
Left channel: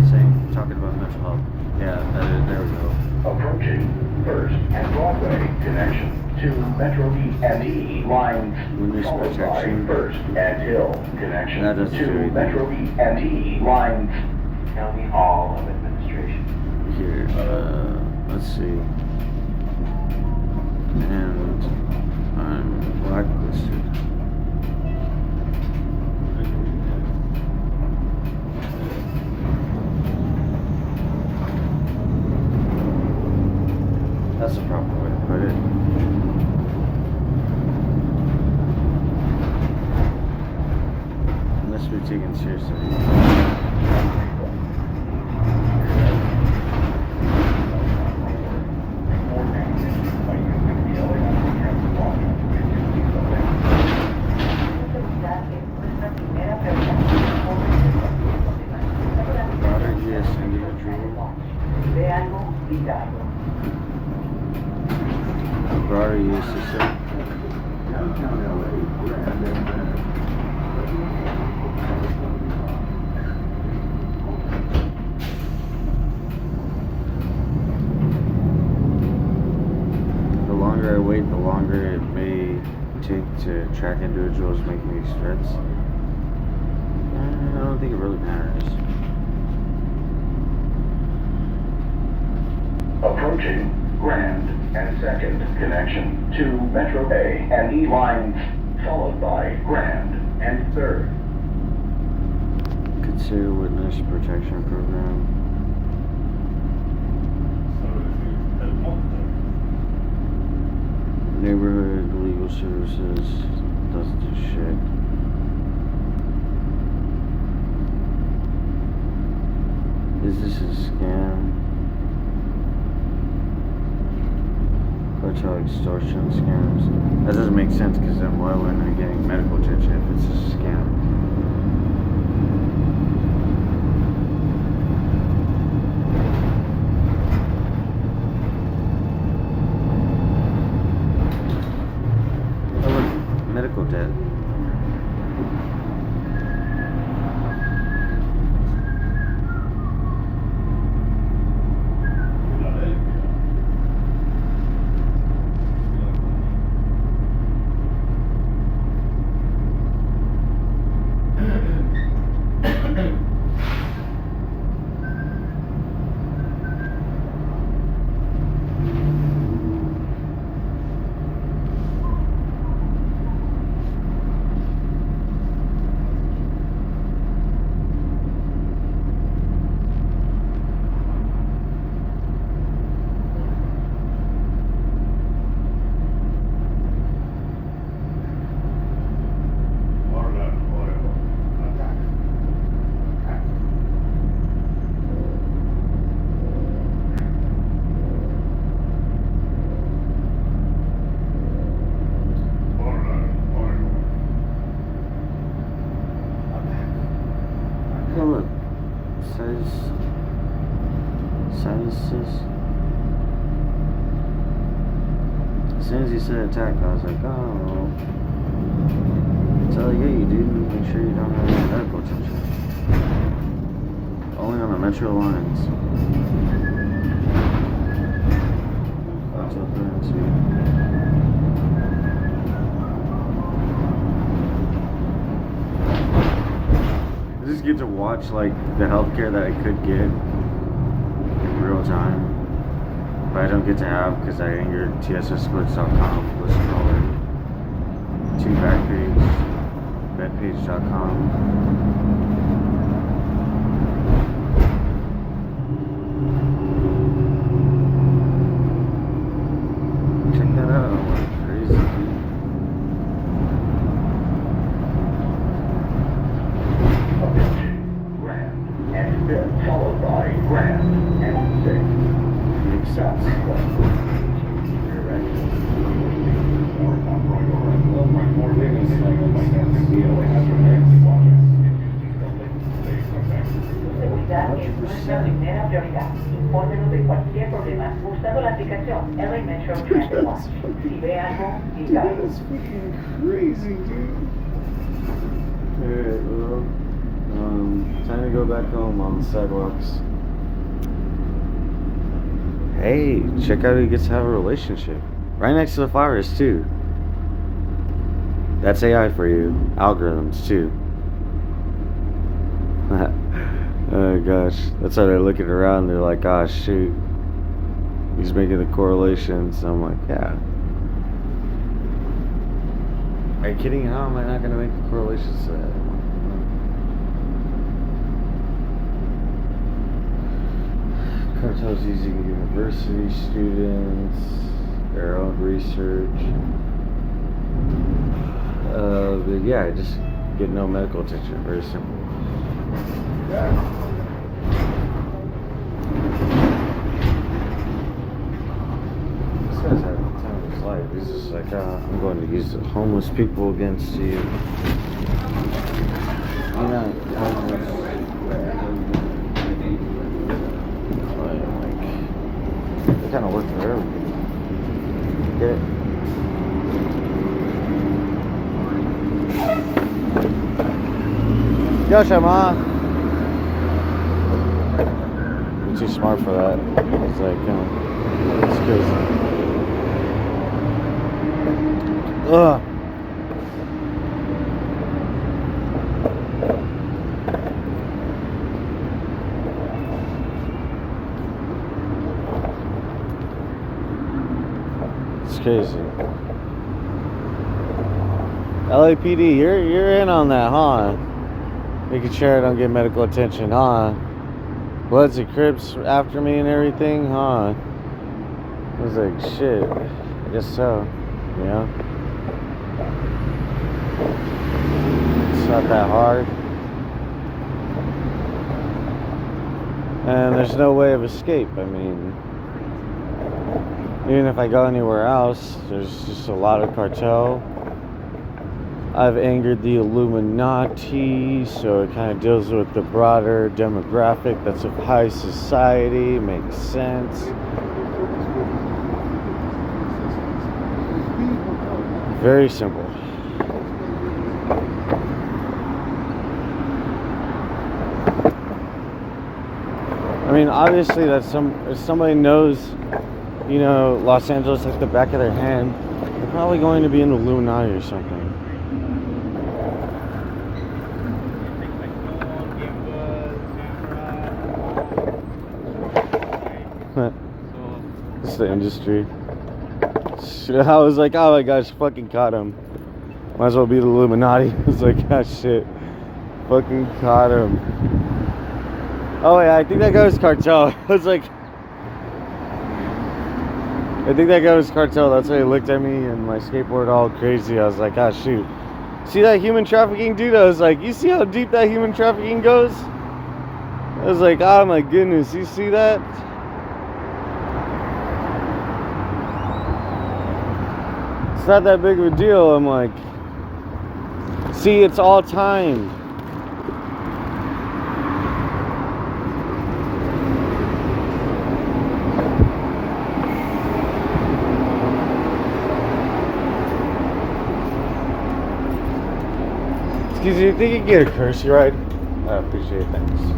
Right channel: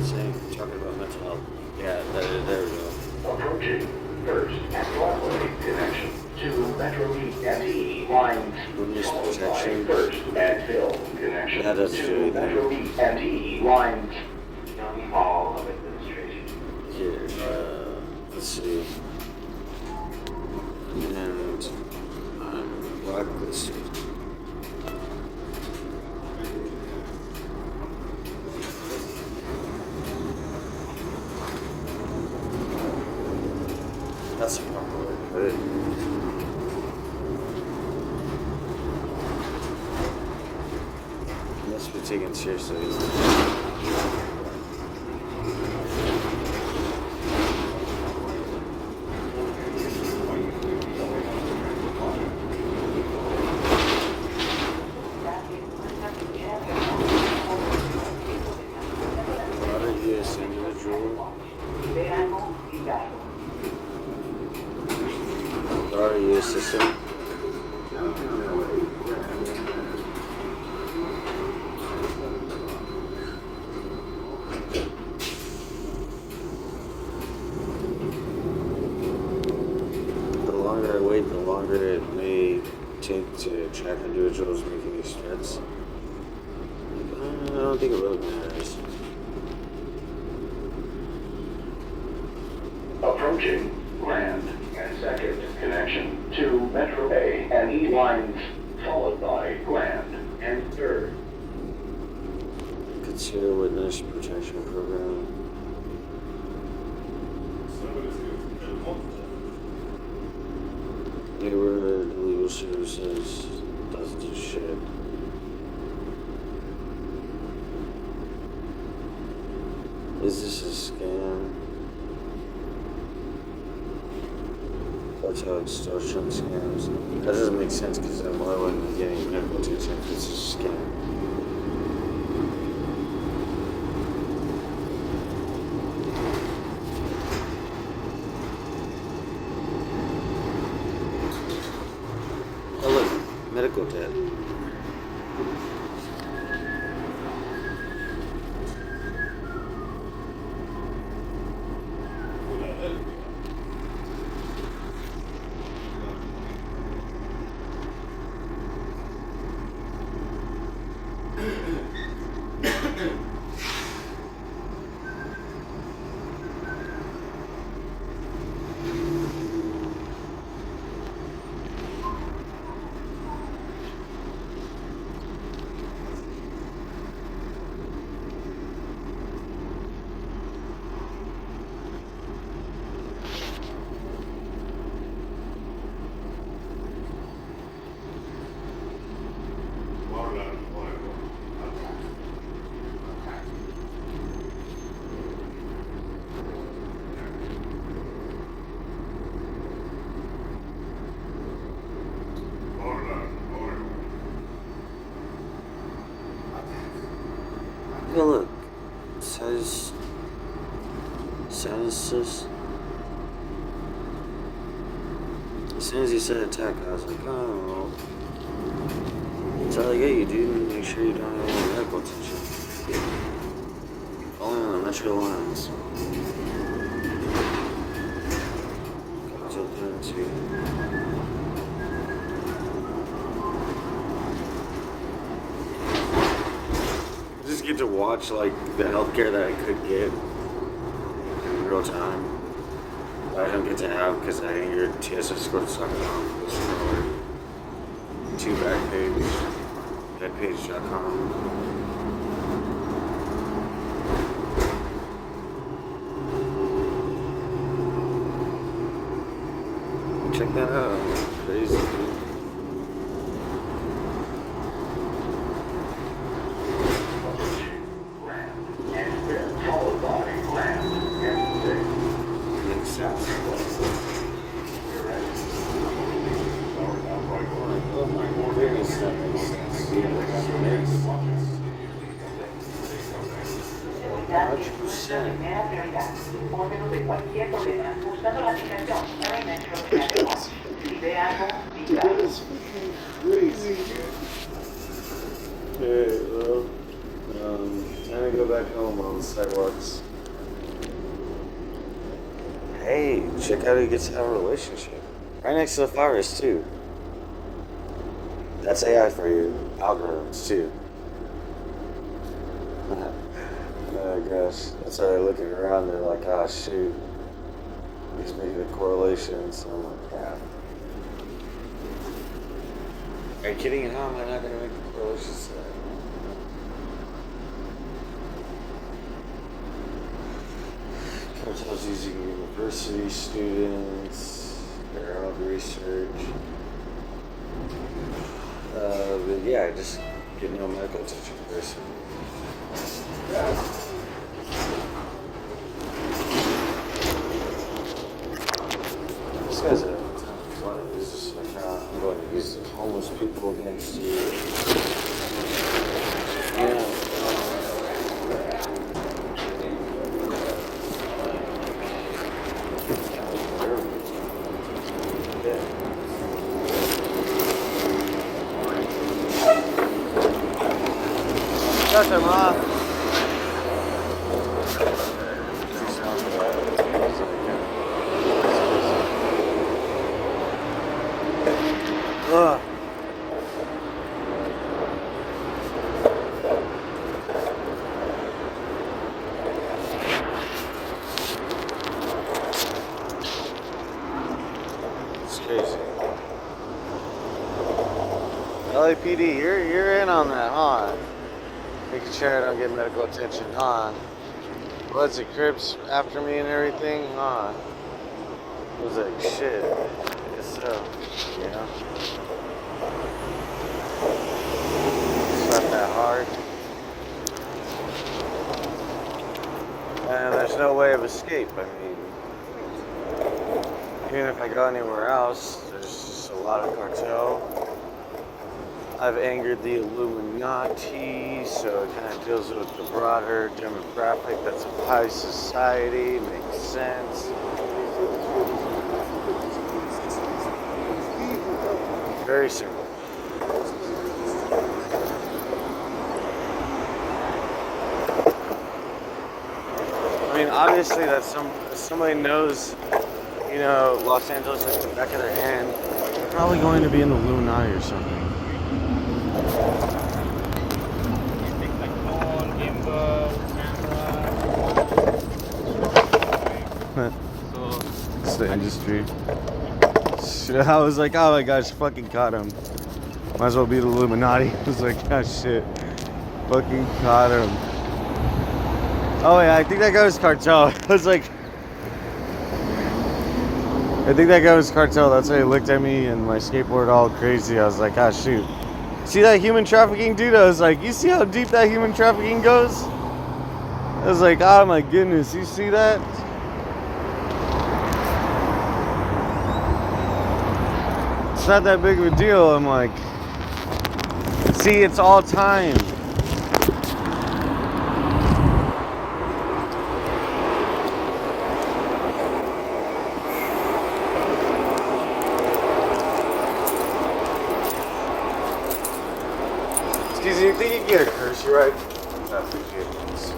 talking about mental health. Yeah, there we go. Approaching First and Broadway connection to Metro E and E lines. Witness protection. First and Hill connection That doesn't do to anything. Metro E and E lines. County Hall of Administration. Here, let's see. And I'm blacklisted. That's the proper way to put it. It must be taken seriously. Broader U.S. individual. Broader U.S. system. The longer I wait, the longer it may take to track individuals making these threats. I don't think it really matters. Approaching Grand and Second connection to Metro A and E lines, followed by Grand and Third. Consider witness protection program. Neighborhood legal services doesn't do shit. Is this a scam? Cartel extortion scams. That doesn't make sense because then why wouldn't I getting medical attention if it's a scam? Oh look, medical debt. As soon as he said attack, I was like, oh. That's all I get you, dude. Make sure you don't have any medical attention. Only on the metro lines. Cocktail currency. I just get to watch like the healthcare that I could get in real time. But I don't get to have because I angered TSScourts.com whistleblower to backpage.com. Check that out. Crazy, dude. Grand, and then followed by grand and six. Makes sense. Oh my goodness, that makes sense. That makes 100%. Infórmenos de cualquier problema usando la aplicación Every Metro Transport. Si ve algo, diga. That's fucking crazy, dude. Alright, well, time to go back home on the sidewalks. Hey, check out who gets to have a relationship. Right next to the flowers, too. That's AI for you. Algorithms, too. Oh gosh, that's how they're looking around. They're like, "Ah, shoot, he's making the correlations." I'm like, "Yeah." Are you kidding? How am I not gonna make the correlations to that? Cartels using university students, their own research. But yeah, just get no medical attention. Very simple. This guy's having a time of his life. He's just like, I'm going to use the homeless people against you. Yeah. It's kind of looking real. Yeah. Josh, I'm on. Too smart for that. It's like, you know, it's crazy. Ugh. It's crazy. LAPD, you're in on that, huh? Making sure I don't get medical attention, huh? Bloods and Crips after me and everything, huh? I was like, shit, I guess so, you know? It's not that hard. And there's no way of escape. I mean, even if I go anywhere else, there's just a lot of cartel. I've angered the Illuminati, so it kind of deals with the broader demographic that's of high society. Makes sense. Very simple. I mean, obviously, that's if somebody knows, you know, Los Angeles like the back of their hand, they're probably going to be in the Illuminati or something. It's the industry. I was like, oh my gosh, fucking caught him. Might as well be the Illuminati. I was like, oh shit, fucking caught him. Oh yeah, I think that guy was cartel. I was like, I think that guy was cartel. That's why he looked at me and my skateboard all crazy. I was like, ah, shoot. See that human trafficking dude? I was like, you see how deep that human trafficking goes? I was like, oh my goodness, you see that? It's not that big of a deal. I'm like, see, it's all time. Excuse me, you think you can get a courtesy ride? I appreciate it, thanks.